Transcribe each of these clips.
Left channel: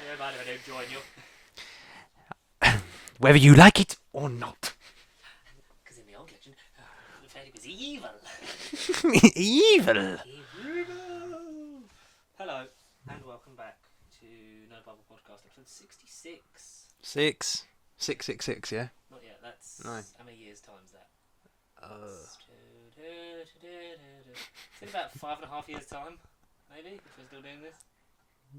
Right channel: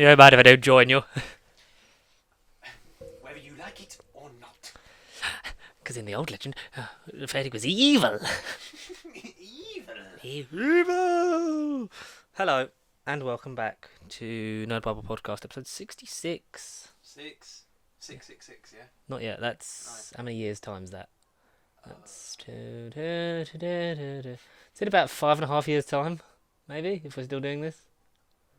You don't mind if I don't join you? Whether you like it or not. Because in the old legend, the fairy was evil. Evil. Evil. Hello, and welcome back to Nerd Bible Podcast, episode 66. 666, yeah? Not yet, that's... Nice. How many years times that? That's Is it about 5.5 years time, maybe, if we're still doing this?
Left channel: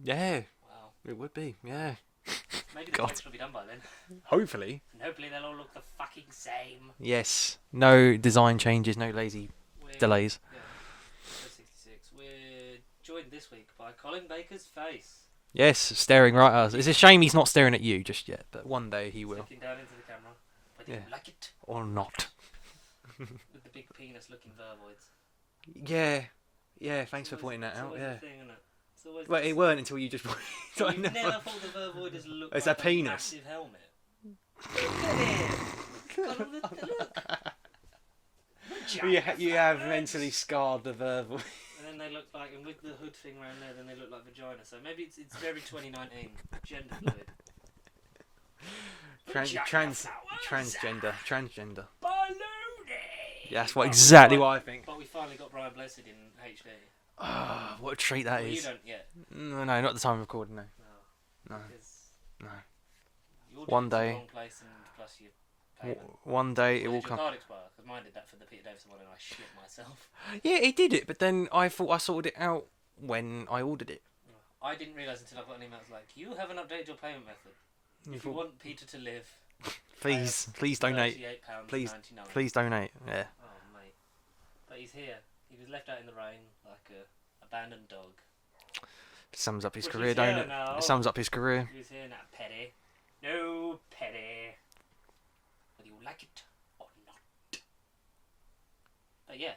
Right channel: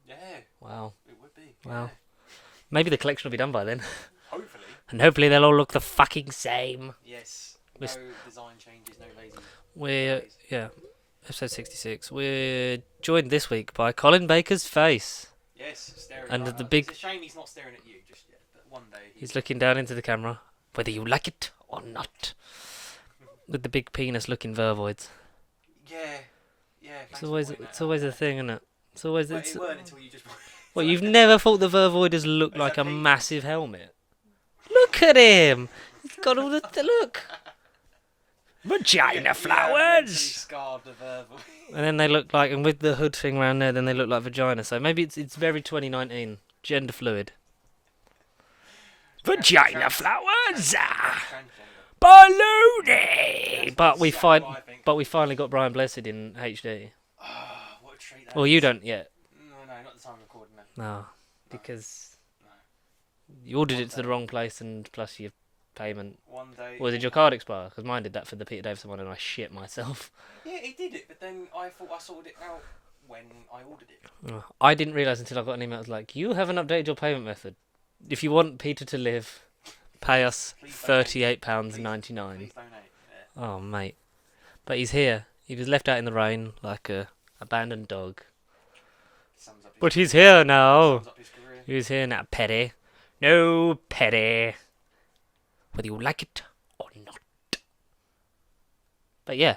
Yeah, Wow. it would be, Wow. yeah. Maybe the God. collection will be done by then. Hopefully. And hopefully they'll all look the fucking same. Yes. No design changes, no lazy delays. Yeah. Episode 66. We're joined this week by Colin Baker's face. Yes, staring And right with the at us. big- It's a shame he's not staring at you just yet, but one day he He's will. looking down into the camera, whether you like it or not. With the big penis-looking vervoids. Yeah, thanks It's for always, pointing that it's out. always yeah. a thing, isn't it? It's always. Well, it's- it weren't until you just... Well, you've never thought the vervoid has looked Is like that a penis? massive helmet. Look at him. He's got all the look. Vagina mentally flowers. scarred the verbal. And then they look like, and with the hood thing around there, then they look like vagina. So maybe it's very 2019, gender fluid. Vagina flowers. Transgender. Baloney. That's But exactly what I think. But we finally got Brian Blessed in HD. Oh, what a treat that is. Well, you don't yet. No, not at the time of recording, no. No, No. because No. you ordered One it to the day. wrong place, and plus your payment. One day... Or it did will your come- card expire? Because mine did that for the Peter Davison one, and I shit myself. Yeah, it did it, but then I thought I sorted it out when I ordered it. I didn't realise until I got an email. It was like, you haven't updated your payment method. If you want Peter to live, pay us Please donate. £38.99. Please donate. Yeah. Oh, mate. But he's here. He was left out in the rain like a abandoned dog. Sums up his But career. he's here doesn't it? now. Sums up his career. He's here now, Petty. No, Petty. Whether you like it or not. But yeah,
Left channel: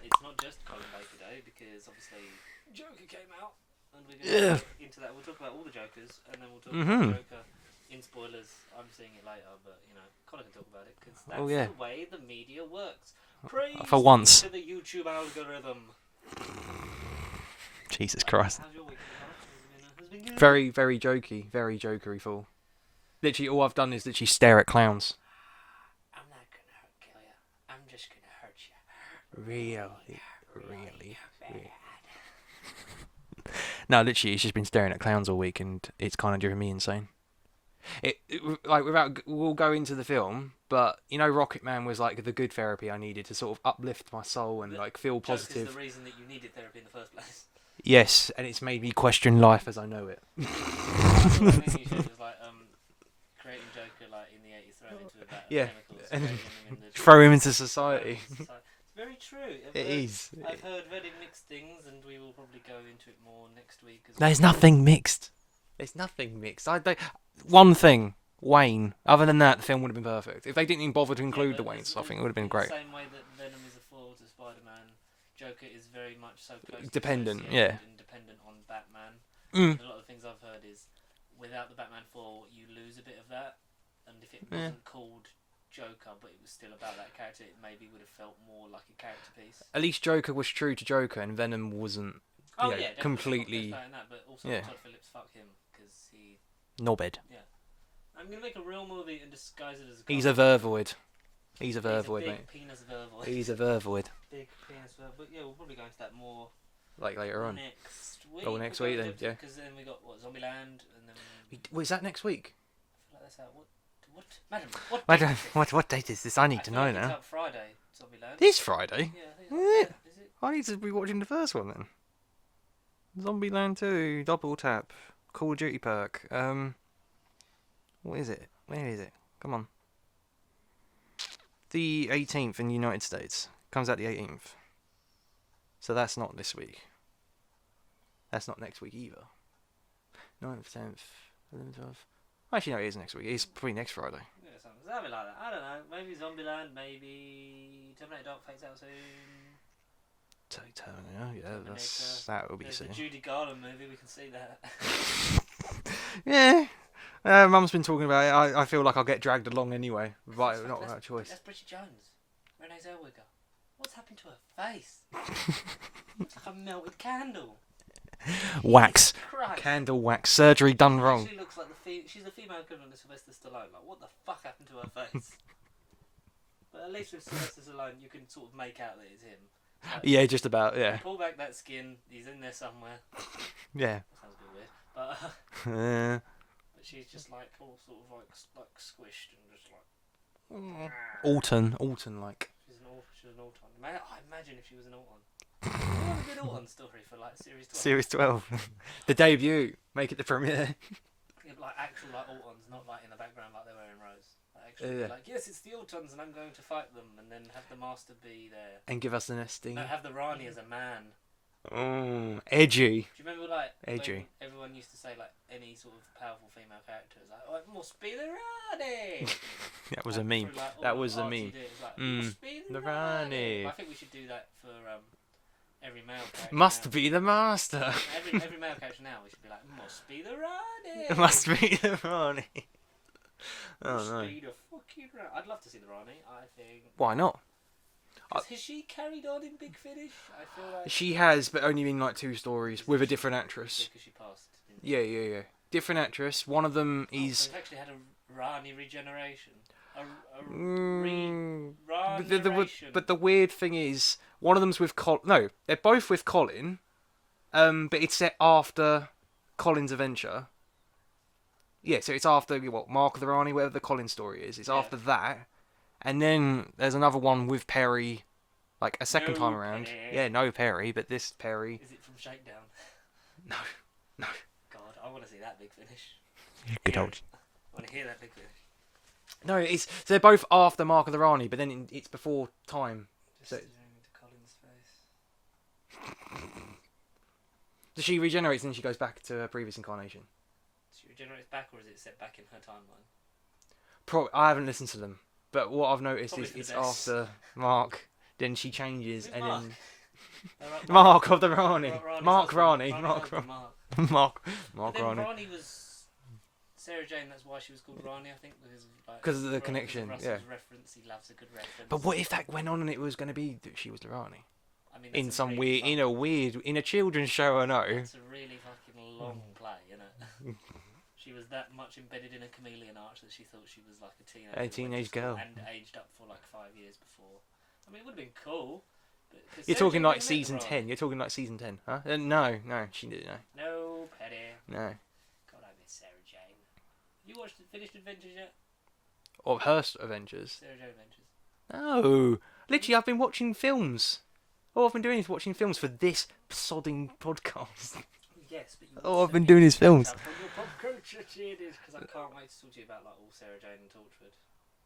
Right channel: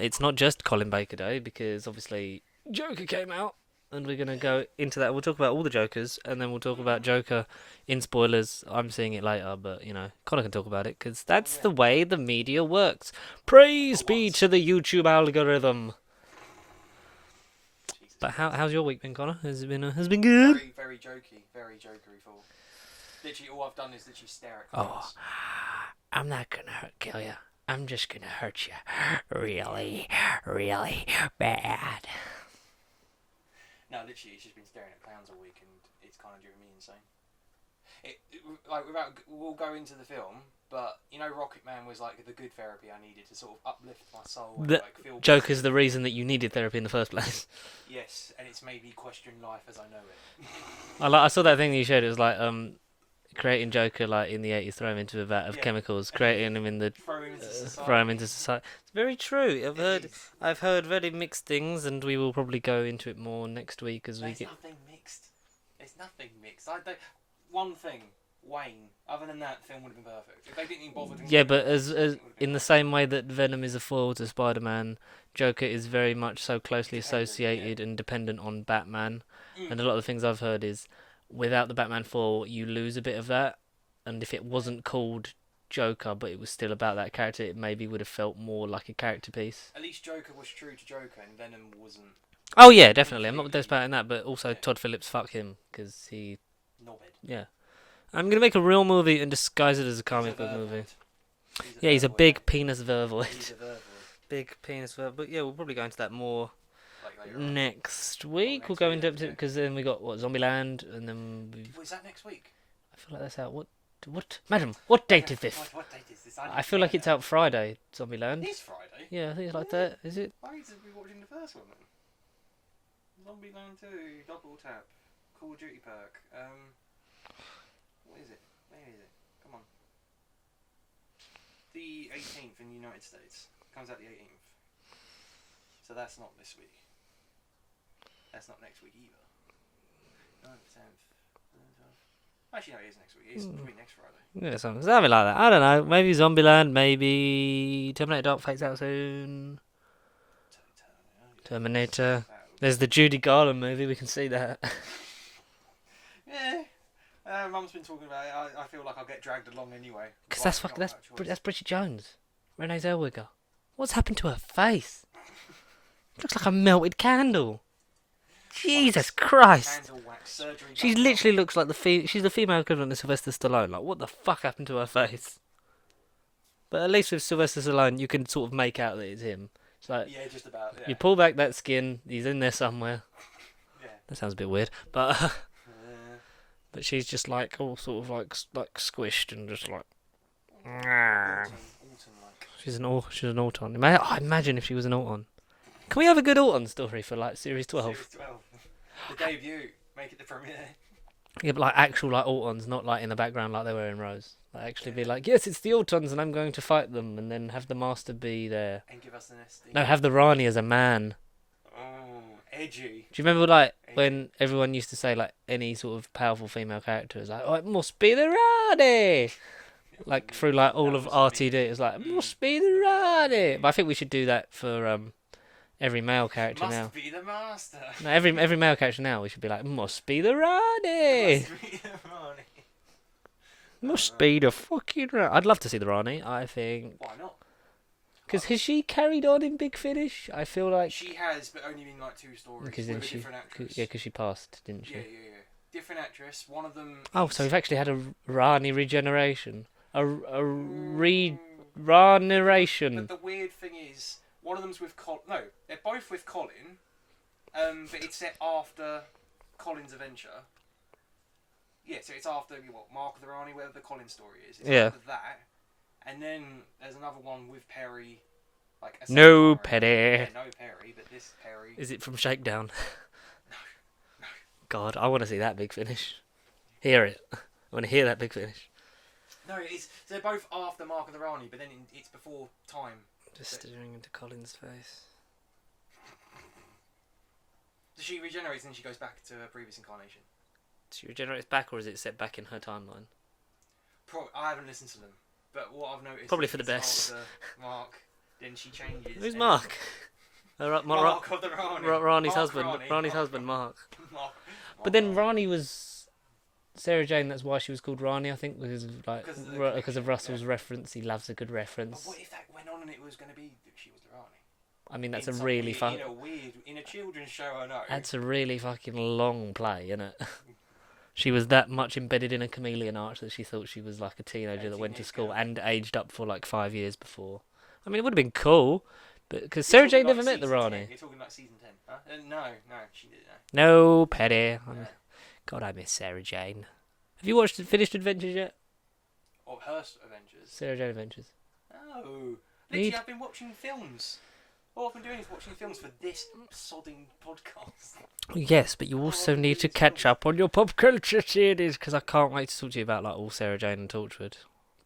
it's not just Colin Baker Day, because obviously Joker came out, and we're going to go into that. We'll talk about all the Jokers, and then we'll talk about Joker in spoilers. I'm seeing it later, but, you know, Connor can talk about it, because that's yeah. the way the media works. Praise For be once. to the YouTube algorithm. Jesus But Christ. how's your week been, Connor? Has it been good? Very, very jokey. Very jokery full. Literally, all I've done is literally stare at clowns. I'm not gonna kill you. I'm just gonna hurt you really, really bad. No, literally, it's just been staring at clowns all week, and it's kind of driven me insane. We'll go into the film, but you know, Rocket Man was like the good therapy I needed to sort of uplift my soul and like feel. Joker's positive. the reason that you needed therapy in the first place. Yes, and it's made me question life as I know it. I saw that thing that you showed. It was like creating Joker like in the 80s, throw him into a vat of Yeah. chemicals, creating him in the Throw him into society. throw him into society. It's very true. It is. I've heard very mixed things, and we will probably go into it more next week as There's well. nothing mixed. There's nothing mixed. One thing, Wayne. Other than that, the film would have been perfect. If they didn't even bother to include Yeah, but the Waynes, I think it would have been in great. the same way that Venom is a foil to Spider-Man, Joker is very much so closely Dependent, associated and dependent on Batman. Mm. And a lot of the things I've heard is, without the Batman foil, you lose a bit of that. And if it wasn't called Joker, but it was still about that character, it maybe would have felt more like a character piece. At least Joker was true to Joker, and Venom wasn't. Oh yeah, definitely. I'm not completely- disparaging that, but also yeah. Todd Phillips, fuck him, because he. Knobhead. Yeah. I'm gonna make a real movie and disguise it as a He's a comic book movie. vervoid. He's a Yeah, he's a vervoid, big mate. penis vervoid. He's a vervoid. Big penis vervoid. But yeah, we'll probably go into that more Like later on. next week. next We'll go week into then, it yeah. because then we got Zombieland, and then Is that next week? I feel like that's out. What, madam? What date is this? What date is this? I need I to feel know like it's now. out Friday. Zombieland. This Friday. Yeah, I think it's like Yeah. that. Is it? I need to be watching the first one then. Zombieland 2, Double Tap, Call of Duty perk. What is it? Where is it? Come on. The 18th in the United States. Comes out the 18th. So that's not this week. That's not next week either. 9th, 10th, 11th, 12th. Actually, no, it is next week. It's probably next Friday. Yeah, something like that. I don't know. Maybe Zombieland. Maybe Terminator Dark Fate's out soon. Terminator. That would be There's the something. Judy Garland movie. We can see that. Yeah. Mum's been talking about it. I feel like I'll get dragged along anyway. Because that's Bridget Jones, Renee Zellweger. What's happened to her face? Looks like a melted candle. Jesus Christ. Candle wax. Surgery She done wrong. literally looks like she's the female equivalent of Sylvester Stallone. Like, what the fuck happened to her face? But at least with Sylvester Stallone, you can sort of make out that it's him. It's like, Yeah, just about, you yeah. pull back that skin, he's in there somewhere. Yeah. That sounds a bit weird, but Uh, but she's just like all sort of like squished and just like. Alton, like. She's an Auton. Imagine if she was an Auton. Can we have a good Auton story for like series 12? Series 12. The debut. Make it the premiere. Yeah, but like actual like Autons, not like in the background like they were in Rose. Like actually be Yeah. like, yes, it's the Autons and I'm going to fight them, and then have the Master be there. And give us an SD. No, have the Rani as a man. Oh, edgy. Do you remember like Edgy. when everyone used to say like any sort of powerful female character is like, oh, it must be the Rani. That was Like a meme. through like all That of was a RTD, meme. it's like, it Mm. must be the The Rani. Rani. But I think we should do that for every male character Must now. be the master. No, every male character now we should be like, must be the Rani. Must be the Rani. Must be the fucking Rani. I'd love to see the Rani. I think Why not? because has she carried on in Big Finish? I feel like She has, but only in like 2 stories Because with a she- different actress. yeah, because she passed, didn't she? Yeah. Different actress. One of them is. Oh, so we've actually had a Rani regeneration, a Mm, regeneration. But the weird thing is, one of them's with No, they're both with Colin. But it's set after Colin's adventure. Yeah, so it's after Mark of the Rani, whatever the Colin story is. It's Yeah. after that, and then there's another one with Perry, like a second No time around. Perry. Yeah, no Perry, but this Perry. Is it from Shakedown? No. God, I want to see that Big Finish. Hear it. I want to hear that Big Finish. No, it's so they're both after Mark of the Rani, but then it's before time. Just So- staring into Colin's face. So she regenerates and then she goes back to her previous incarnation. She regenerates back, or is it set back in her timeline? I haven't listened to them, but what I've noticed Probably is for the it's best. after Mark, then she changes. Who's and Mark? then- Mark of the Rani. Rani's Mark husband. Rani. Rani's Mark husband, Mark. Mark. But then Rani was Sarah Jane. That's why she was called Rani, I think, because of like 'Cause of the because connection, of Russell's yeah. reference. He loves a good reference. But what if that went on and it was going to be that she was the Rani? I mean, that's In a some really weird, in a children's show, I know. that's a really fucking long play, isn't it? She was that much embedded in a chameleon arch that she thought she was like a teenager A that went to teenage school girl. and aged up for like 5 years before. I mean, it would have been cool, but because You're Sarah talking Jane like never met the season 10. Rani. You're talking like season 10, huh? No, she didn't know. No, Petty. No. God, I miss Sarah Jane. Have you watched Finished Adventures yet? Or Hearst Adventures. Sarah Jane Adventures. No. Literally, Need- I've been watching films. All I've been doing is watching films for this sodding podcast. Yes, but you All I've also been need doing to is catch films. up on your pop culture series because I can't wait to talk to you about like all Sarah Jane and Torchwood.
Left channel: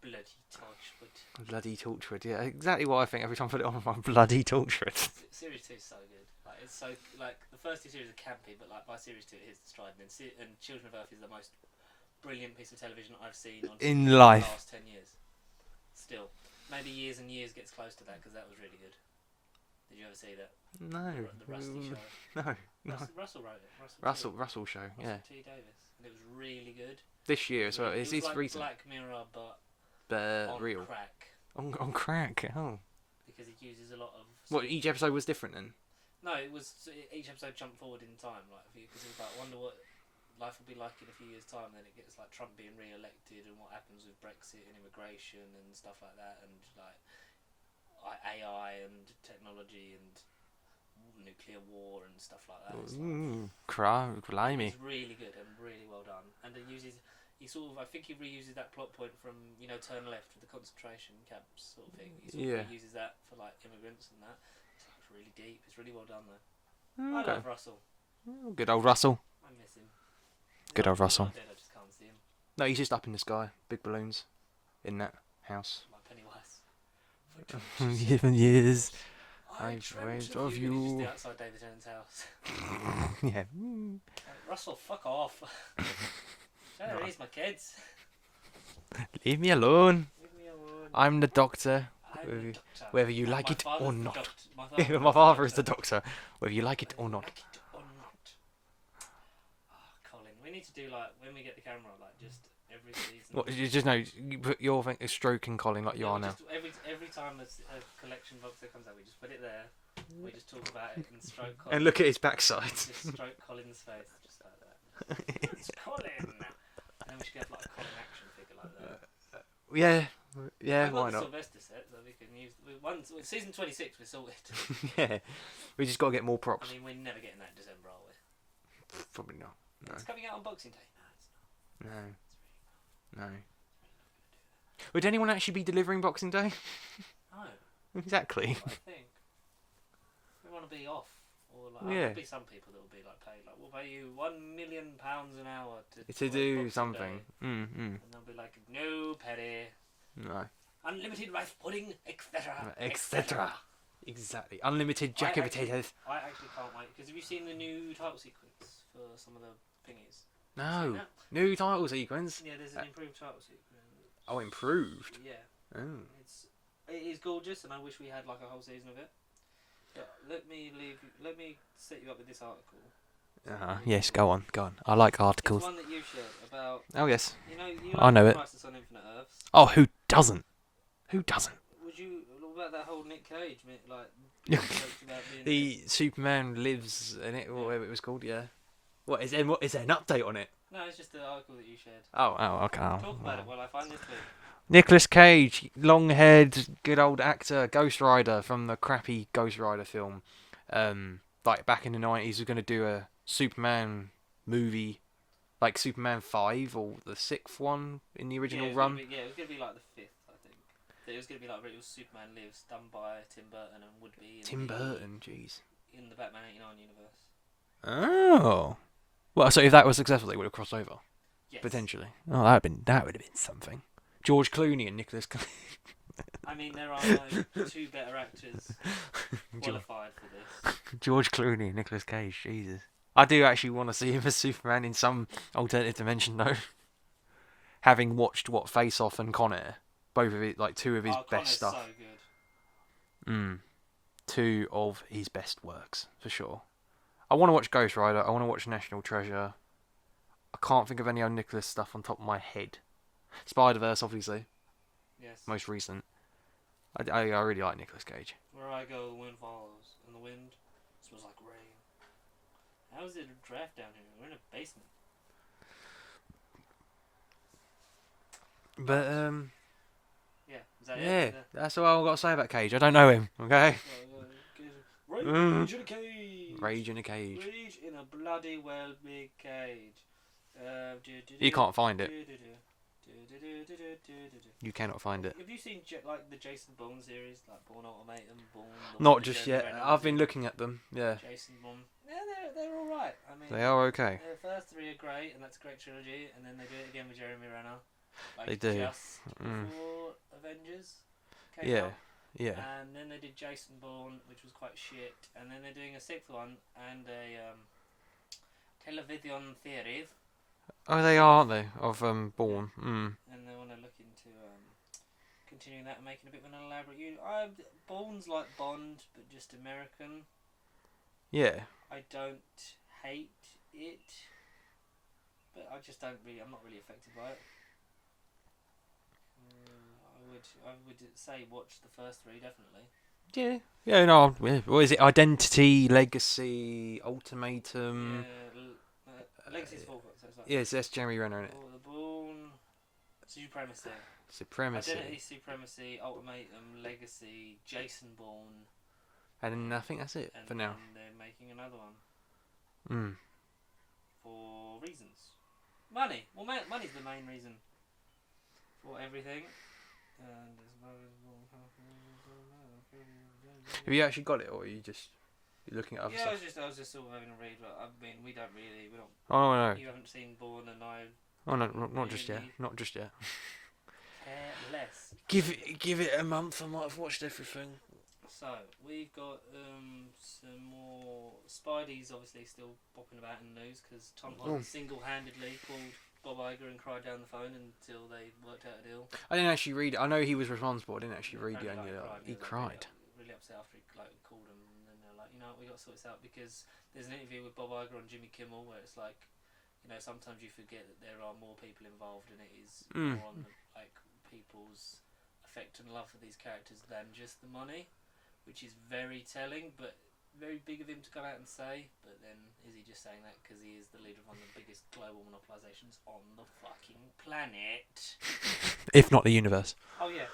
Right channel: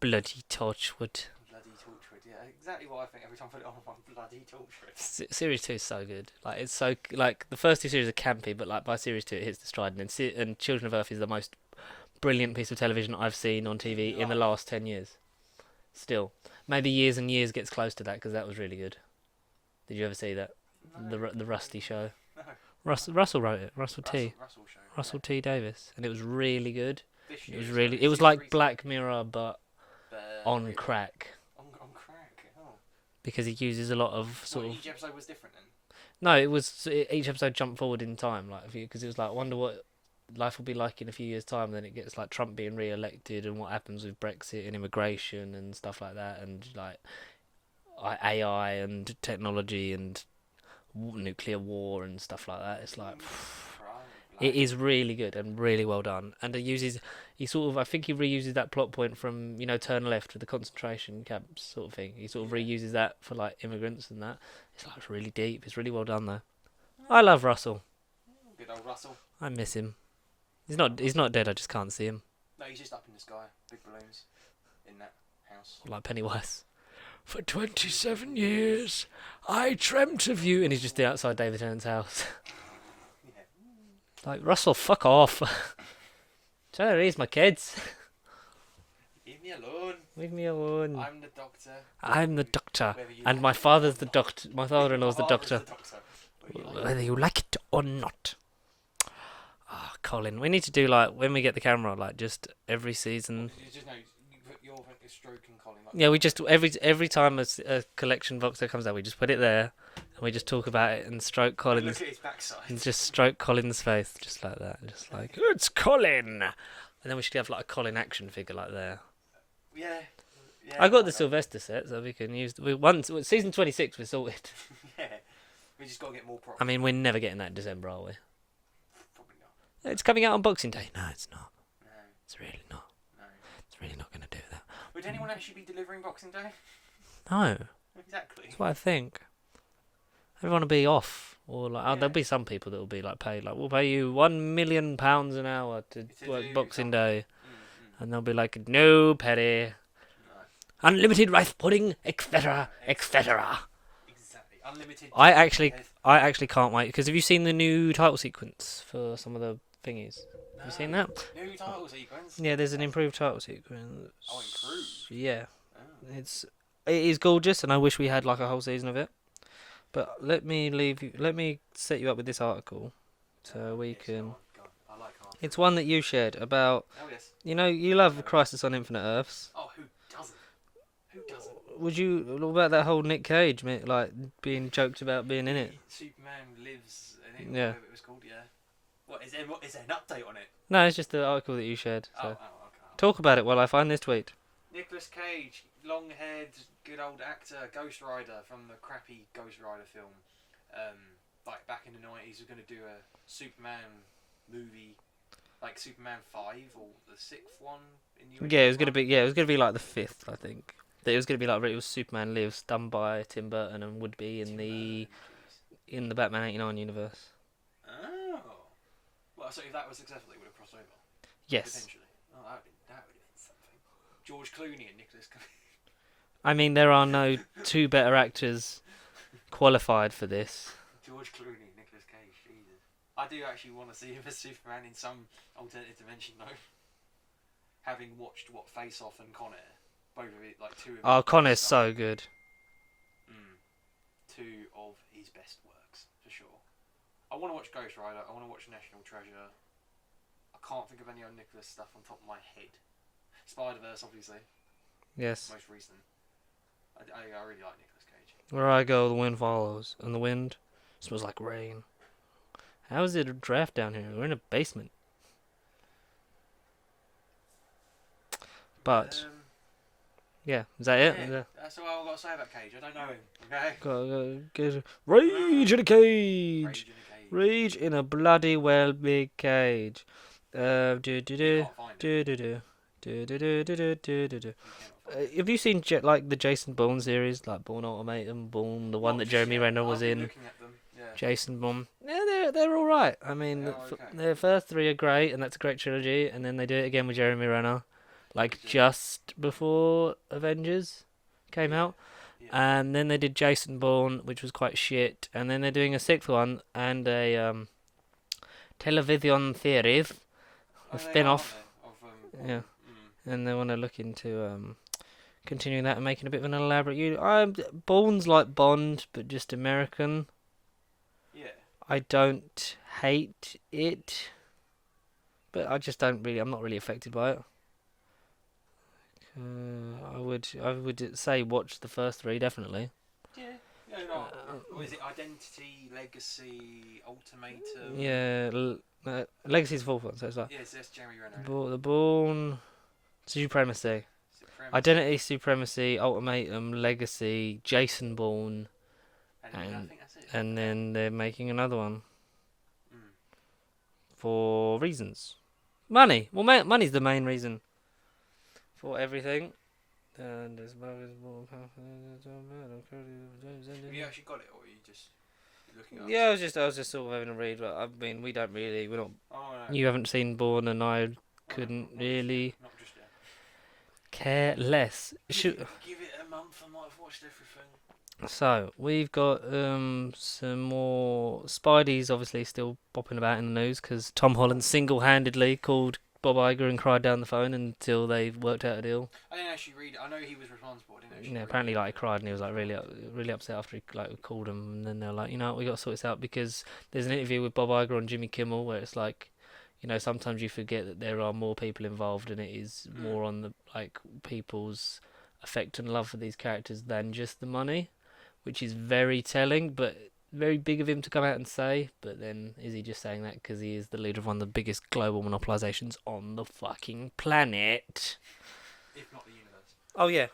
Bloody Torchwood. Bloody Torchwood, yeah, exactly what I think every time I put it on my bloody Torchwood. Series 2 is so good. Like it's so like the first 2 series are campy, but like by series 2 it hits the stride. And Children of Earth is the most brilliant piece of television I've seen on TV in the life. last 10 years. Still, maybe Years and Years gets close to that because that was really good. Did you ever see that? No. The Rusty show. No. Russell wrote it. Russell Show. T. Yeah. Davis, and it was really good. This year. It was so really. it's It was season like 3, Black Mirror, but on real. crack On crack. Oh. because he uses a lot of. What, each episode was different then? No, it was each episode jumped forward in time, like because it was like wonder what life will be like in a few years' time. And then it gets like Trump being re-elected and what happens with Brexit and immigration and stuff like that, and like AI and technology and nuclear war and stuff like that. It's like it is really good and really well done. And it uses he sort of I think he reuses that plot point from Turn Left with the concentration camps sort of thing. He sort of Yeah. reuses that for like immigrants and that. It's like it's really deep. It's really well done though. I love Russell. Good old Russell. I miss him. He's Good not. old He's Russell. not dead. I just can't see him. No, he's just up in the sky. Big balloons in that house. Like Pennywise. For 27 years, I dreamt of you, and he's just outside David Tennant's house. Yeah. Like Russell, fuck off. Trying to raise my kids. Leave me alone. Leave me alone. I'm the doctor. I'm the doctor, Whether you and like my it father's or the not. doctor. My My father-in-law's the father is doctor. the doctor. Whether you like it Whether or you not. like it or not. Oh, Colin, we need to do like when we get the camera, like just every season. What, you just know, you put your thing, a stroke in Colin. Like Yeah, we just every time a collection box that comes out, we just put it there. And we just talk about it and stroke And Colin's. look at his backside. And just stroke Colin's face, just like that. Just like, it's Colin! And then we should have like a Colin action figure like there. Yeah. Yeah. I got why the not? Sylvester set, so we can use. Season 26, we're sorted. Yeah. We just got to get more props. I mean, we're never getting that in December, are we? Probably not. It's coming out on Boxing Day. No, it's not. No. It's really not. No. It's really not going to do that. Would anyone actually be delivering Boxing Day? No, Exactly. that's what I think. Everyone will be off, or like, Yeah. there'll be some people that will be like paid. Like, we'll pay you £1 million an hour to work do Boxing something. Day, Mm. and they'll be like, no, Petty, No. unlimited rice pudding, etc., etc. Exactly. Unlimited. I chicken actually, fingers. I actually can't wait because have you seen the new title sequence for some of the thingies? No. Have you seen that? New title sequence. Yeah, there's an improved title sequence. Oh, improved. Yeah, Oh. it is gorgeous, and I wish we had like a whole season of it. But let me set you up with this article. So we Yes, can- go on. I like articles. It's one that you shared about. Oh yes. You know, you I love know it. Crisis on Infinite Earths. Oh, who doesn't? Who doesn't? Would you what about that whole Nick Cage, mate, like being joked about being in it? The Superman lives in it, or Yeah. whatever it was called. Yeah. What is there? What is there an update on it? No, it's just the article that you shared. Oh, So okay. talk about it while I find this tweet. Nicolas Cage, long-haired, good old actor, Ghost Rider from the crappy Ghost Rider film. Like back in the 90s, was going to do a Superman movie, like Superman 5 or the 6th one in the original. Yeah, it was run. gonna be. Yeah, it was gonna be like the 5th, I think. That it was gonna be like it was Superman Lives, done by Tim Burton, and would be in Tim Burton, jeez. in the Batman '89 universe. Oh. Well, so if that was successful, they would have crossed over Yes. potentially. Oh, that would have been something. George Clooney and Nicholas. I mean, there are no two better actors qualified for this. George Clooney and Nicolas Cage. Jesus. I do actually want to see him as Superman in some alternative dimension, though. Having watched Face Off and Con Air, both of it, like two of his. Oh, best Connor's stuff. so good. Two of his best works for sure. I want to watch Ghost Rider. I want to watch National Treasure. I can't think of any other Nicholas stuff on top of my head. Spider-Verse, obviously, Yes. most recent. I really like Nicolas Cage. Where I go, the wind follows, and the wind smells like rain. How is it a draft down here? We're in a basement. But yeah, is that it? Is yeah, that's all I've got to say about Cage. I don't know him. Okay. Rage in a cage. Rage in a cage. Rage in a bloody well big cage. You can't find it. You You cannot find it. Have you seen like the Jason Bourne series, like Bourne Ultimatum, Bourne, the Not one that just Jeremy yet. Renner I've was been in? looking at them. Yeah. Jason Bourne. Yeah, they're all right. I mean, They are okay. The first three are great, and that's a great trilogy. And then they do it again with Jeremy Renner, like They do. just before Avengers came Yeah. out. Yeah. And then they did Jason Bourne, which was quite shit. And then they're doing a sixth one and a television series. Oh, a they spin-off. are, aren't they? Of Bourne. Mm. And they want to look into continuing that and making a bit of an elaborate. Bourne's like Bond, but just American. Yeah. I don't hate it, but I just don't really. I'm not really affected by it. I would say watch the first three definitely. Yeah. Yeah. No. Yeah. What is it? Identity, Legacy, Ultimatum. Yeah, Legacy's the fourth one, so it's like Yes, that's Jeremy Renner. In it. the Bourne, Supremacy, Supremacy. Identity, Supremacy, Ultimatum, Legacy, Jason Bourne, And then I and- think that's it. and for then they're making another one now. Mm. for reasons. Money. Well, money's the main reason for everything. And Have you actually got it, or are you just looking at? Other yeah, I stuff? was just sort of having a read. But I mean, we're not. Oh no. You haven't seen Bourne, and I Oh, no, couldn't not just really yet. Not just yet. care less. Give it a month. I might have watched everything. So we've got some more Spidey's obviously still popping about in the news because Tom Holland single-handedly called Bob Iger and cried down the phone until they worked out a deal. I didn't actually read it. I know he was responsible. I didn't actually Yeah, read apparently, it. like, he cried and he was like really, cried. really upset after he like called him, and then they're like, you know, what, we got to sort this out because there's an interview with Bob Iger on Jimmy Kimmel where it's like, you know, sometimes you forget that there are more people involved and it is more on the like people's affect and love for these characters than just the money, which is very telling, but very big of him to come out and say. But then, is he just saying that because he is the leader of one of the biggest global monopolizations on the fucking planet? If not the universe. Oh yeah,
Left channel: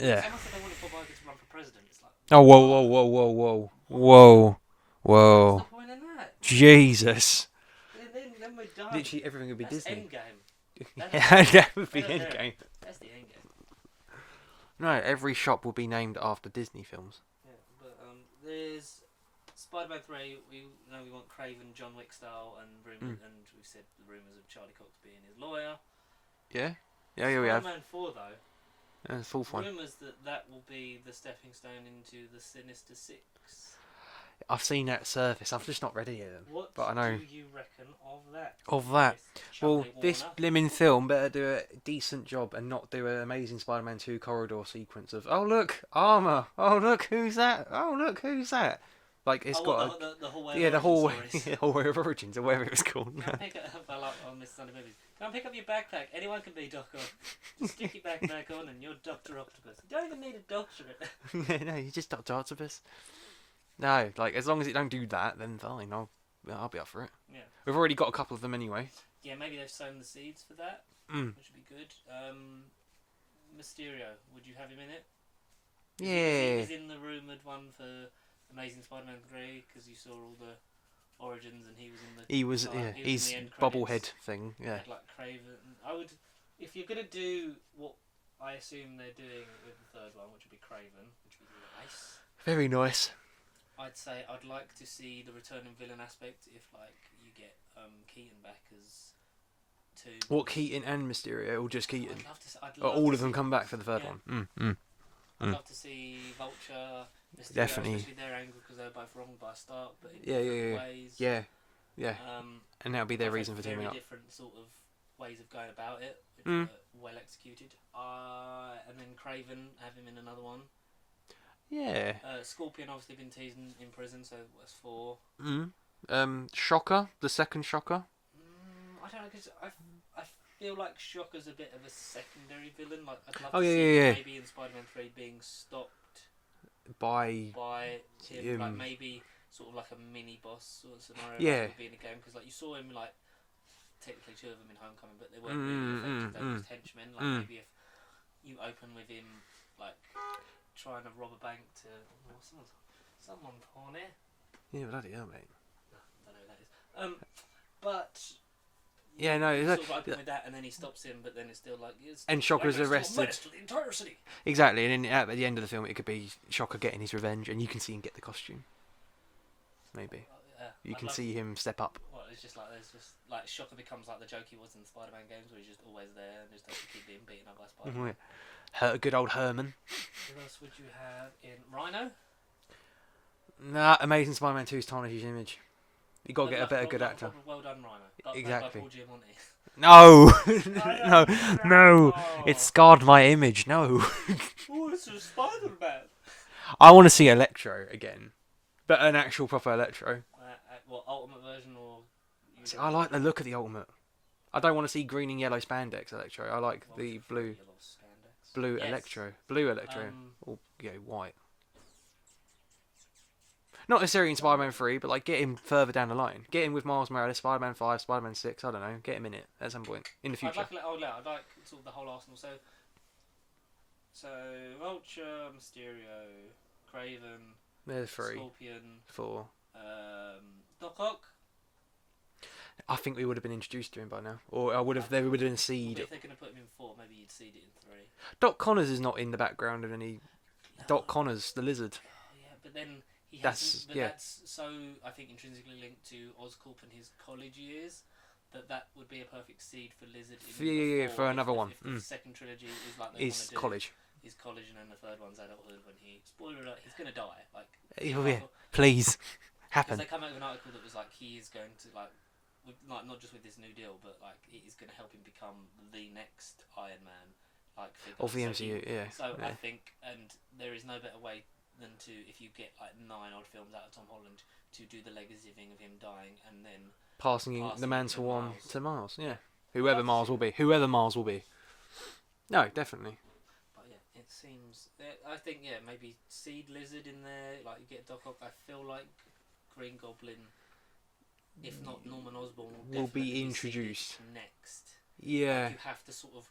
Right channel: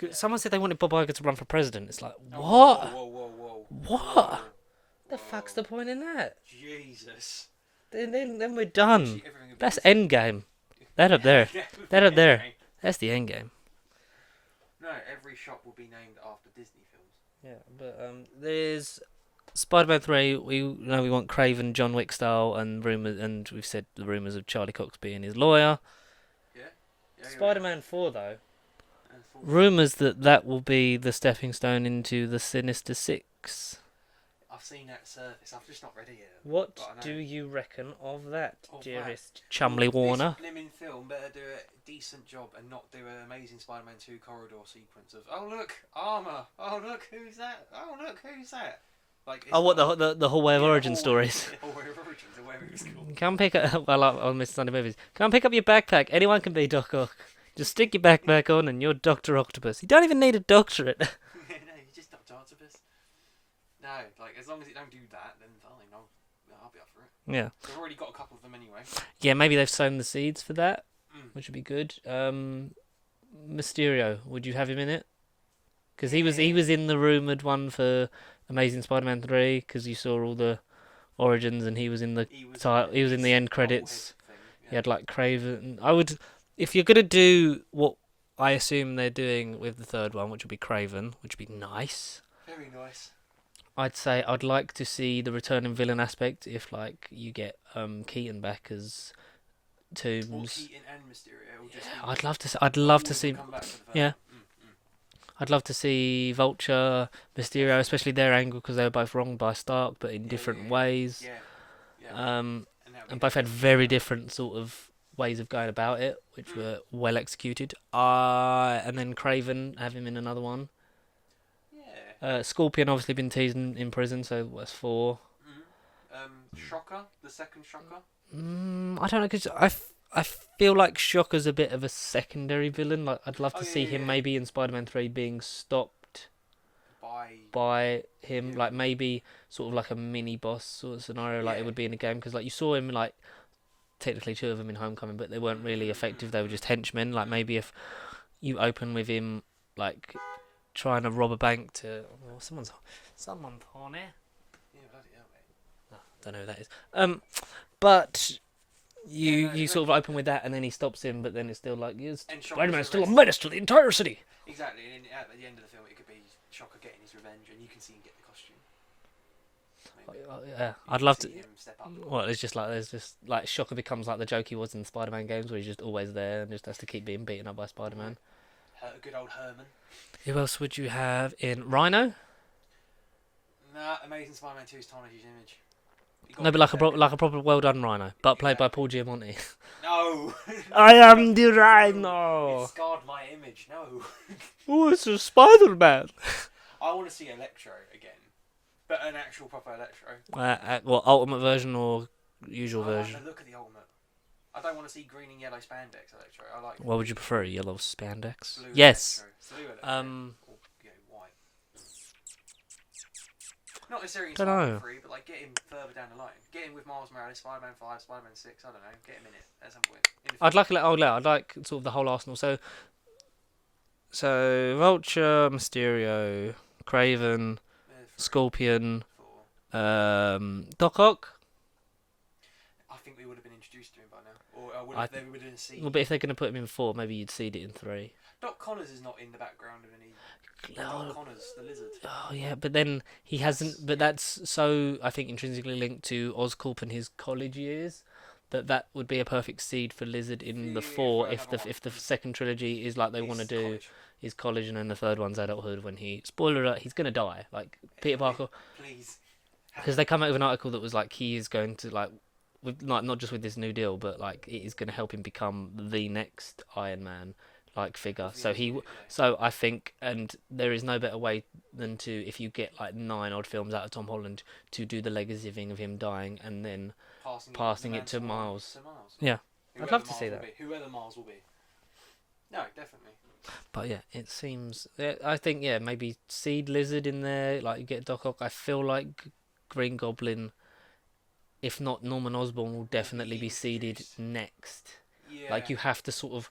Yeah. someone said they wanted Bob Iger to run for president. It's like, Oh, what? whoa. What? Whoa. What's the point in that? Jesus. Then we're done. Literally everything would be That's Disney. Endgame. That up there. That would That be up there. Endgame. That's the Endgame. No, every shop will be named after Disney films. Yeah, but there's Spider-Man 3. We know we want Craven, John Wick style, and rumors, and we've said the rumors of Charlie Cox being his lawyer. Yeah? Yeah, we have. Spider-Man 4 though. Full fun. Rumors that will be the stepping stone into the Sinister Six. I've seen that surface. I've just not read it yet. What But I know. do you reckon of that? Of that? dearest Chumley Warner. This blimmin' film better do a decent job and not do an Amazing Spider-Man 2 corridor sequence of, oh look, armour, oh look, who's that, oh look, who's that? Like, it's What got the whole way of origin stories. The whole way of origins, or whatever it was called. Come pick up. I like on Mr. Sunday movies. Come pick up your backpack. Anyone can be Doc Ock. Just stick your backpack on, and you're Doctor Octopus. You don't even need a doctorate. No, you just Dr. Octopus. No, like, as long as it don't do that, then fine, I'll be up for it. Yeah. We've already got a couple of them anyway. Yeah, maybe they've sown the seeds for that, Mm. which would be good. Mysterio, would you have him in it? Because he Yeah. was in the rumored one for Amazing Spider-Man 3. Because you saw all the origins, and he was in the He was in his the end credits. bobblehead thing. Yeah. He had like Craven. I would, if you're gonna do what I assume they're doing with the third one, which would be Craven, which would be nice. Very nice. I'd say I'd like to see the returning villain aspect. If like you get Keaton back as Toomes. What, Keaton and Mysterio, or just Keaton? I'd love to. But love all to of them see. come back for the first Yeah. one. I'd love to see Vulture, Mysterio, Definitely. especially their angle because they were both wronged by Stark, but in different ways. Yeah. And And that'll be both their had reason to very do that. different sort of ways of going about it, which were well executed. And then Craven, have him in another one. Yeah. Scorpion obviously been teased in prison, so that's 4. Shocker, the second Shocker. I don't know, because I feel like Shocker's a bit of a secondary villain. Like I'd love to see him maybe in Spider-Man 3 being stopped by him, like maybe sort of like a mini boss sort of scenario, like it would be in a game. Because like you saw him like technically 2 of them in Homecoming, but they weren't really effective. They were just henchmen. Like maybe if you open with him like trying to rob a bank to someone's on here. Yeah, bloody hell, mate. Don't know who that is. But you exactly. sort of open with that, and then he stops him, but then it's still like, And Shocker's still arrested. a menace to the entire city. Exactly, and then at the end of the film, it could be Shocker getting his revenge, and you can see him get the costume. Maybe. Yeah, You I'd can love see to. him step up. Well, there's just like Shocker becomes like the joke he was in the Spider-Man games, where he's just always there and just has to keep being beaten up by Spider-Man. Good old Herman. Who else would you have in Rhino? Nah, Amazing Spider-Man 2's tarnished his image. No, but like a proper well done Rhino, but played by Exactly. Paul Giamatti. No! I am the Rhino. No! It scarred my image, no. Oh, it's a Spider-Man. I want to see Electro again. But an actual proper Electro. What, Ultimate version or usual I version? like the look of the Ultimate. I don't want to see green and yellow spandex Electro. I like What would the you prefer, blue- yellow spandex? Blue Yes. Electro. Blue Electro. Or, white. Not necessarily in Dunno. Spider-Man 3, but like get him further down the line. Get him with Miles Morales, Spider-Man 5, Spider-Man 6, I don't know. Get him in it at some point. In the future. I'd like sort of the whole arsenal. So Vulture, Mysterio, Craven, There's 3, Scorpion, 4. Doc Ock. I think we would have been introduced to him by now. Or they would have been a seed. Well, but if they're going to put him in 4, maybe you'd seed it in 3. Doc Connors is not in the background of any... Doc Connors, the lizard. Oh yeah, but then he hasn't. But that's so I think intrinsically linked to Oscorp and his college years. That would be a perfect seed for Lizard in the 4 if the second trilogy is like they want to do college. Is college, and then the third one's adulthood. When spoiler alert, he's gonna die. Like Peter Parker, Please. because they come out with an article that was like he is going to like, with like not just with this New Deal, but like it is going to help him become the next Iron Man like figure. I think, and there is no better way than to, if you get like 9 odd films out of Tom Holland, to do the legacy thing of him dying and then passing the it mantle to Miles. To Miles. Yeah. Whoever Miles will be. No, definitely. But yeah, it seems. I think maybe Seed Lizard in there. Like you get Doc Ock. I feel like Green Goblin, if not Norman Osborn, will Will definitely be be seeded introduced. next. Yeah. Like you have to sort of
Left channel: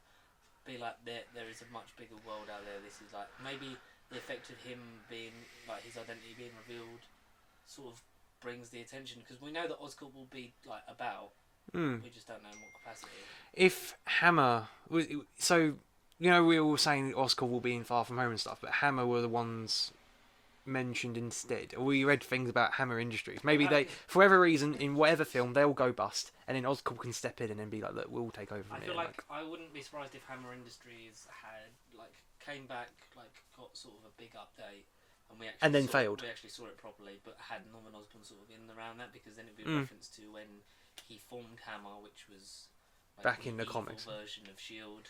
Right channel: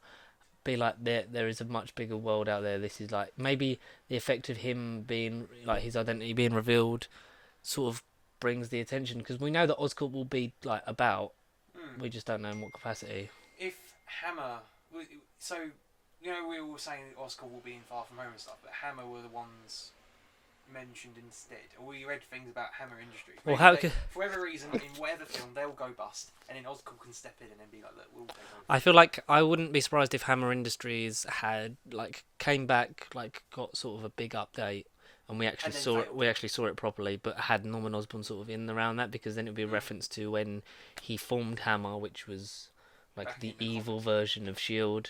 be like there is a much bigger world out there. This is like maybe the effect of him being like his identity being revealed sort of brings the attention because we know that Oscorp will be like about. Mm. We just don't know in what capacity. If Hammer, so you know we were all saying Oscar will be in Far From Home and stuff, but Hammer were the ones mentioned instead. Or we read things about Hammer Industries. Maybe Well, they, for whatever reason, in whatever film, they'll go bust, and then Oscorp can step in and then be like, "Look, we'll take over." I feel like I wouldn't be surprised if Hammer Industries had like came back, like got sort of a big update, and And then failed. we actually saw it properly, but had Norman Osborn sort of in around that because then it would be a reference to when he formed Hammer, which was like Back the in the evil comics. version of Shield.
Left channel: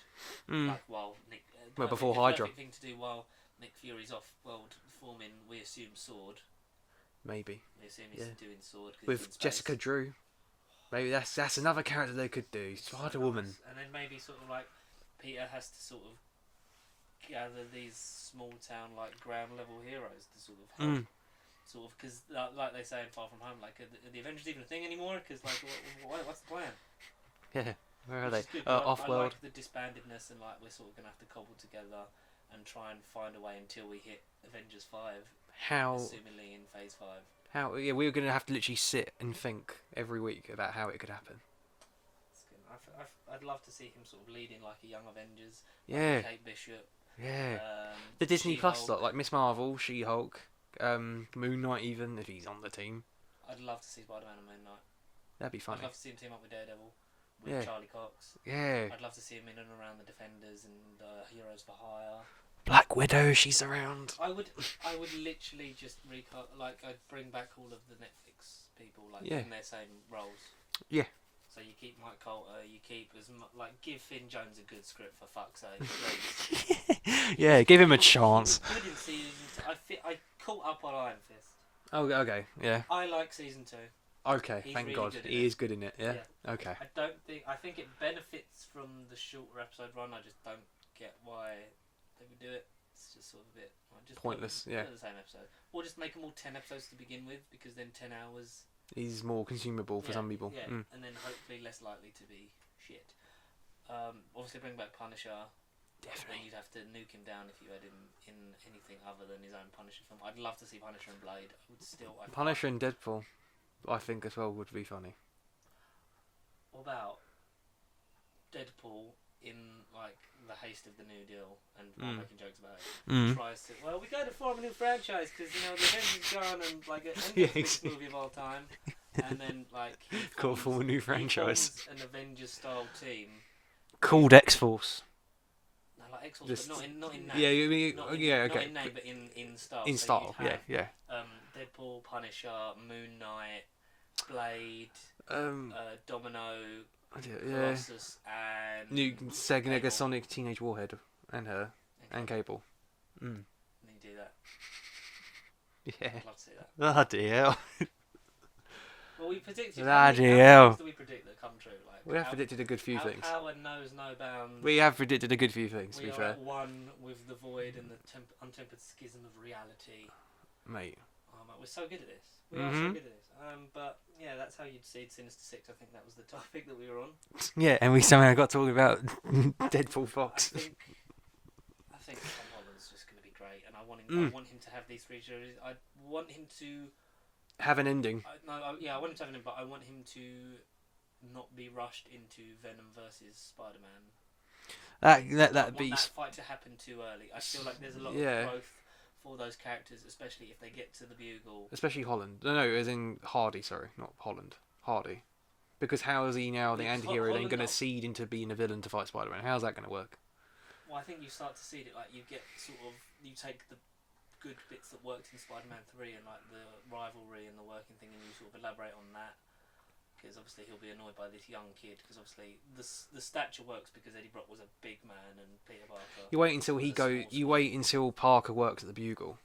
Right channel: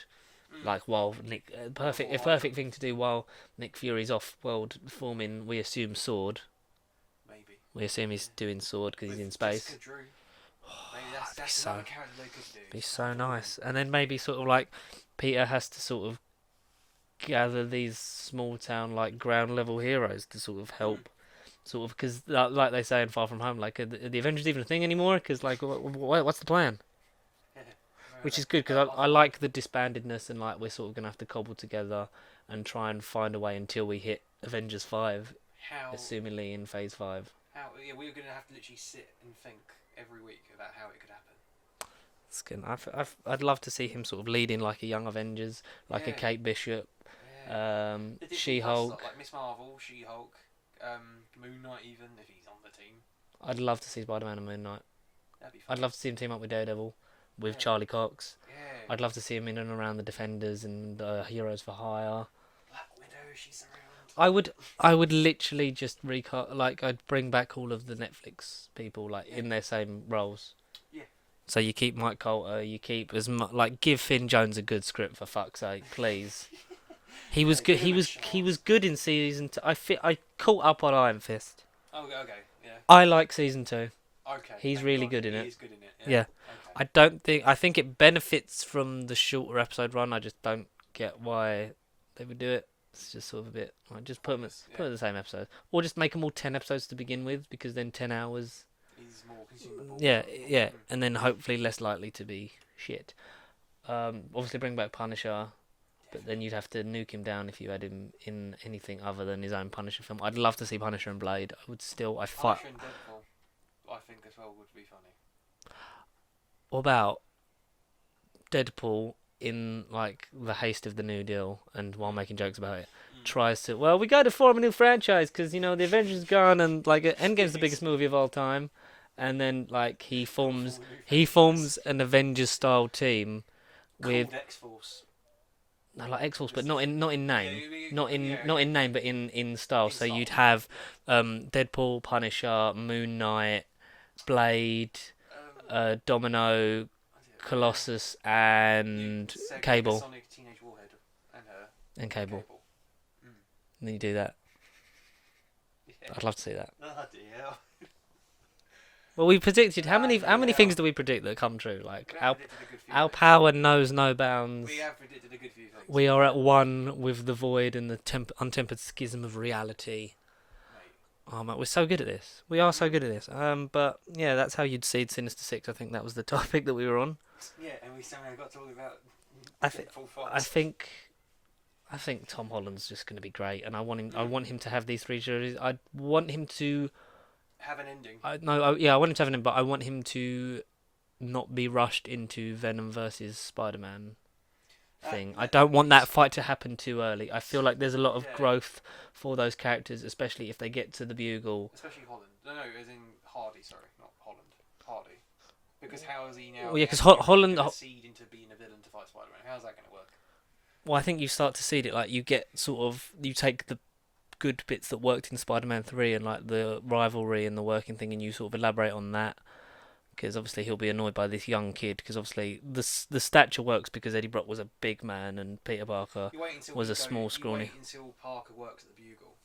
Like while Nick, Well, perfect, before a Hydra. perfect thing to do while Nick Fury's off world forming. We assume Sword. Maybe We assume he's doing Sword because he's in with space. Jessica Drew. Maybe that's so- another character they could do. Be It's so Wonder Woman. nice. And then maybe sort of like Peter has to sort of gather these small town like ground level heroes to sort of help. Sort of because like they say in Far From Home, like are the Avengers even a thing anymore? Because like what's the plan? Yeah. Where are Which they? is good because I Off-world. like the disbandedness and like we're sort of gonna have to cobble together and try and find a way until we hit Avengers 5, how assumingly in Phase 5. yeah, we were gonna have to literally sit and think every week about how it could happen. It's good. I'd love to see him sort of leading like a young Avengers, like Yeah. a Kate Bishop, Yeah. The Disney Plus She-Hulk. lot, like Miss Marvel, She-Hulk, Moon Knight, even if he's on the team, I'd love to see Spider-Man and Moon Knight. that'd be fun. I'd love to see him team up with Daredevil, with Yeah. Charlie Cox. Yeah. I'd love to see him in and around the Defenders and Heroes for Hire. Black Widow, she's around. I would literally just recast, like I'd bring back all of the Netflix people like in their same roles. Yeah. So you keep Mike Coulter, you keep like give Finn Jones a good script for fuck's sake, please. give him a He chance. was good in season 2. I caught up on Iron Fist. Oh, okay, yeah. I like season 2. Okay. He's thank really God. good in it. He is good in it. Yeah. Yeah. Okay. I think it benefits from the shorter episode run. I just don't get why they would do it. It's just sort of a bit like just Pointless, put them the same episode, or just make them all 10 episodes to begin with, because then 10 hours. He's more consumable. Yeah, for some people. yeah, and then hopefully less likely to be shit. Obviously bring back Punisher, but then you'd have to nuke him down if you had him in anything other than his own Punisher film. I'd love to see Punisher and Blade. I would still. Punisher and Deadpool, I think as well would be funny. What about Deadpool in like the haste of the New Deal and while making jokes about it, tries to we got to form a new franchise because the Avengers gone and like Endgame's the biggest movie of all time, and then like he forms an Avengers style team called X-Force. No, like X-Force, but not in name. Yeah, not in name, but in style. In so style, you'd have yeah. Deadpool, Punisher, Moon Knight, Blade, Domino, Colossus, and Cable. Sonic, Teenage Warhead, and her, and Cable. Mm. And then you do that. Yeah. I'd love to see that. Oh dear. Well, we predicted how many things do we predict that come true? Like We have predicted a good few our things. power knows no bounds. We have predicted a good few things. We are at one with the void and the untempered schism of reality. Mate. Oh mate, we're so good at this. We are so good at this. But yeah, that's how you'd seed Sinister Six. I think that was the topic that we were on. Yeah, and we somehow got talking about Deadpool Fox. I think Tom Holland's just going to be great, and I want him. I want him to have these 3 series. I want him to have an ending. I want him to have an ending, but I want him to not be rushed into Venom versus Spider-Man. I don't want that fight to happen too early. I feel like there's a lot of growth for those characters, especially if they get to the Bugle. Especially Holland. No, as in Hardy. Sorry, not Holland. Hardy. Because how is he now? Well, yeah, because Holland going to seed into being a villain to fight Spider-Man. How's that going to work? Well, I think you start to seed it like you get you take the good bits that worked in Spider-Man 3 and like the rivalry and the working thing, and you sort of elaborate on that. Because obviously he'll be annoyed by this young kid. Because obviously the stature works because Eddie Brock was a big man and Peter Parker you wait until was a small. You wait until Parker works at the Bugle.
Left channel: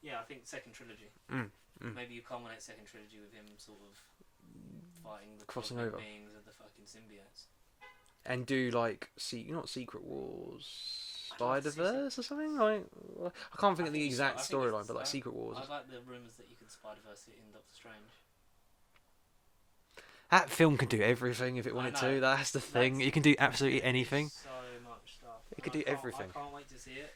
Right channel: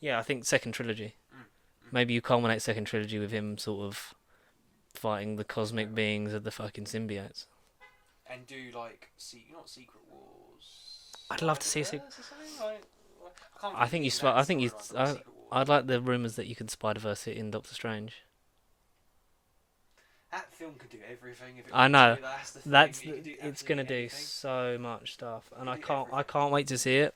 Yeah, I think second trilogy. Maybe you culminate second trilogy with him sort of fighting the cosmic beings of the fucking symbiotes. And do like not Secret Wars. I'd love to see a Spider-Verse or something. Like, I can't I think think the he's. exact I think storyline, he's. but like Secret Wars. I'd like the rumours that you could Spider-Verse it in Doctor Strange. That film can do everything if it I wanted know. to. That's the thing. That's It can do it's absolutely gonna do anything. so much stuff, It and can I do can't. I everything. can't wait to see it.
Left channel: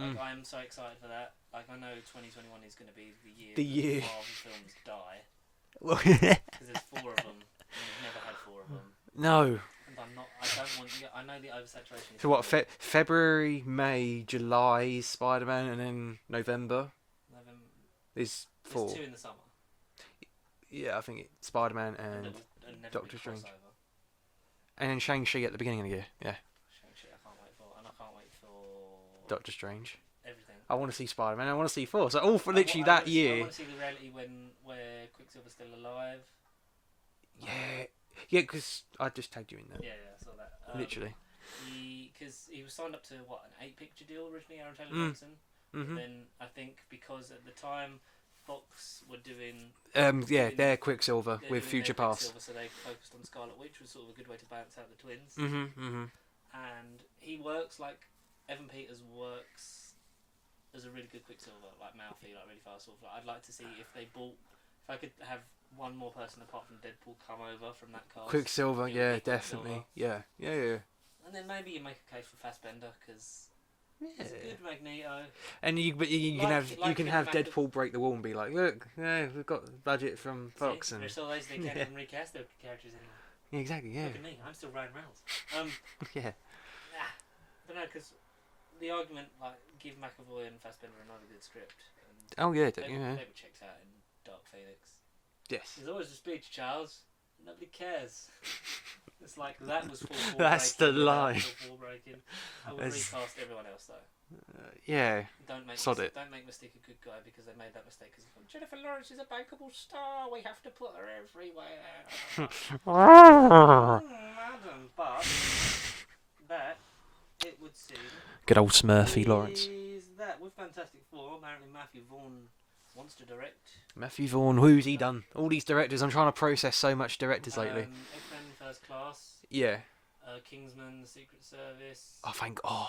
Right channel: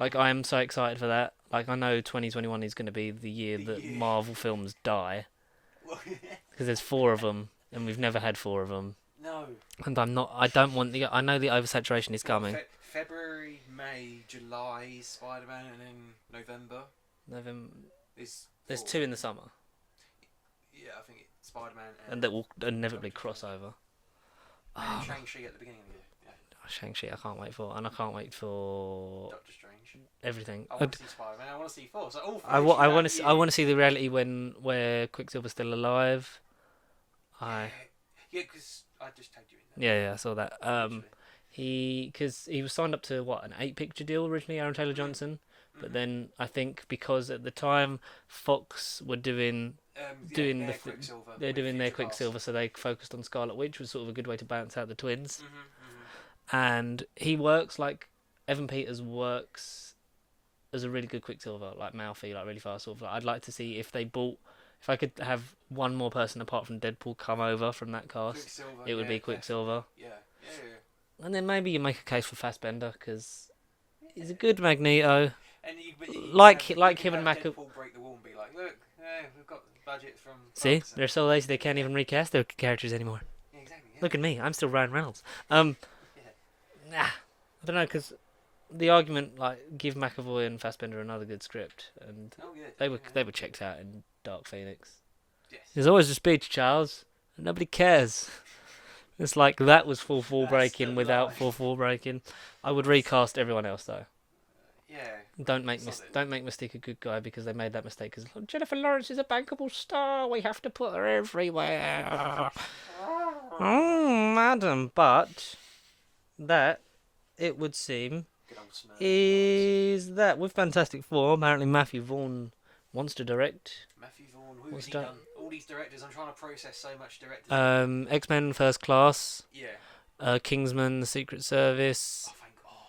Like Mm. I am so excited for that. Like I know 2021 is going to be the year The that year. Marvel films die Well, because there's 4 of them, and we've never had 4 of them. no. And I'm not. I don't want the. I know the oversaturation is So what? coming. February, May, July is Spider-Man, and then November November. is. There's 4. 2 in the summer, Yeah, I think it's Spider-Man and that will inevitably Doctor cross Strange. over. And then Shang-Chi at the beginning of the year. Yeah, Shang-Chi, I can't wait for, and I can't wait for Doctor Strange. everything. I want to see Spider-Man. I want to see 4. So all for I literally that want to. year. I want to see the reality where Quicksilver's still alive. Yeah, yeah, because I just tagged you in there. Yeah, I saw that. Literally. Because he was signed up to what, an 8-picture deal originally, Aaron Taylor Johnson. But Mhm. then I think because at the time Fox were doing Yeah, doing they're the- Quicksilver they're with doing Future their Past. Quicksilver, so they focused on Scarlet Witch, was sort of a good way to balance out the twins. Mm-hmm. And he works like Evan Peters works as a really good Quicksilver, like mouthy, like really fast. Sort of. Like, I'd like to see if I could have one more person apart from Deadpool come over from that cast. Quicksilver, It yeah, would be Quicksilver. definitely. Yeah. And then maybe you make a case for Fassbender because he's a good Magneto. And you Like can him have and Deadpool break the wall and be like, look, yeah, we've got the budget from See, Fox. they're so lazy they can't even recast their characters anymore. Yeah, exactly. Yeah. Look at me, I'm still Ryan Reynolds. Yeah. Nah, I don't know, because the argument, like, give McAvoy and Fassbender another good script, and Oh yeah. they were checked out in Dark Phoenix. Yes. There's always a speech, Charles, and nobody cares. It's like that was full That's the breaking without line. full breaking. I would That's- recast everyone else though. Yeah. Don't make Sod it. don't make Mystique a good guy because they made that mistake. Because Jennifer Lawrence is a bankable star. We have to put her everywhere. Madam, but that it would seem Good old Smurfy Lawrence. is that with Fantastic Four. Apparently, Matthew Vaughn wants to direct. Matthew Vaughn, who's he Don't- done? All these directors. I'm trying to process so much directors lately. X-Men First Class, Yeah. Kingsman: The Secret Service. Oh, thank God.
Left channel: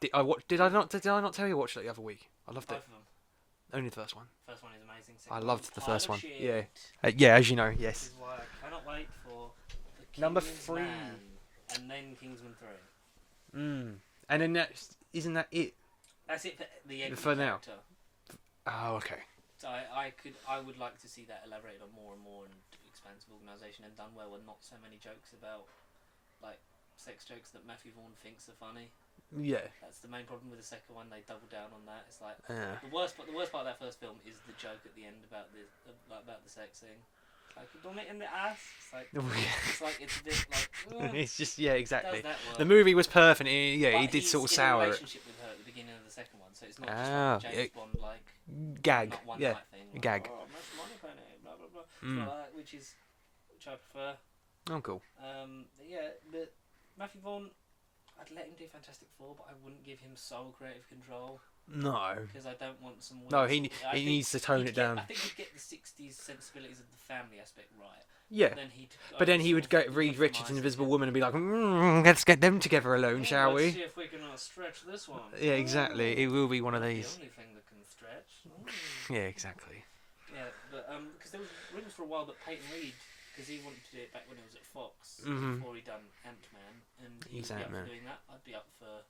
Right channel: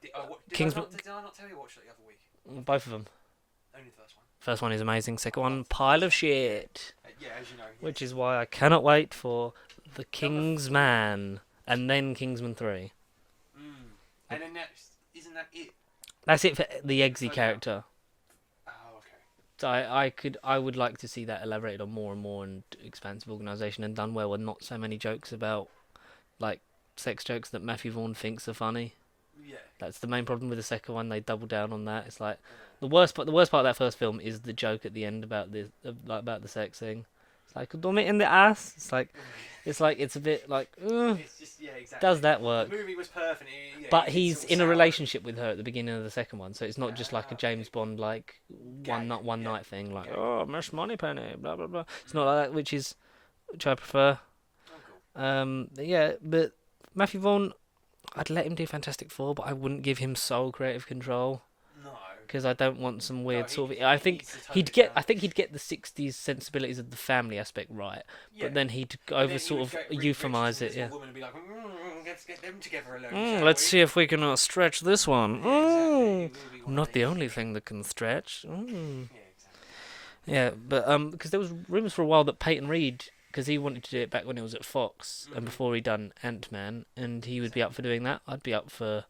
Did I Kingsman- not tell you I watched it the other week? I loved Both of them. it. Only the first one. First one is amazing. Second I one, loved the pile first of one, shit. Yeah, as you know, yes. Which is why I cannot wait for the Number Kingsman and then Kingsman 3. And then isn't that it? That's it for the For Eggsy now. character. Oh, okay. So I would like to see that elaborated on more and more and expansive organisation and done well, and not so many jokes about like sex jokes that Matthew Vaughn thinks are funny. Yeah. That's the main problem with the second one. They double down on that. It's like Yeah. the worst part of that first film is the joke at the end about about the sex thing. It's like dumb it in the ass. It's like it's a bit like It's just exactly. does that work? The movie was perfect. But he did he's sort of in a sour it. relationship with her at the beginning of the second one, so it's not just like Ah, a James it- Bond like Gag, not one yeah, night thing. Like gag. oh, Miss Moneypenny, blah blah blah. It's Mm. not like that, which I prefer. Oh, cool. But Matthew Vaughn, I'd let him do Fantastic Four, but I wouldn't give him sole creative control No. because I don't want some weird No, he- sort of. he I think needs to tone he'd it get. down. I think he'd get the '60s sensibilities of the family aspect right. Yeah. But then he'd. But then he would go read Richard's euphemize it. Invisible Yeah. Woman and be like, let's get them together alone, shall Let's we? see if we can stretch this one. Yeah, exactly. Mm. It will be one Not of the these. only thing that can stretch. Mm. Yeah, exactly. Yeah, but because there was rumours for a while that Peyton Reed, because he wanted to do it back when it was at Fox and Mhm. before he done Ant-Man, and he would be up for Ant-Man. doing that. I'd be up for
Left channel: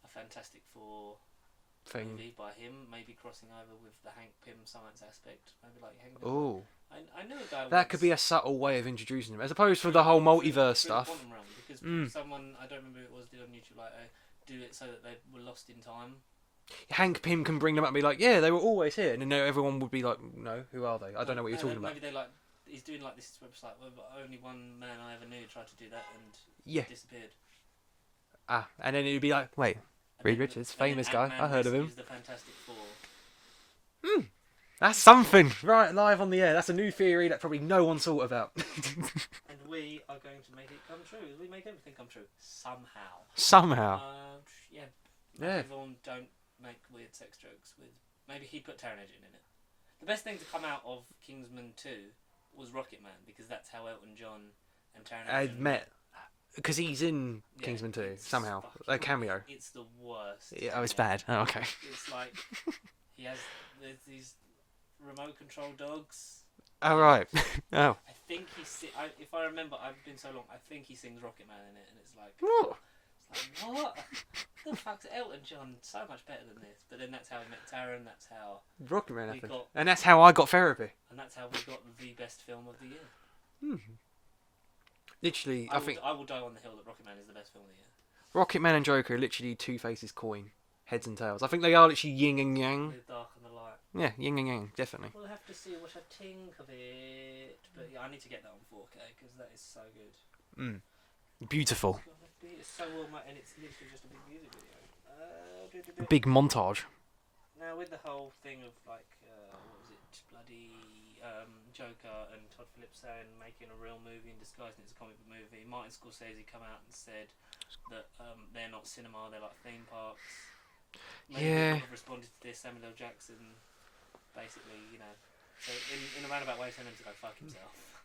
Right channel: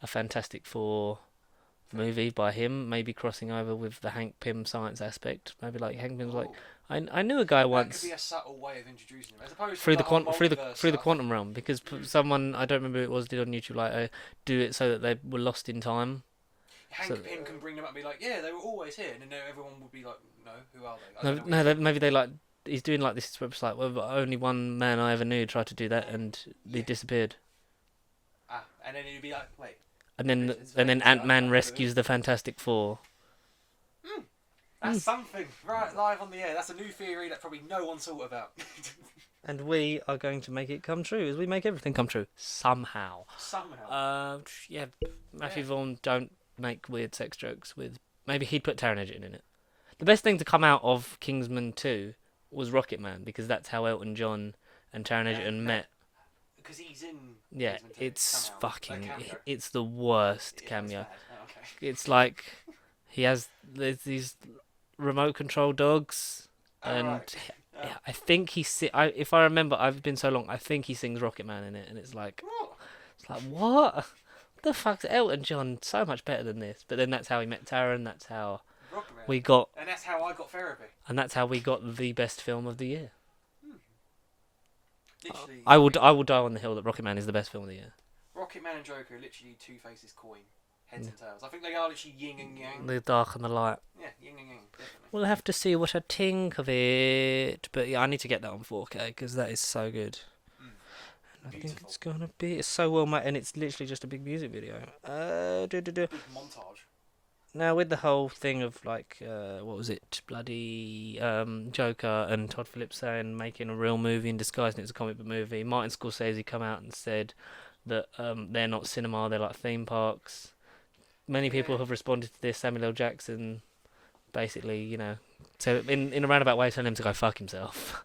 a Fantastic Four Fair. movie by him, maybe crossing over with the Hank Pym science aspect. Maybe like Hank Pym's like Ooh. I knew a guy once That could be a subtle way of introducing him, as opposed to through the whole through the multiverse through the stuff. quantum realm, because someone I don't remember who it was did on YouTube like do it so that they were lost in time. Hank So- Pym can bring them up and be like, yeah, they were always here, and then everyone would be like, no, who are they? I don't know what you're talking maybe they like he's doing like this. It's like well, only one man I ever knew tried to do that and he Yeah. disappeared. about. And then it'd be like, wait, And Reed then Richards, and then famous guy, Ant-Man I've heard of him. rescues the Fantastic Four. that's something. Right, live on the air. That's a new theory that probably no one thought about. And we are going to make it come true, as we make everything come true somehow. Somehow. Yeah, Matthew Yeah. Vaughn don't make weird sex jokes with. Maybe he'd put Taron Egerton in it. The best thing to come out of Kingsman 2 was Rocket Man, because that's how Elton John and Taron They Egerton met. met. because he's in Yeah, Kingsman 2 it's somehow. fucking A cameo. It's the worst Yeah, cameo. oh, it's bad. Oh, okay. It's like there's these remote control dogs. All and right. Oh. I think if I remember, I've been so long. I think he sings Rocket Man in it, and it's like what? The fuck's Elton John so much better than this? But then that's how he met Taron. That's how Rocket Man. we got, and that's how I got therapy. and that's how we got the best film of the year. Literally, I will die on the hill that Rocket Man is the best film of the year. Rocket Man and Joker are literally two faces coin, heads and tails. I think they are literally yin and yang. The dark and the light. Yeah, yin and yang, definitely. We'll have to see what I think of it. But yeah, I need to get that on 4K because that is so good. Beautiful. It's gonna be. It's so well made, and it's literally just a big music video. Big montage. Now with the whole thing of like, what was it, bloody Joker and Todd Phillips saying making a real movie and disguising it as a comic book movie. Martin Scorsese come out and said that they're not cinema, they're like theme parks. Many people have responded to this. Samuel L. Jackson, basically, so in a roundabout way, telling him to go fuck himself.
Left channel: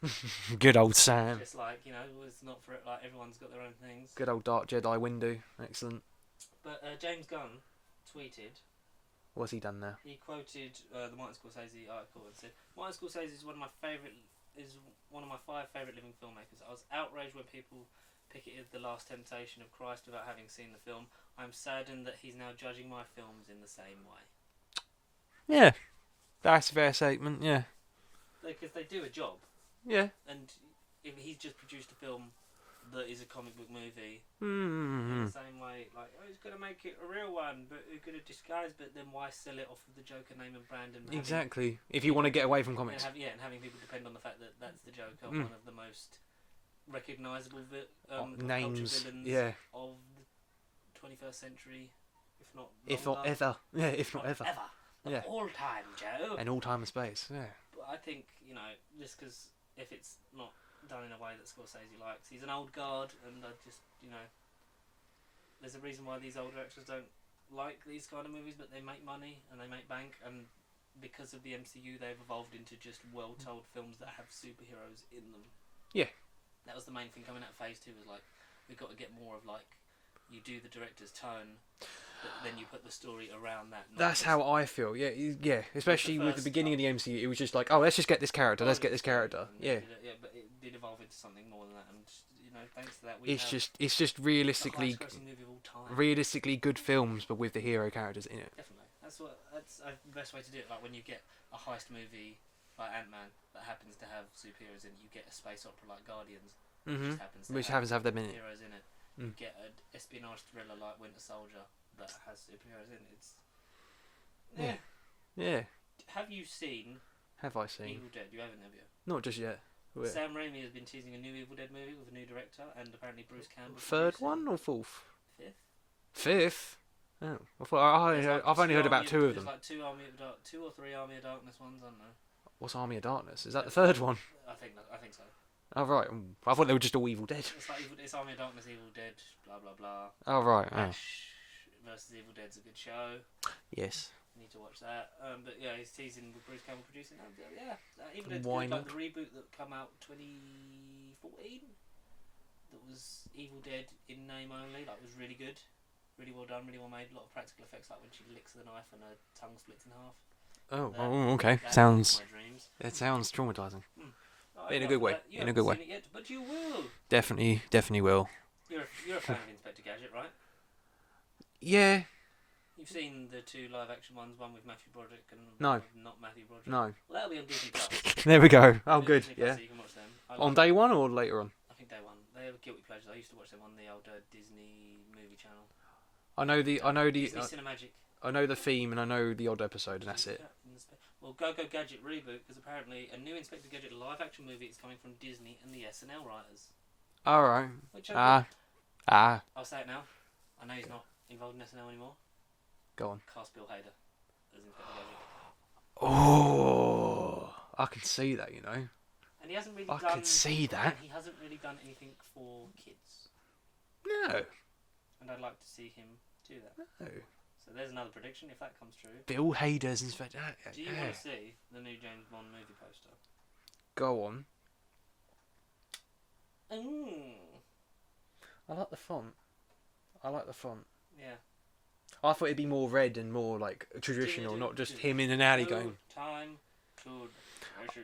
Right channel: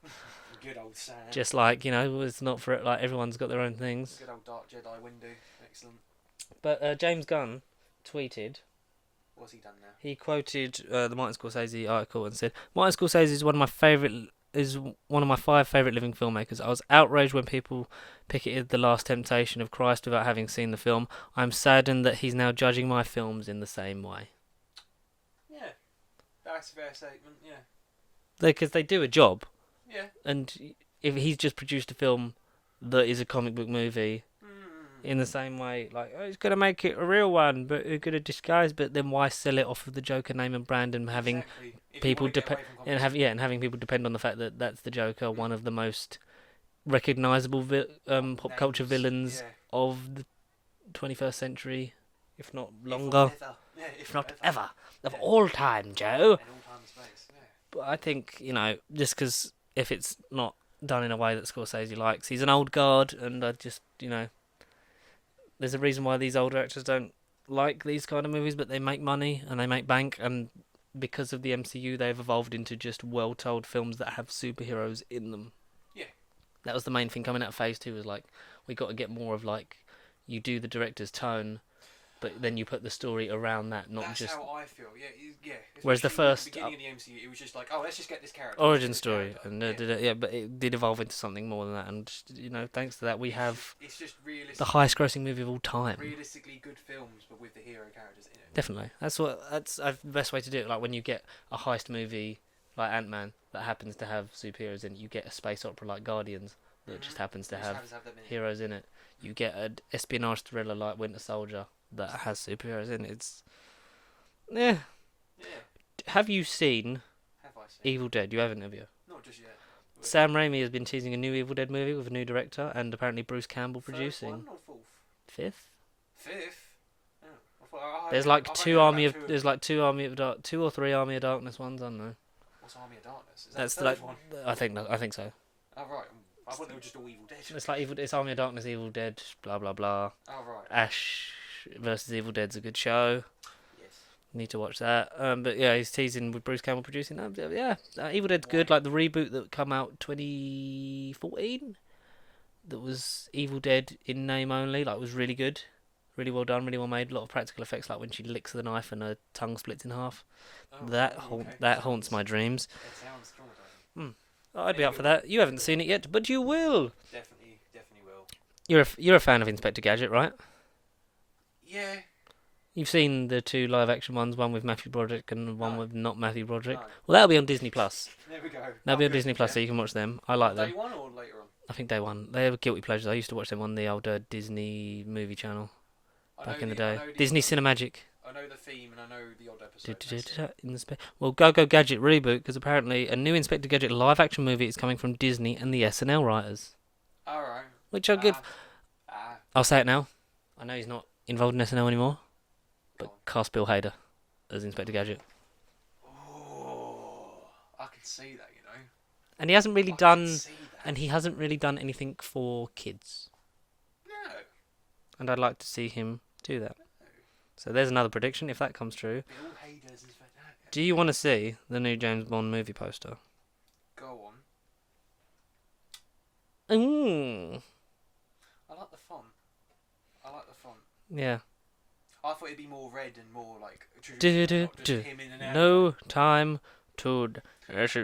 Good old Sam. Just like it's not for it. Like everyone's got their own things. Good old Dark Jedi window. Excellent. But James Gunn tweeted. What's he done now? He quoted the Martin Scorsese article and said, "Martin Scorsese is one of my 5 favorite living filmmakers. I was outraged when people picketed The Last Temptation of Christ without having seen the film. I'm saddened that he's now judging my films in the same way." Yeah, that's a fair statement. Yeah, because they do a job, yeah. and if he's just produced a film that is a comic book movie in the same way, like he's gonna make it a real one, but he's gonna disguise. But then why sell it off of the Joker name and brand and having exactly if you want to get away from comics and having people depend on the fact that that's the Joker, one of the most recognizable pop culture villains of the 21st century, if not longer, if not ever of all time, Joe, and all time and space. Yeah, but I think just because if it's not done in a way that Scorsese likes. He's an old guard, and I just, there's a reason why these older actors don't like these kind of movies, but they make money and they make bank, and because of the MCU, they've evolved into just well-told films that have superheroes in them. Yeah. That was the main thing coming out of Phase 2, was like, we got to get more of like, you do the director's tone, but then you put the story around that. That's just how I feel. Yeah. Whereas Especially at the beginning of the MCU, it was just like, oh, let's just get this character. Origin story. And, but it did evolve into something more than that, and just, thanks to that, it's just realistically the highest-grossing movie of all time. Realistically good films, but with the hero characters in it. Definitely, that's the best way to do it. Like when you get a heist movie like Ant-Man that happens to have superheroes in it, you get a space opera like Guardians, which just happens to have them in it. heroes in it. You get an espionage thriller like Winter Soldier that has superheroes in it. It's yeah. Have you seen Have I seen Evil Dead? You haven't, have you? Not just yet. Sam Raimi has been teasing a new Evil Dead movie with a new director, and apparently Bruce Campbell producing. Third one or fourth? Fifth. Oh, I thought, there's like two or three Army of Darkness ones. I don't know. What's Army of Darkness? Is that the third one? I think so. Oh right, I thought they were just all Evil Dead. It's like it's Army of Darkness, Evil Dead, blah blah blah. Oh right. Ash versus Evil Dead's a good show. Yes. Need to watch that. But yeah, he's teasing with Bruce Campbell producing that. Yeah, Evil Dead's good. Like the reboot that come out 2014, that was Evil Dead in name only. Like was really good, really well done, really well made. A lot of practical effects, like when she licks the knife and her tongue splits in half. Okay. That haunts my dreams. It sounds traumatizing. I'd be up for that. You haven't seen it yet, but you will. Definitely will. You're a fan of Inspector Gadget, right? Yeah. You've seen the 2 live-action ones, one with Matthew Broderick and one with not Matthew Broderick. No. Well, that'll be on Disney Plus. There we go. That'll be on Disney Plus, so you can watch them. I like on day one or later on? I think day one. They have guilty pleasures. I used to watch them on the older Disney movie channel. I know the Disney Cinemagic. I know the theme and I know the odd episode. That's it. Well, Go Go Gadget reboot, because apparently a new Inspector Gadget live-action movie is coming from Disney and the SNL writers. All right. Which are good. I'll say it now. I know he's not involved in SNL anymore. Go on. Cast Bill Hader as Inspector Gadget. Oh, I can see that, And he hasn't really can see that. And he hasn't really done anything for kids. No. And I'd like to see him do that. No. So there's another prediction, if that comes true. Bill Hader's Inspector. Do you want to see the new James Bond movie poster? Go on. I like the font. I like the font. Yeah. I thought it'd be more red and more like Do, traditional, do, not just do. him in an alley. No Going, time to.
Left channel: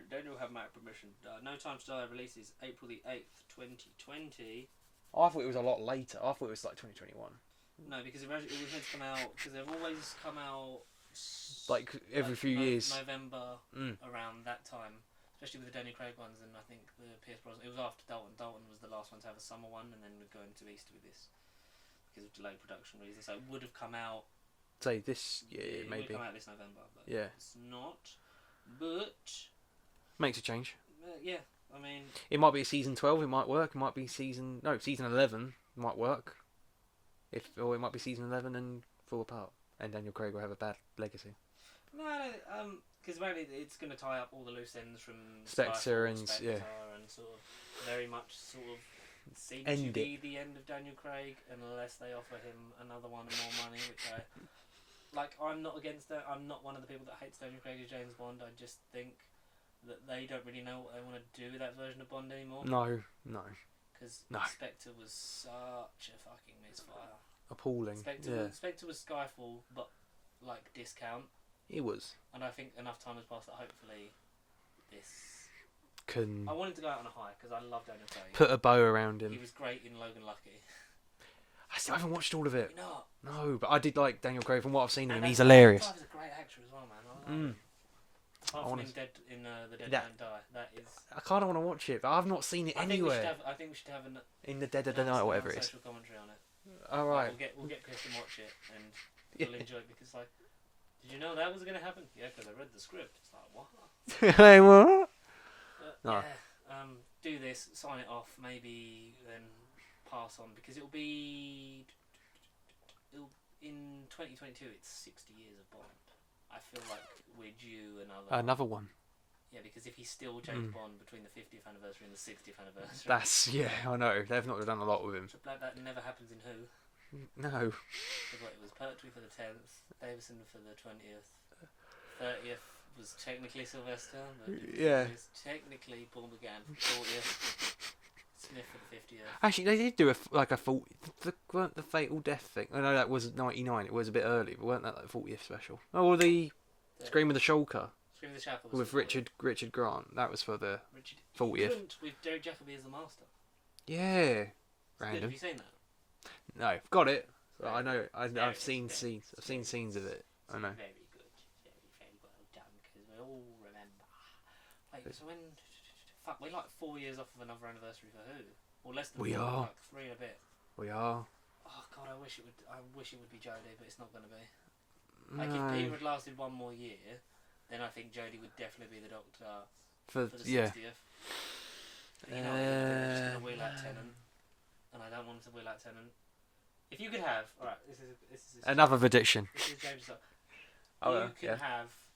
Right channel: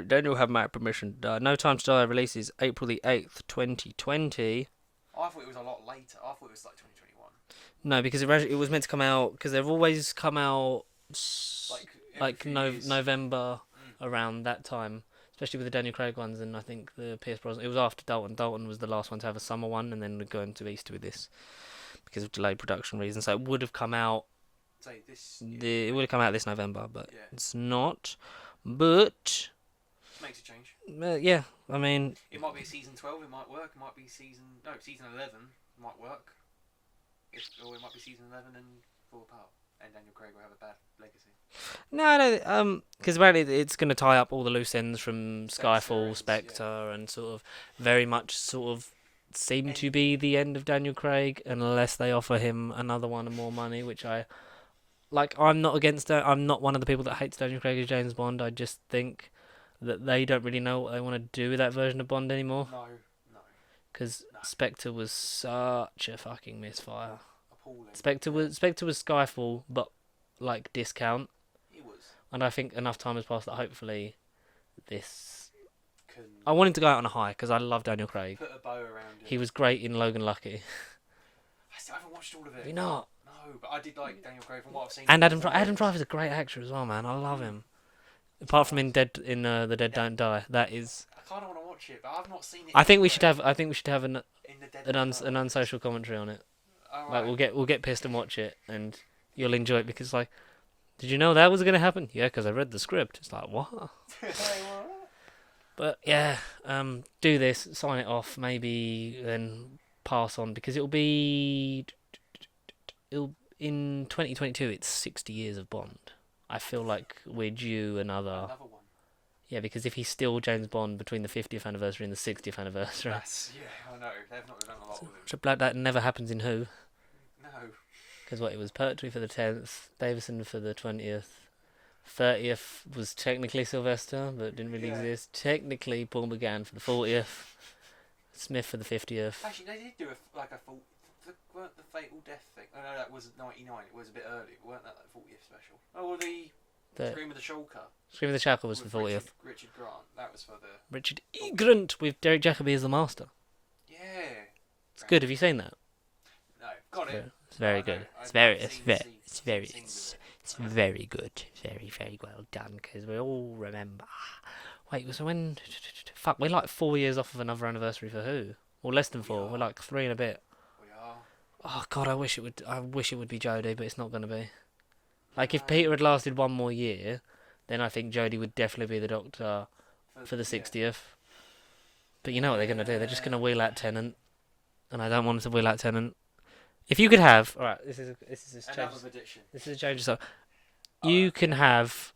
Then you'll have my permission to die. No Time to Die releases April the 8th, 2020. I thought it was a lot later. I thought it was like 2021. No, because it was meant to come out. Because they've always come out Like every few years. November Mm. around that time, especially with the Daniel Craig ones, and I think the Pierce Brosnan. It was after Dalton. Dalton was the last one to have a summer one, and then we're going to Easter with this because of delayed production reasons. So it would have come out. Say this year. It would have come out this November, but Yeah. it's not. But Makes a change. yeah, I mean, It might be season 12. It might work. It might be season 11. Might work. Or it might be season 11 and fall apart. And Daniel Craig will have a bad legacy. no, because apparently it's going to tie up all the loose ends from Spectre Skyfall, and- Spectre, and sort of very much sort of seem to Ending. be the end of Daniel Craig, unless they offer him another one and more money, which I like. I'm not against it. I'm not one of the people that hates Daniel Craig as James Bond. I just think that they don't really know what they want to do with that version of Bond anymore. No. Because No. Spectre was such a fucking misfire. Appalling. Spectre Yeah. was Skyfall, but like discount. It was. And I think enough time has passed that hopefully this. Can I wanted to go out on a high because I love Daniel Craig. put a bow around him. He was great in Logan Lucky. I still haven't watched all of it. You not? No, but I did like Daniel Craig from what I've seen. And He's Adam hilarious. Driver's a great actor as well, man. I love him. Apart from in The Dead Yeah. Don't Die, that is. I kind of want to watch it, but I've not seen it. I think we anywhere. should have an In the Dead of the Night. an unsocial commentary on it. All Like, right. we'll get pissed and watch it, and you'll enjoy it because like, did you know that was gonna happen? Yeah, because I read the script. It's like what? Hey, what? But yeah, do this, sign it off, maybe then pass on because it'll in 2022. It's 60 years of Bond. I feel like we're due Another one. Yeah, because if he's still James Mm. Bond between the 50th anniversary and the 60th anniversary, I know. They've not done a lot with him. Triple like that never happens in Who. No. Because it was Pertwee for the 10th, Davison for the 20th, 30th was technically Sylvester, but didn't really Yeah. exist. Technically Paul McGann for the 40th, Smith for the 50th. Actually, they did do weren't the Fatal Death thing. I know that was 99. It was a bit early, but weren't that like 40th special? Oh, well, the Scream of the Shulker Scream of the Shackle was with for 40th. Richard Grant. That was for the 40th. Grunt with Derek Jacobi as the master. Yeah. It's good. Have you seen that? No, got it. It's very I know, good. I've It's very, seen it's scenes- it's I've seen very, scenes of it. it's I know. very good. Very, very well done. Because we all remember. Wait, was when? Fuck, we're like 4 years off of another anniversary for Who, or less than We 4. are. We're like 3 and a bit. We are. Oh God, I wish it would be Jodie, but it's not gonna be. Like if No. Peter had lasted one more year, then I think Jodie would definitely be the Doctor for the 60th. But you know what they're gonna do? They're just gonna wheel out Tennant, and I don't want them to wheel out Tennant. If you could have, all right, this is Another prediction. This is a change. So Oh, you can have,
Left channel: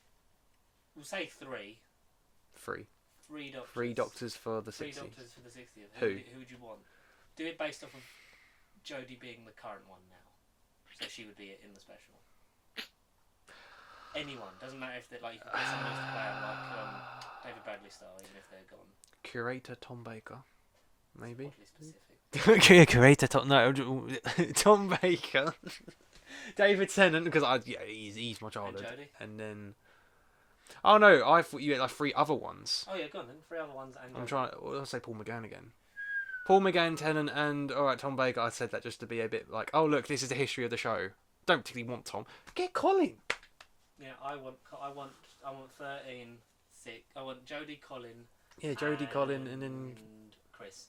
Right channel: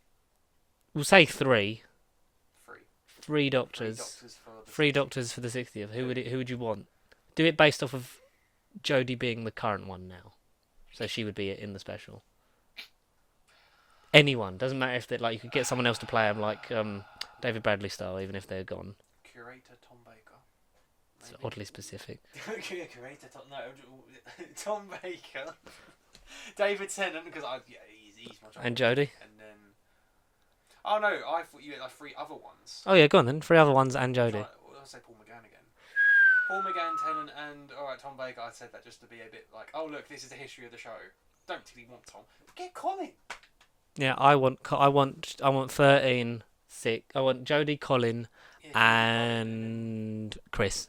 we'll say 3 Three doctors, doctors for the 3 60th. doctors for the 60th. Who? Who would you want? Do it based off of Jodie being the current one now, so she would be in the special. Anyone, doesn't matter if they like. You could get someone else to play him, like David Bradley style, even if they're gone. Curator Tom Baker. It's Maybe. oddly specific. Curator Tom. No, Tom Baker. David Tennant, because he's much older. And Jodie. And then. Oh no! I thought you had like 3 other ones. Oh yeah, go on then. 3 other ones and Jodie. I'll say Paul McGann again. Paul McGann, Tennant, and alright, Tom Baker. I said that just to be a bit like, oh look, this is the history of the show. Don't particularly want Tom. Get Colin. Yeah, I want 13, 6. I want Jodie, Colin, Yeah, Jodie, Colin, and then and Chris.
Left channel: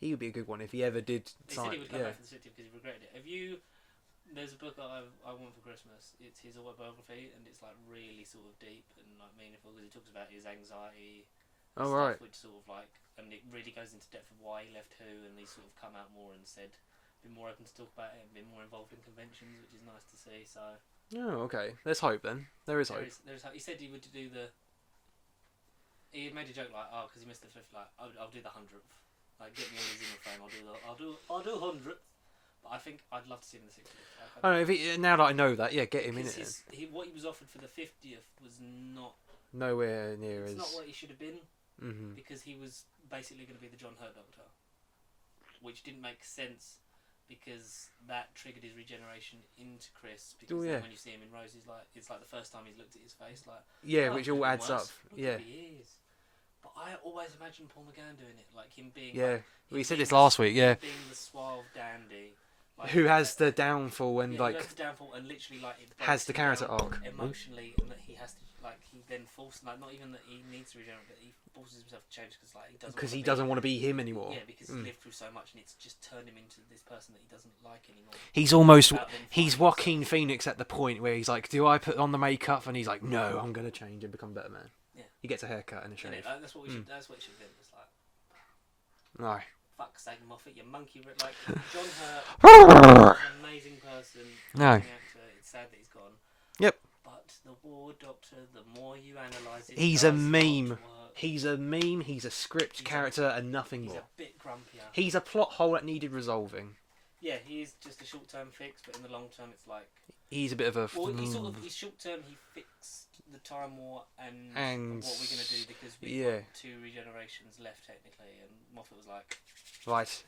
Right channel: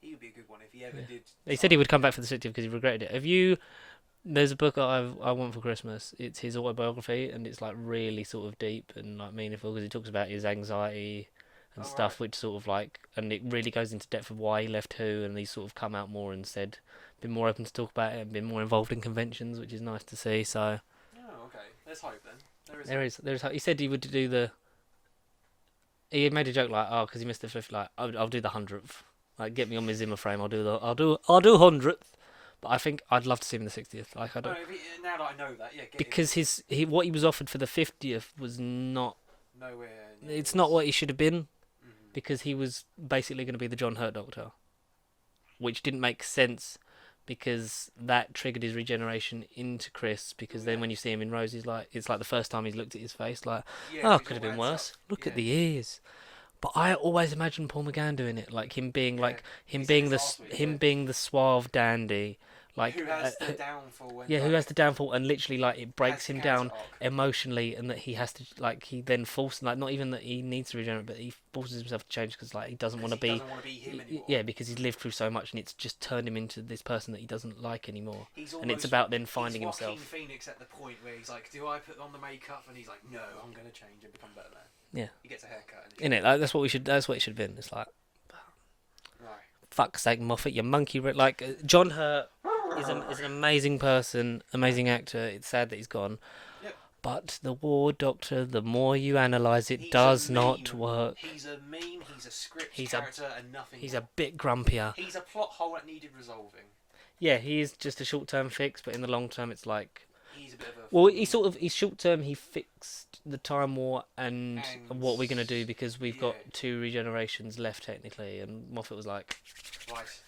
he would be a good one if he ever did. He said he would come back for the 60th because he regretted it. Have you? There's a book I want for Christmas. It's his autobiography, and it's like really sort of deep and like meaningful because he talks about his anxiety and Oh, stuff, right. which sort of like, and it really goes into depth of why he left Who, and he's sort of come out more and said, been more open to talk about it and been more involved in conventions, which is nice to see. So Oh, okay. Let's hope then. There is. he said he would do the. He had made a joke like, oh, because he missed the 5th, like I'll do the 100th, like get me on my Zimmer frame. I'll do 100th. But I think I'd love to see him in the 60th. Like, I Oh, don't, no, now that I know that, yeah, get because him in what he was offered for the 50th was not. nowhere near. It's not what he should have been Mm-hmm. because he was basically going to be the John Hurt Doctor. which didn't make sense because that triggered his regeneration into Chris. Because Oh, then yeah. when you see him in Rose, he's like, it's like the first time he's looked at his face, like, Yeah, oh, which could have all been adds worse. up. Look Yeah. at the ears. But I always imagined Paul McGann doing it, like him being Yeah. him We said being this the last week, yeah. him being the suave dandy, like Who has the downfall and yeah, like who has the downfall and literally like it has breaks the him character down arc. emotionally, and that he has to like he then forces like not even that he needs to regenerate, but he forces himself to change because like he doesn't want to be doesn't want to be him anymore. yeah, because he's lived through so much and it's just turned him into this person that he doesn't like anymore. He's And almost it's about then he's finding Joaquin himself. Phoenix at the point where he's like, "Do I put on the makeup?" And he's like, "No, I'm gonna change and become a better man." Yeah, He gets a haircut and a in it, like that's what we should. That's what it should have been. It's like No. fuck's sake, Moffat, you monkey. Like John Hurt is an amazing person, amazing actor. It's sad that he's gone. Yep. But the War Doctor, the more you analyse it, He's does a not meme. work. He's a meme. He's a script He's character and nothing He's more. a bit grumpier. He's a plot hole that needed resolving. Yeah, he is just a short-term fix, but in the long term, it's like He's a bit of a. well, he's short-term. He fixed the Time War and And- what we're gonna do because we've yeah. got 2 regenerations left technically, and Moffat was like, right.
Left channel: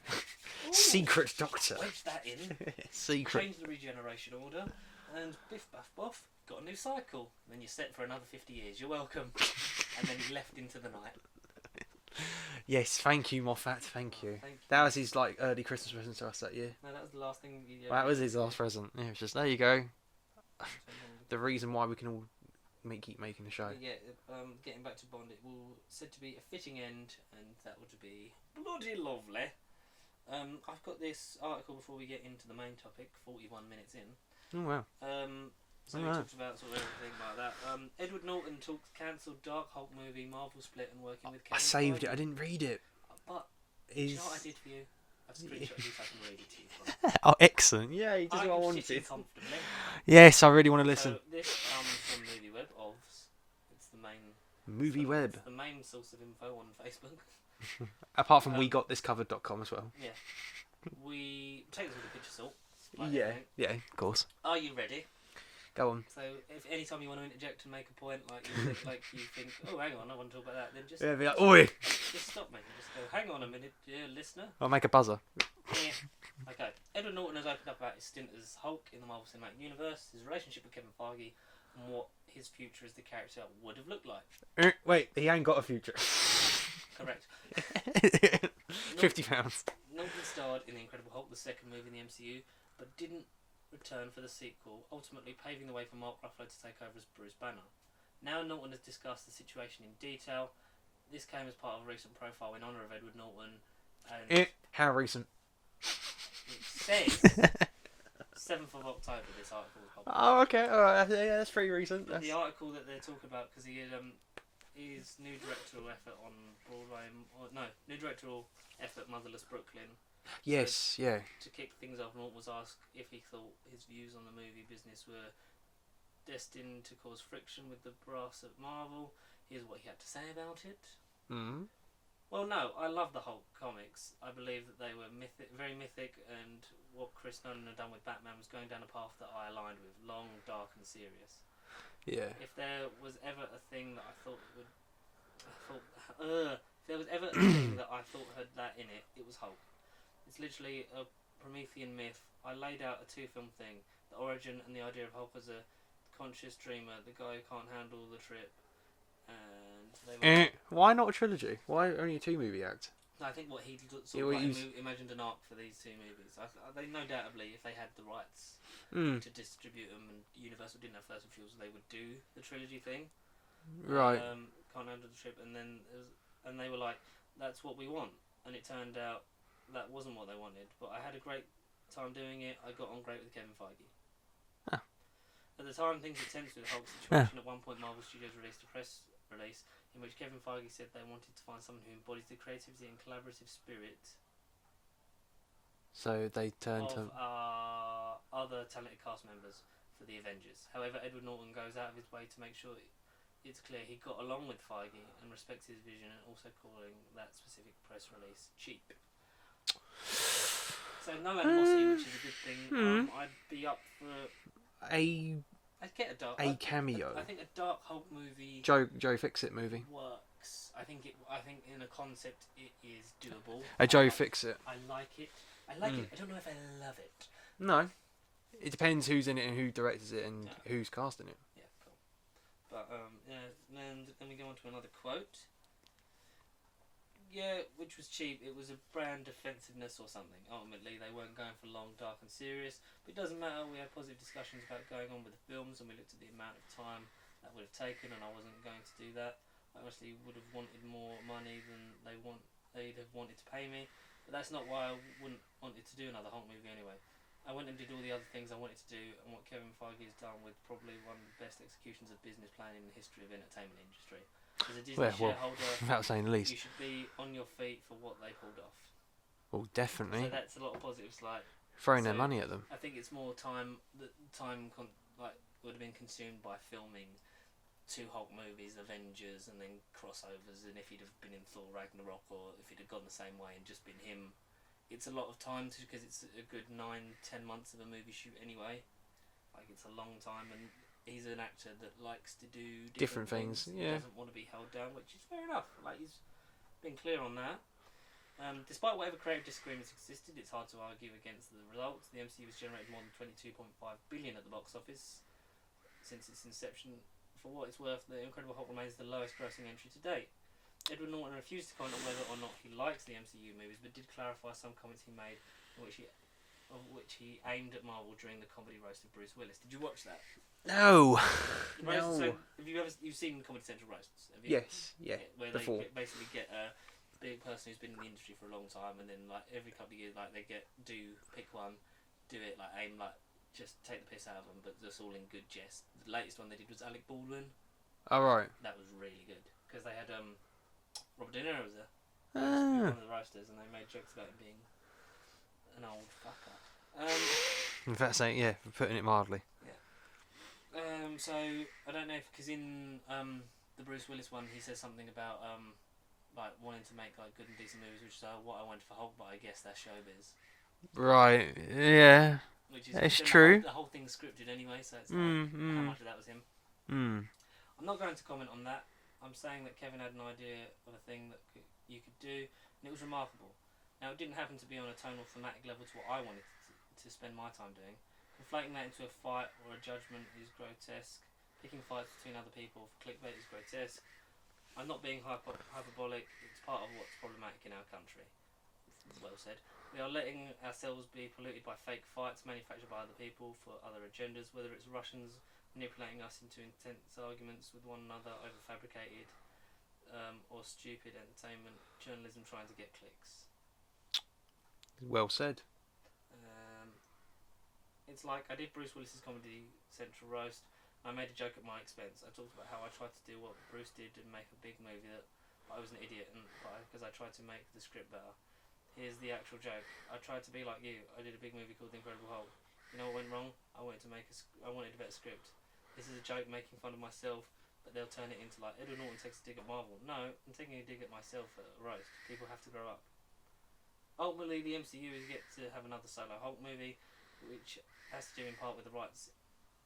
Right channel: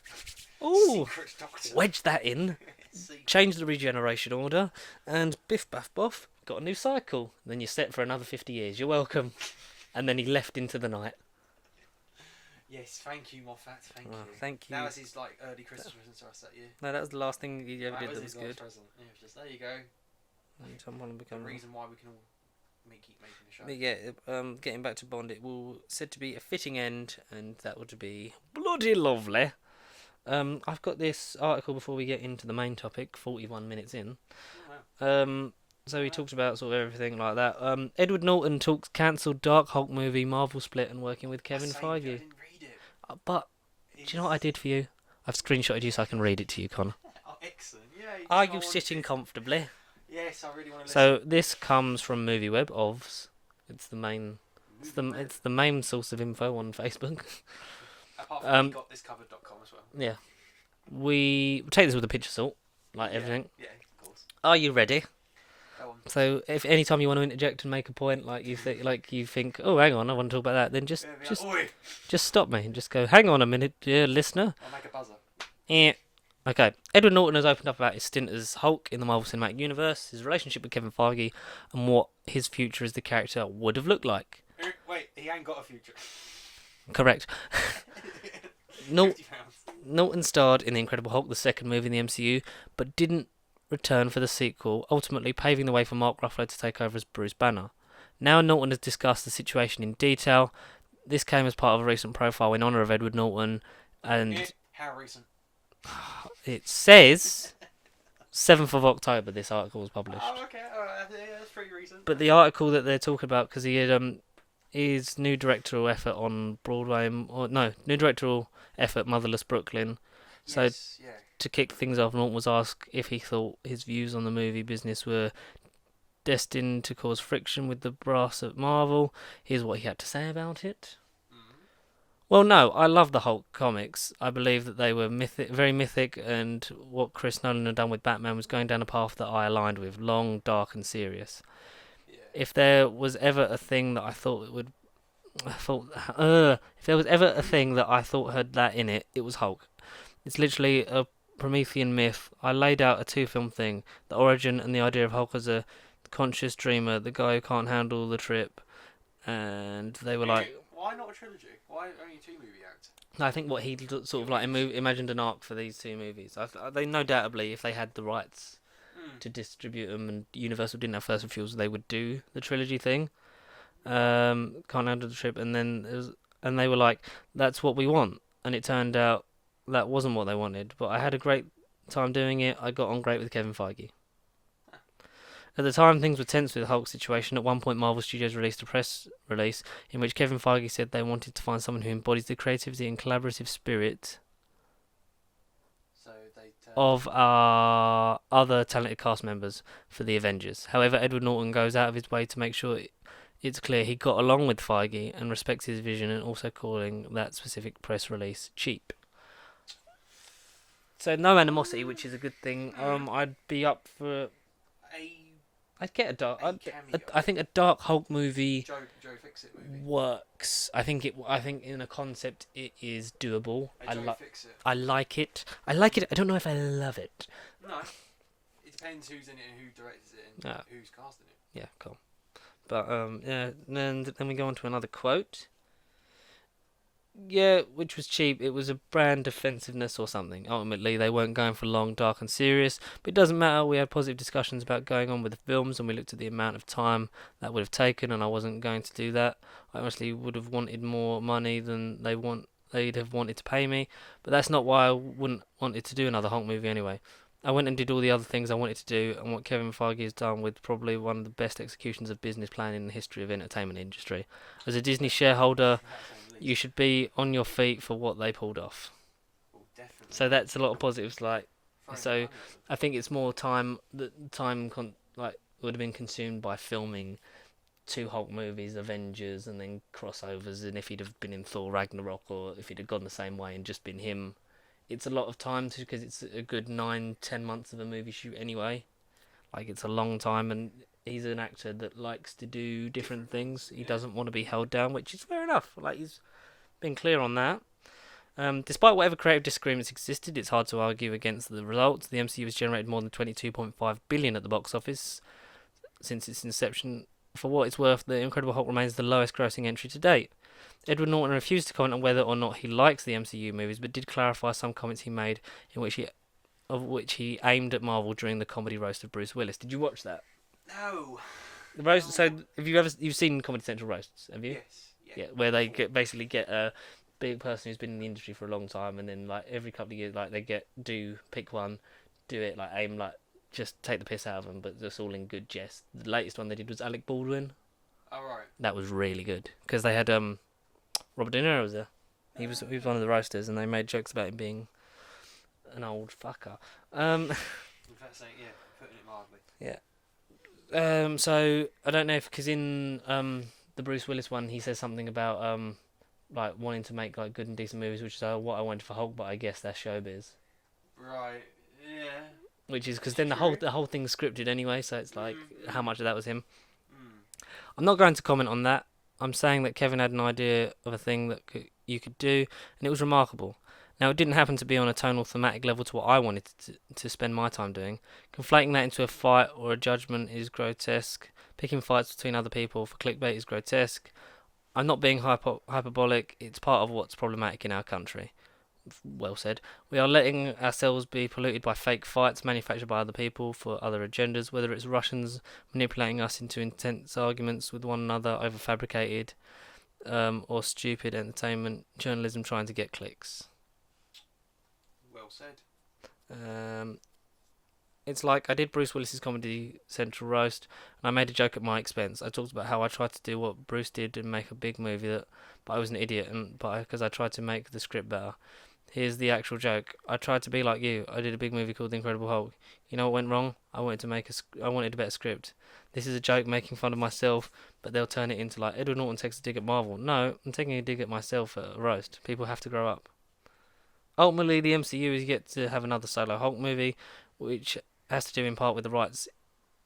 "Ooh, Secret Doctor. wedge that in." Secret. Change the regeneration order, and biff baff boff, got a new cycle. Then you're set for another 50 years. You're welcome. And then he left into the night. Yes, thank you, Moffat. Thank you. Thank you. That was his like early Christmas present to us that year. No, that was the last thing he ever That did was that his was last present. Yeah, it's just there you go. good. The reason why we can all keep making the show. But yeah, getting back to Bond, it will said to be a fitting end, and that would be bloody lovely. I've got this article before we get into the main topic. 41 minutes in. Oh wow. So he Wow. talks about sort of everything like that. Edward Norton talks cancelled Dark Hulk movie, Marvel split, and working with I Kevin saved Feige. it. I didn't read it. But do you know what I did for you? I've screenshotted you so I can read it to you, Con. Oh, excellent. Yeah. Are you sitting comfortably? Yes, I really want to listen. So this comes from MovieWeb. It's the main. Movie It's the, web. it's the main source of info on Facebook. Apart from um, wegotThiscovered.com as well. Yeah. We take this with a pinch of salt, like yeah. everything. Yeah, of course. Are you ready? Go on. So, if any time you want to interject and make a point, like you think, oh, hang on, I want to talk about that, then Yeah, be like, just, oi! just stop me and just go, hang on a minute, dear listener. I'll make a buzzer. Eh. Okay, Edward Norton has opened up about his stint as Hulk in the Marvel Cinematic Universe, his relationship with Kevin Feige, and what his future as the character would have looked like. Wait, he ain't got a future. Correct. Nor- £50. Norton starred in The Incredible Hulk, the second movie in the MCU, but didn't return for the sequel, ultimately paving the way for Mark Ruffalo to take over as Bruce Banner. Now Norton has discussed the situation in detail. This came as part of a recent profile in honour of Edward Norton, and How recent? it says 7th of October this article was published. Oh, okay. Alright, yeah, that's pretty recent. But the article that they're talking about, because he had his new directorial effort on Broadway, new directorial effort, Motherless Brooklyn. Yes, yeah. To kick things off, Norton was asked if he thought his views on the movie business were destined to cause friction with the brass at Marvel. Here's what he had to say about it. Mm. Well, no, I love the Hulk comics. I believe that they were very mythic, and what Chris Nolan had done with Batman was going down a path that I aligned with, long, dark, and serious. Yeah. If there was ever a thing that I thought it would, if there was ever a thing that I thought had that in it, it was Hulk. It's literally a Promethean myth. I laid out a 2-film thing: the origin and the idea of Hulk as a conscious dreamer, the guy who can't handle the trip. And they were like, why not a trilogy? Why only a 2-movie act? I think what he sort of like imagined an arc for these 2 movies. They no doubtably, if they had the rights to distribute them, and Universal didn't have first refusal, they would do the trilogy thing. Right. Can't handle the trip, and then and they were like, that's what we want. And it turned out that wasn't what they wanted. But I had a great time doing it. I got on great with Kevin Feige. Ah. At the time, things were tense with the Hulk situation. At one point, Marvel Studios released a press release in which Kevin Feige said they wanted to find someone who embodies the creativity and collaborative spirit So they turned of our other talented cast members for the Avengers. However, Edward Norton goes out of his way to make sure it's clear he got along with Feige and respects his vision, and also calling that specific press release cheap. So no animosity, which is a good thing. I'd be up for a I'd get a dark. A cameo. I think a Dark Hulk movie Joe Fixit movie. works. I think in a concept it is doable. A Joe Fixit. I like it. I like it. I don't know if I love it. No. It depends who's in it and who directs it and who's casting it. Yeah, cool. But yeah. Then we go on to another quote. Yeah, which was cheap. It was a brand defensiveness or something. Ultimately, they weren't going for long, dark, and serious. But it doesn't matter. We had positive discussions about going on with the films, and we looked at the amount of time that would have taken, and I wasn't going to do that. I honestly would have wanted more money than they'd have wanted to pay me. But that's not why I wouldn't wanted to do another Hulk movie anyway. I went and did all the other things I wanted to do, and what Kevin Feige has done with probably one of the best executions of business planning in the history of entertainment industry. As a Disney shareholder, without saying the least, you should be on your feet for what they pulled off. Well, definitely. So that's a lot of positives. Like throwing their money at them. I think it's more time would have been consumed by filming 2 Hulk movies, Avengers, and then crossovers. And if he'd have been in Thor Ragnarok, or if he'd have gone the same way and just been him. It's a lot of time because it's a good 9-10 months of a movie shoot anyway. Like, it's a long time, and he's an actor that likes to do different things. Yeah. He doesn't want to be held down, which is fair enough. Like, he's been clear on that. Despite whatever creative disagreements existed, it's hard to argue against the results. The MCU has generated more than $22.5 billion at the box office since its inception. For what it's worth, The Incredible Hulk remains the lowest grossing entry to date. Edward Norton refused to comment on whether or not he likes the MCU movies, but did clarify some comments he made in which he aimed at Marvel during the comedy roast of Bruce Willis. Did you watch that? No. The roast. No. So, have you've seen Comedy Central roasts? Have you? Yes. Yeah. Where they basically get a big person who's been in the industry for a long time, and then like every couple of years, like they pick one, do it, like aim, like just take the piss out of them, but just all in good jest. The latest one they did was Alec Baldwin. Oh right. That was really good because they had Robert De Niro was there. He was one of the roasters, and they made jokes about him being an old fucker. In fact, saying putting it mildly. Yeah. So I don't know if because in the Bruce Willis one, he says something about like wanting to make like good and decent movies, which is what I wanted for Hulk, but I guess that's showbiz. Right. Yeah. Which is it's then true. The whole thing's scripted anyway, so it's like how much of that was him. Mm. I'm not going to comment on that. I'm saying that Kevin had an idea of a thing that you could do, and it was remarkable. Now, it didn't happen to be on a tonal thematic level to what I wanted to spend my time doing. Conflating that into a fight or a judgment is grotesque. Picking fights between other people for clickbait is grotesque. I'm not being hyperbolic. It's part of what's problematic in our country. Well said. We are letting ourselves be polluted by fake fights manufactured by other people for other agendas, whether it's Russians manipulating us into intense arguments with one another over fabricated or stupid entertainment journalism trying to get clicks. Well said. It's like I did Bruce Willis's Comedy Central roast, and I made a joke at my expense. I talked about how I tried to do what Bruce did and make a big movie, but I was an idiot, because I tried to make the script better. Here's the actual joke. I tried to be like you. I did a big movie called The Incredible Hulk. You know what went wrong? I wanted a better script. This is a joke making fun of myself, but they'll turn it into like Edward Norton takes a dig at Marvel. No, I'm taking a dig at myself at a roast. People have to grow up. Ultimately, the MCU is yet to have another solo Hulk movie, which has to do in part with the rights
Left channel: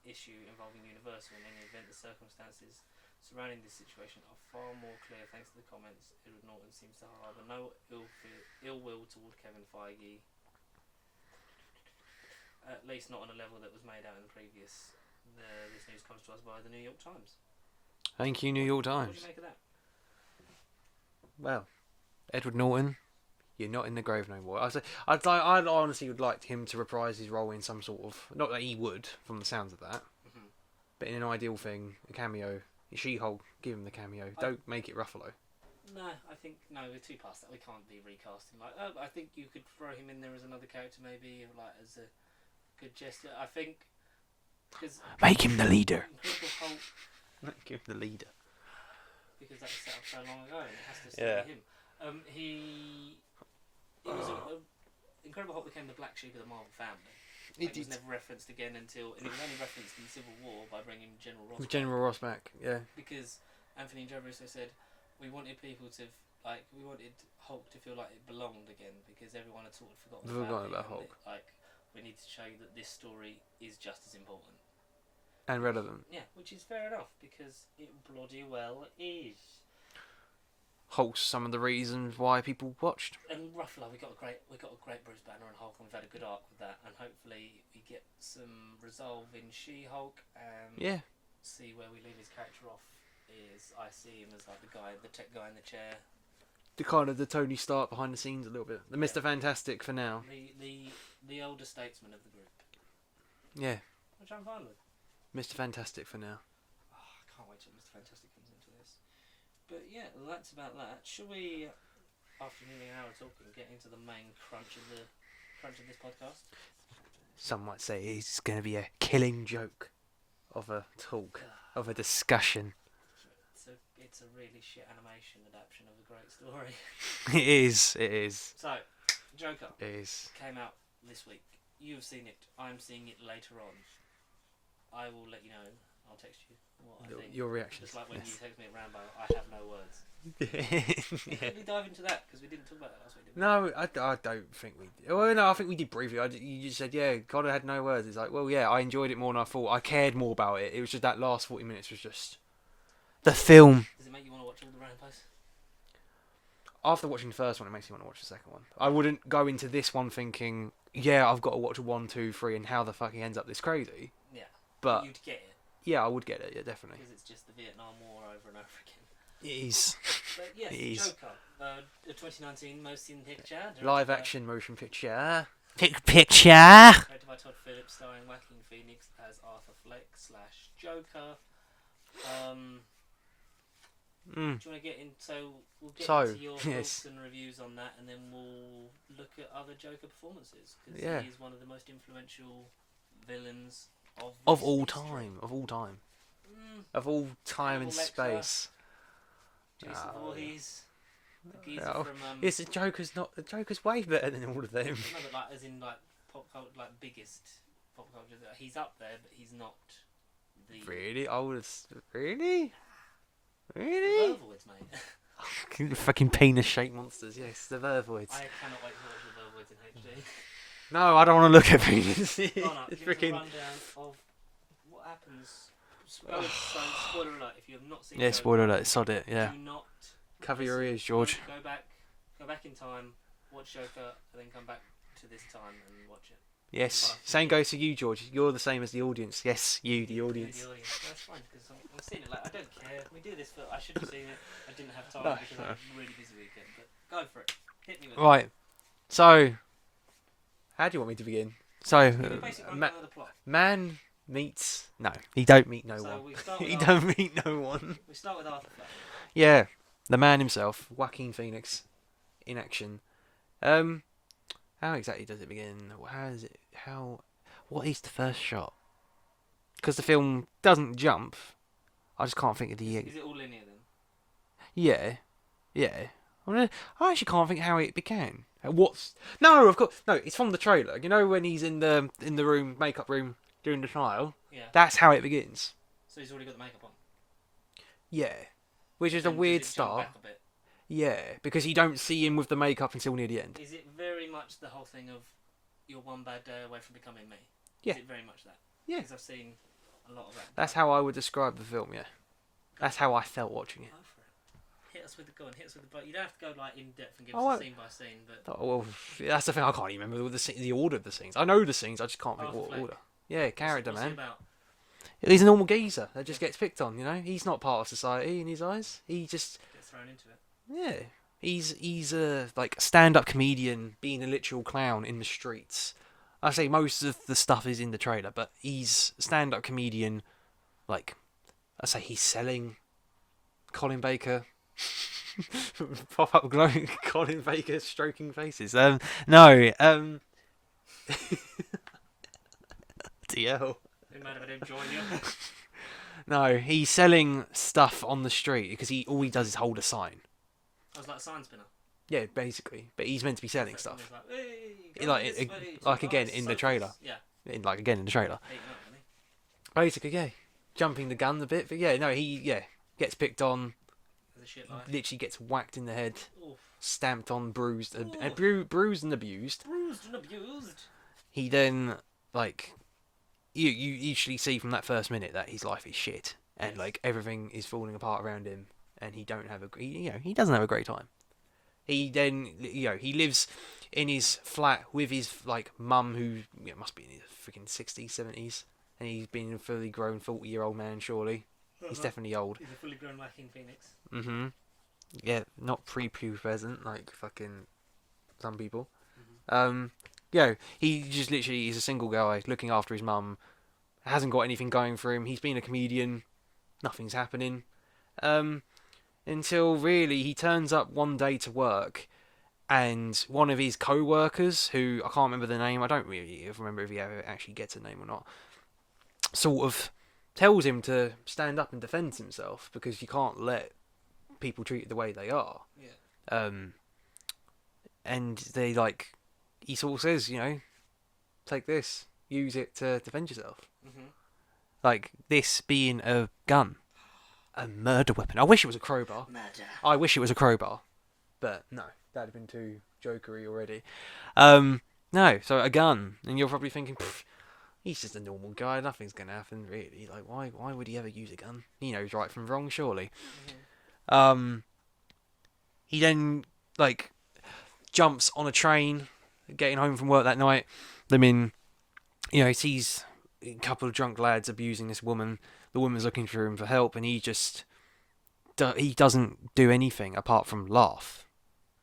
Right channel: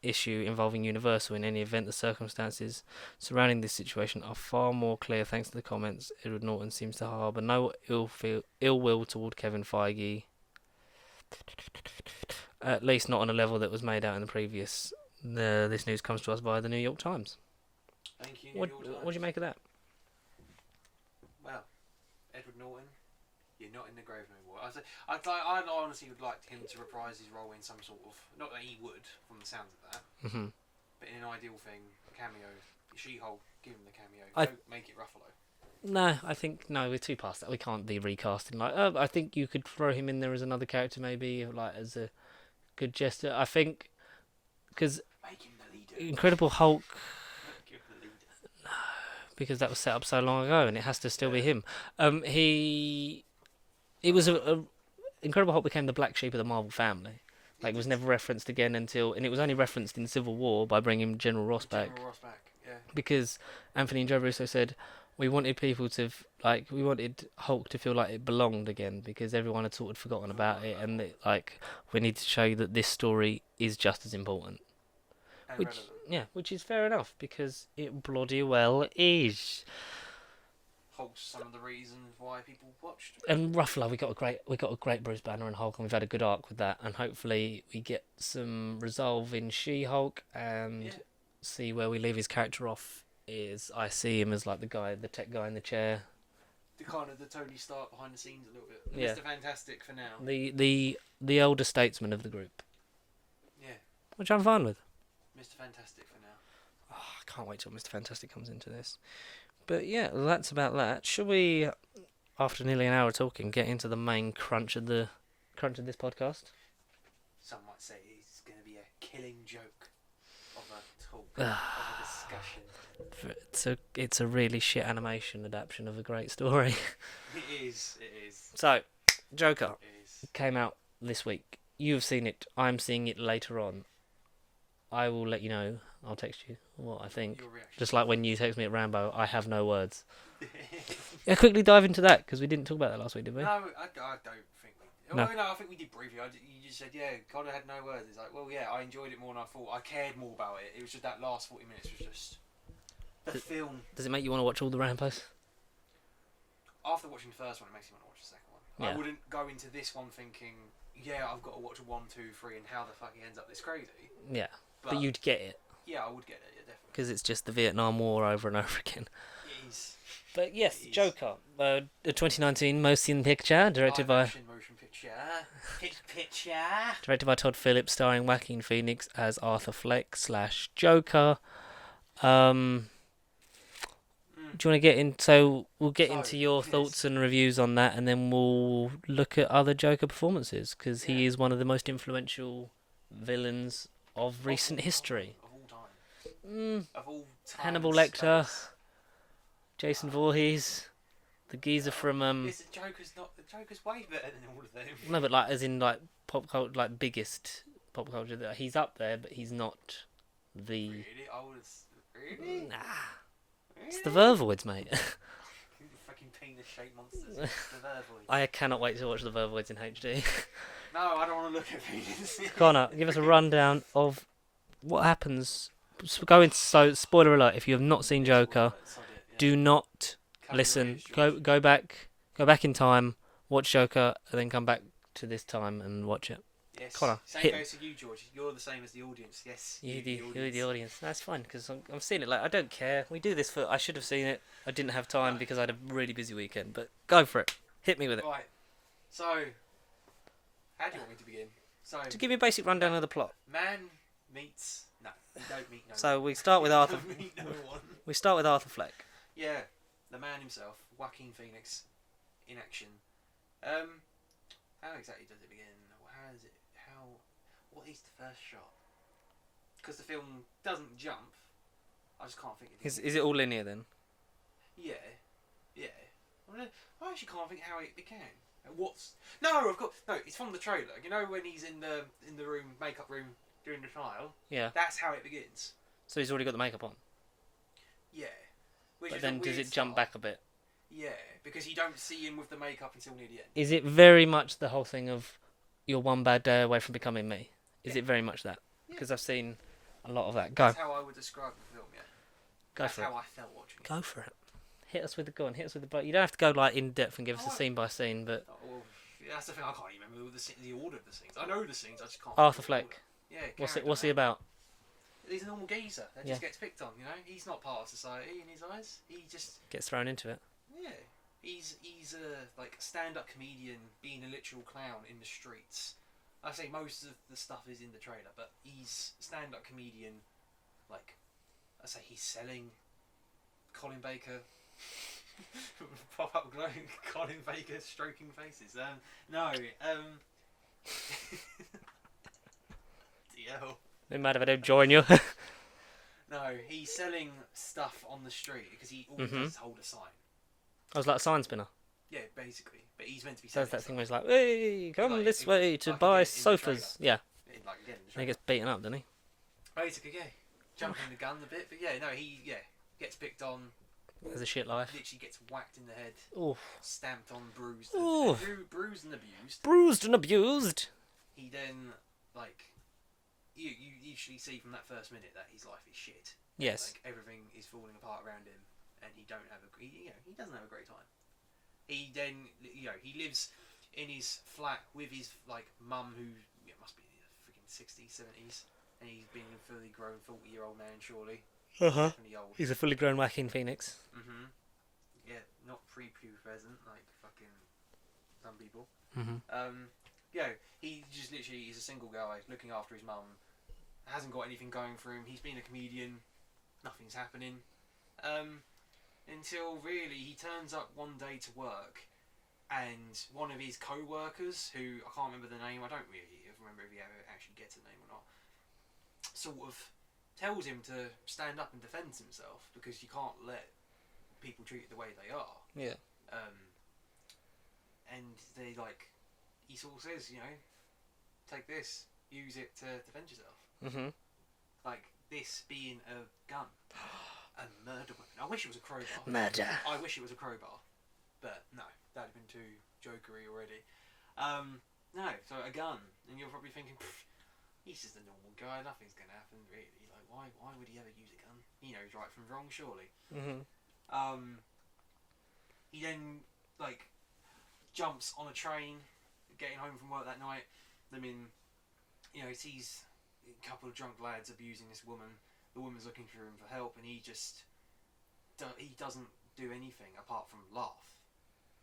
issue involving Universal. In any event, the circumstances surrounding this situation are far more clear thanks to the comments. Edward Norton seems to harbour no ill will toward Kevin Feige, at least not on a level that was made out in the previous. This news comes to us via the New York Times. Thank you, New York Times. What do you make of that? Well, Edward Norton, you're not in the grave no more. I honestly would like him to reprise his role in some sort of, not that he would, from the sounds of that, but in an ideal thing, a cameo. She-Hulk, give him the cameo. Don't make it Ruffalo. No, I think we're too past that. We can't be recasting. Like, I think you could throw him in there as another character, maybe, like as a good gesture. I think because make him the leader. Incredible Hulk. Give the leader. Because that was set up so long ago, and it has to still be him. It was Incredible Hulk became the black sheep of the Marvel family. Like, it was never referenced again and it was only referenced in Civil War by bringing General Ross back. General Ross back, yeah. Because Anthony and Joe Russo said we wanted people to we wanted Hulk to feel like it belonged again, because everyone had sort of forgotten about it, and we need to show you that this story is just as important. And relevant. Yeah, which is fair enough because it bloody well is. Holds some of the reasons why people watched. And Ruffalo, we got a great Bruce Banner and Hulk, and we've had a good arc with that, and hopefully we get some resolve in She-Hulk and Yeah. see where we leave his character off. Is I see him as like the tech guy in the chair, The kind of the Tony Stark behind the scenes a little bit. The Yeah. Mr. Fantastic for now. the elder statesman of the group, Yeah. which I'm fine with. Mr. Fantastic for now. Oh, I can't wait till Mr. Fantastic comes into this. But yeah, that's about that. Shall we, after nearly an hour talking, get into the main crunch of this podcast? Some might say it's going to be a killing joke of a talk, of a discussion. It's a really shit animation adaptation of a great story. It is. So, Joker It is. came out this week. You've seen it. I'm seeing it later on. I will let you know. I'll text you what I think. Your reaction. Just like when you text me at Rambo, I have no words. Yeah, quickly dive into that because we didn't talk about that last week, did we? No, I don't think we did. No. Well, no, I think we did briefly. You just said, yeah, God, I had no words. It's like, well, yeah, I enjoyed it more than I thought. I cared more about it. It was just that last 40 minutes was just... The film. Does it make you want to watch all the Rambos? After watching the first one, it makes me want to watch the second one. Yeah. I wouldn't go into this one thinking, yeah, I've got to watch 1, 2, 3 and how the fuck he ends up this crazy. Yeah, But you'd get it yeah, I would get it, yeah, definitely. because it's just the Vietnam War over and over again. It is. But yes, It is. Joker, the 2019 motion picture, directed Live by action motion picture. directed by Todd Phillips, starring Joaquin Phoenix as Arthur Fleck / Joker. Do you want to get in? So we'll get into your yes. thoughts and reviews on that, and then we'll look at other Joker performances because Yeah. he is one of the most influential villains of recent history. Of all time. Mm, Of all time. Hannibal and Lecter. space. Jason Voorhees, the geezer Oh, from Yes, the Joker's way better than all of them. no, but like as in like pop culture, like biggest pop culture. That he's up there, but he's not the. Really? I would have. Really? Nah, Really? it's the Vervoids, mate. Fucking penis-shaped monsters. Yes, the Vervoids. I cannot wait to watch the Vervoids in HD. No, I don't want to look at penis. Connor, give us a rundown of what happens. Go into spoiler alert. If you have not seen Yeah, Joker, spoiler alert, sod it. Yeah. do not Cover your listen. ears, George. Go back in time, watch Joker, and then come back to this time and watch it. Yes. Connor, Same hit- goes to you, George. You're the same as the audience. Yes, you, the audience. The audience. That's fine because I'm seeing it. Like I don't care. We do this for. I should have seen it. I didn't have time No, because I had a really busy weekend. But go for it. Hit me with it. Right. So, how do you want me to begin? So, Give me a basic rundown of the plot. Man meets. No, he don't meet no So one. we start with he Arthur. don't meet no one. We start with Arthur Fleck. Yeah, the man himself, Joaquin Phoenix, in action. How exactly does it begin? How is it? How? What is the first shot? Because the film doesn't jump. I just can't think of the. Is it all linear then? Yeah, yeah. I actually can't think how it began. What's no? Of course, no. It's from the trailer. You know when he's in the room, makeup room, doing the trial. Yeah. That's how it begins. So he's already got the makeup on. Yeah, which But is a then weird does it jump start. back a bit? Yeah, because you don't see him with the makeup until near the end. Is it very much the whole thing of you're one bad day away from becoming me? Is Yeah. it very much that? Yeah. Because I've seen a lot of that. Go. That's how I would describe the film. Yeah, Go that's for how I felt watching it. Go for it. Hit us with the gun. Hit us with the butt. You don't have to go like in depth and give us Oh, a scene by scene, but Oh, well, that's the thing. I can't even remember the order of the scenes. I know the scenes. I just can't. Arthur remember Fleck. what order. Yeah, character. what's he man. about? He's a normal geezer that just Yeah. gets picked on. You know, he's not part of society in his eyes. He just Gets thrown into it. yeah. He's a like stand-up comedian being a literal clown in the streets. I say most of the stuff is in the trailer, but he's a stand-up comedian. Like I say, he's selling Colin Baker. Pop up glowing Colin Baker stroking faces. No. DL. No matter if I don't join you. No, he's selling stuff on the street because all he does is hold a sign. I was like a sign spinner. Yeah, basically. But he's meant to be That's selling that stuff. thing where it's like, hey, come Like, this way to like buy again in the sofas. trailer. Yeah. Again in the He trailer. gets beaten up, doesn't he? Basically, yeah. Jumping the gun a bit, but yeah, no, he gets picked on, There's a shit life. literally gets whacked in the head, Oof. stamped on, bruised, Ooh. bruised and abused. Bruised and abused. He then, like, you usually see from that first minute that his life is shit, and Yes. like everything is falling apart around him, and he he doesn't have a great time. He then he lives in his flat with his like mum, who must be in his freaking 60s, 70s, and he's been a fully grown 40-year-old man. Surely he's definitely old. He's a fully grown Joaquin Phoenix. Mm-hmm. Yeah, not pre-pubescent like fucking some people. Mm-hmm. He just literally is a single guy looking after his mum. Hasn't got anything going for him. He's been a comedian. Nothing's happening. Until really he turns up one day to work, and one of his co-workers, who I can't remember the name, I don't really remember if he ever actually gets a name or not, sort of tells him to stand up and defend himself because you can't let people treat you the way they are. Yeah. And they he sort of says, take this, use it to defend yourself. Mm-hmm. Like this being a gun, a murder weapon. I wish it was a crowbar. Murder. I wish it was a crowbar, but no, that'd have been too jokery already. No, so a gun, and you're probably thinking, he's just a normal guy. Nothing's gonna happen, really. Like, why would he ever use a gun? He knows right from wrong, surely. Mm-hmm. He then jumps on a train, getting home from work that night. He sees a couple of drunk lads abusing this woman. The woman's looking for him for help, and he doesn't do anything apart from laugh.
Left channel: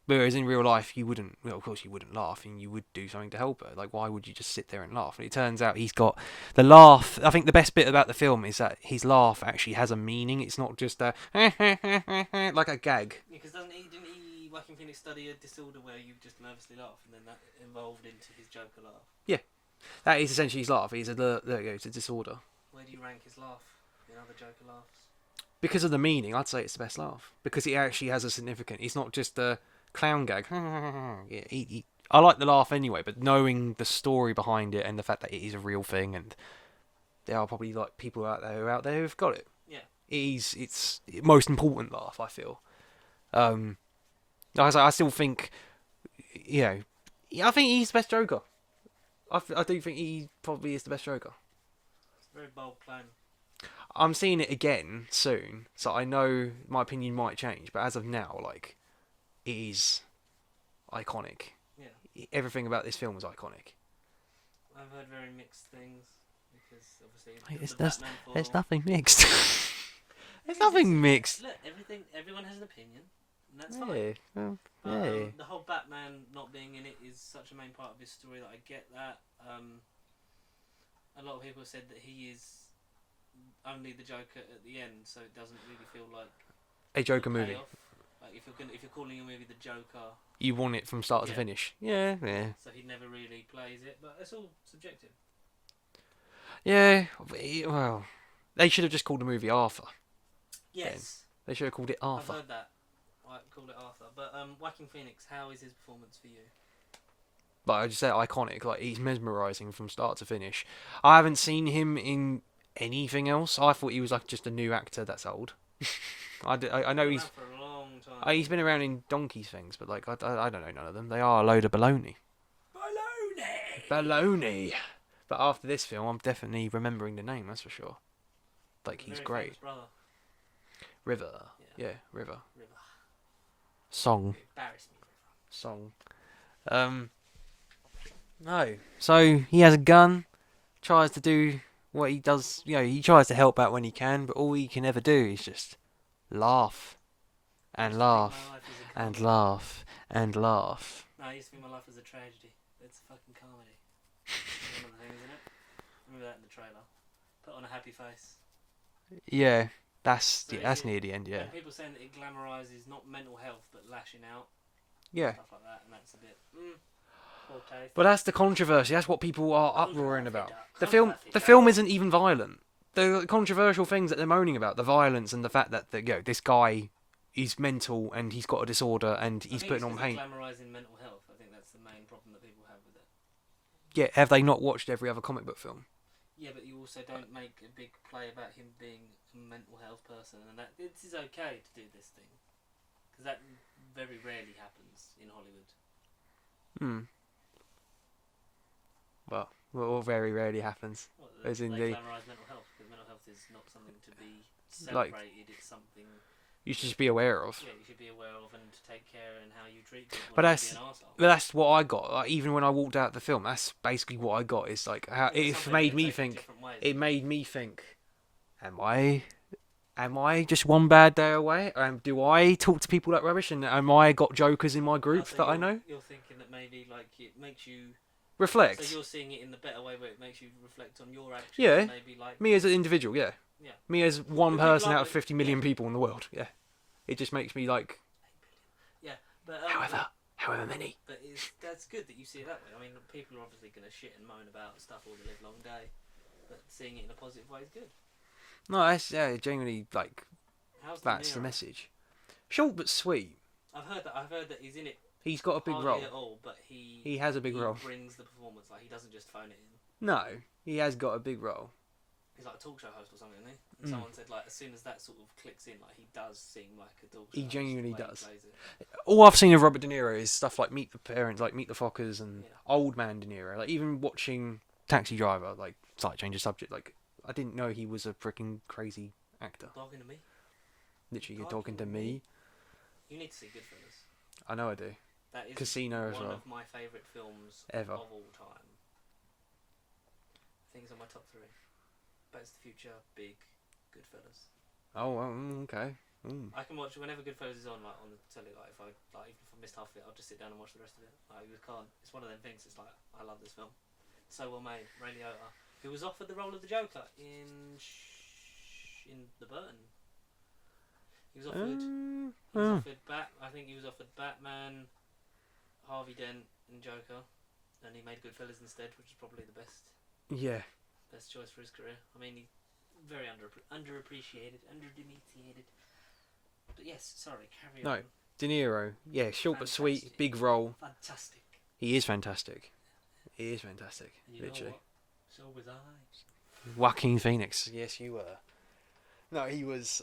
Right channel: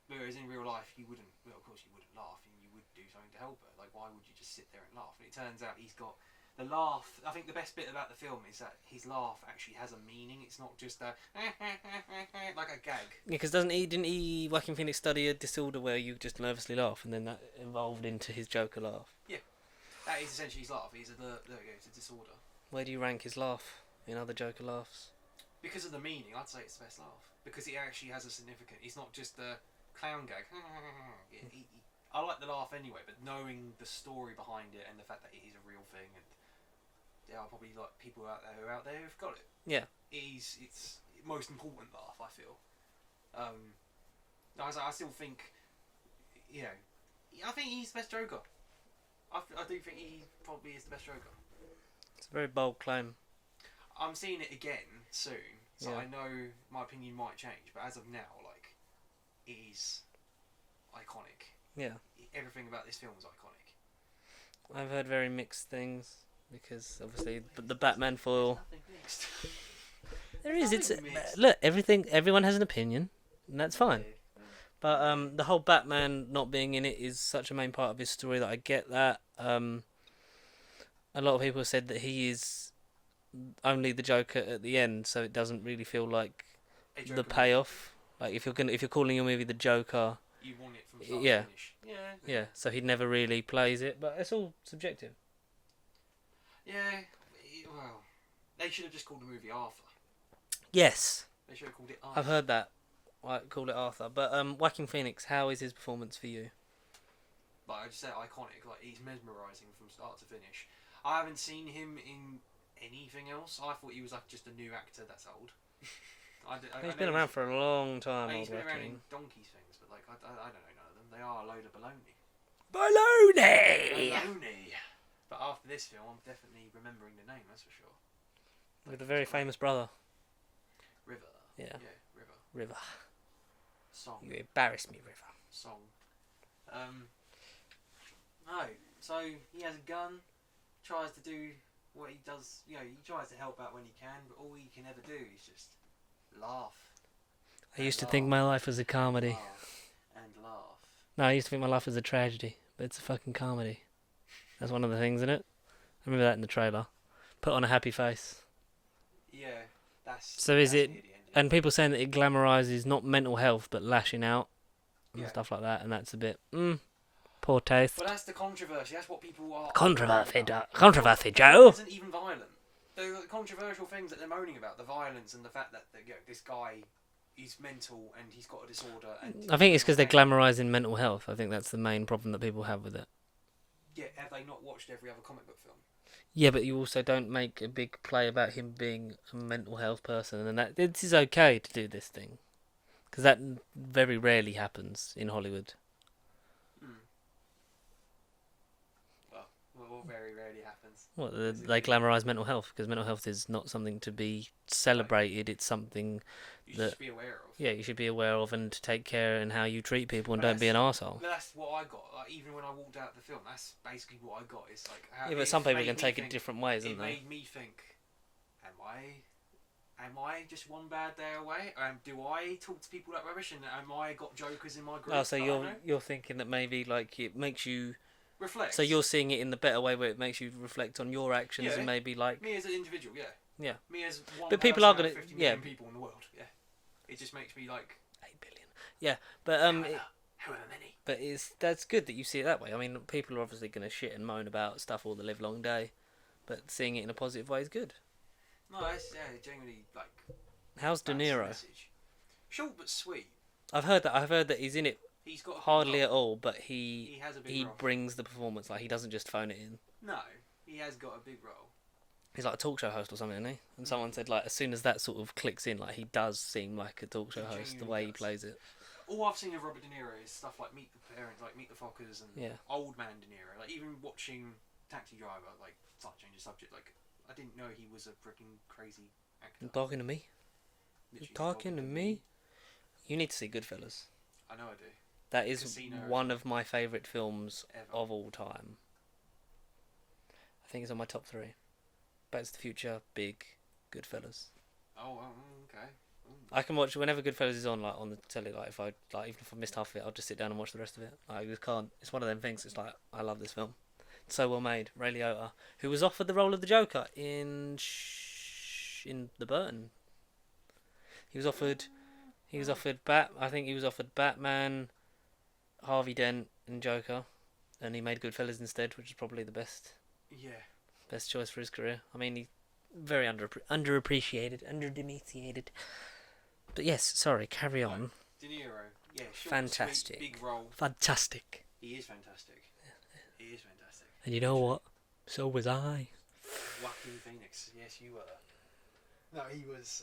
Whereas in real life, you wouldn't. Well, of course, you wouldn't laugh, and you would do something to help her. Like, why would you just sit there and laugh? And it turns out he's got the laugh. I think the best bit about the film is that his laugh actually has a meaning. It's not just a like a gag. Yeah, because didn't he, Joaquin Phoenix, study a disorder where you just nervously laugh, and then that evolved into his Joker laugh? Yeah, that is essentially his laugh. There you go. It's a disorder. Where do you rank his laugh in other Joker laughs? Because of the meaning, I'd say it's the best laugh. Because it actually has a significant. It's not just a clown gag. Yeah, I like the laugh anyway, but knowing the story behind it and the fact that it is a real thing, and there are probably people out there who've got it. Yeah, It's the most important laugh, I feel. I still think, I think he's the best Joker. I do think he probably is the best Joker. it's a very bold claim. I'm seeing it again soon, so Yeah. I know my opinion might change. But as of now, it is iconic. Yeah, Everything about this film is iconic. I've heard very mixed things because obviously There's the Batman foil. There's nothing mixed. There There's is, it's- nothing mixed. Look, everyone has an opinion, and that's fine. Yeah, well, But yeah. the whole Batman not being in it is such a main part of his story that I get that. A lot of people have said that he is only the Joker at the end, so it doesn't really feel like A Joker the movie. payoff. Like if you're calling your movie the Joker, You want it from start Yeah. to finish. Yeah. so he never really plays it. But it's all subjective. Yeah. Well, they should have just called the movie Arthur. Yes, They should have called it Arthur. I've heard that. I call it Arthur. But Joaquin Phoenix, how is his performance for you? But I just said iconic. He's mesmerising from start to finish. I haven't seen him in anything else. I thought he was just a new actor that's old. I know He's he's been around for a long time. he's been around in donkey's things, but I don't know none of them. They are a load of baloney. Baloney. But after this film, I'm definitely remembering the name. That's for sure. The He's very great. famous brother. River. Yeah. River. River. Song. You embarrass me, River. Song. No. So he has a gun. Tries to do what he does. He tries to help out when he can, but all he can ever do is just laugh. I And used to think my life was a and comedy. laugh and laugh. No, I used to think my life was a tragedy, but it's a fucking comedy. That's one of the things in it. I remember that in the trailer. Put on a happy face. Yeah, that's is that's it- near the end. Yeah. And people saying that it glamorises not mental health, but lashing out. And Yeah. stuff like that, and that's a bit, poor taste. But that's the controversy. That's what people are Controversy, about. controversy, The Joe. film isn't even violent. The controversial things that they're moaning about, the violence and the fact that this guy is mental and he's got a disorder, and I think it's because because they're glamorising mental health. I think that's the main problem that people have with it. Yeah, have they not watched every other comic book film? Yeah, but you also don't make a big play about him being a mental health person, and that it is okay to do this thing, because that very rarely happens in Hollywood. Well, Well, very rarely happens. What, As in they the- glamorise mental health, because mental health is not something to be celebrated. It's something You should that, just be aware of. yeah, you should be aware of and to take care in how you treat people and But don't be an arsehole. But that's what I got. Like, even when I walked out the film, that's basically what I got. Is like how Yeah, but some it people made can me take it think. different ways. It don't they? made me think. Am I just one bad day away? Do I talk to people like rubbish? And am I got jokers in my group so that you're, I know? You're thinking that maybe like it makes you. Reflect. So you're seeing it in the better way, where it makes you reflect on your actions. Yeah. And maybe like. Me as an individual, yeah. Yeah. Me as one But people person are out gonna- of 50 yeah. million people in the world, yeah. It just makes me like. 8 billion. Yeah, but However many. But that's good that you see it that way. I mean, people are obviously going to shit and moan about stuff all the live long day, but seeing it in a positive way is good. No, that's genuinely like. How's De That's the Niro? message. Short but sweet. I've heard that he's in it He's got a big hardly role. at all, but he has a big role. brings the performance. Like he doesn't just phone it in. No, he has got a big role. He's like a talk show host or something, isn't he? And someone said like as soon as that sort of clicks in, like he does seem like a talk show host the genuinely way does. he plays it. All I've seen of Robert De Niro is stuff like Meet the Parents, like Meet the Fockers, and Yeah. Old Man De Niro. Like even watching Taxi Driver, like slight change of subject. Like I didn't know he was a freaking crazy actor. Talking to me. Literally talking to me? You need to see Goodfellas. I know I do. That is Casino as one well. of my favourite films Ever. of all time. I think it's on my top 3. Back to the Future, Big, Goodfellas. Oh, okay. I can watch whenever Goodfellas is on, like on the telly. Like if I even if I missed half of it, I'll just sit down and watch the rest of it. I just can't. It's one of them things. It's like I love this film. It's so well made. Ray Liotta, who was offered the role of the Joker in the Burton. He was offered. He was offered I think he was offered Batman, Harvey Dent, and Joker, and he made Goodfellas instead, which is probably the best Yeah. choice for his career. I mean, he very underappreciated, underdepreciated. But yes, sorry, carry on. No, De Niro. Yeah, short but sweet, Fantastic. big role. Fantastic. He is fantastic. He is fantastic. And you know Literally. what? So was I. Joaquin Phoenix. Yes, you were. No, he was.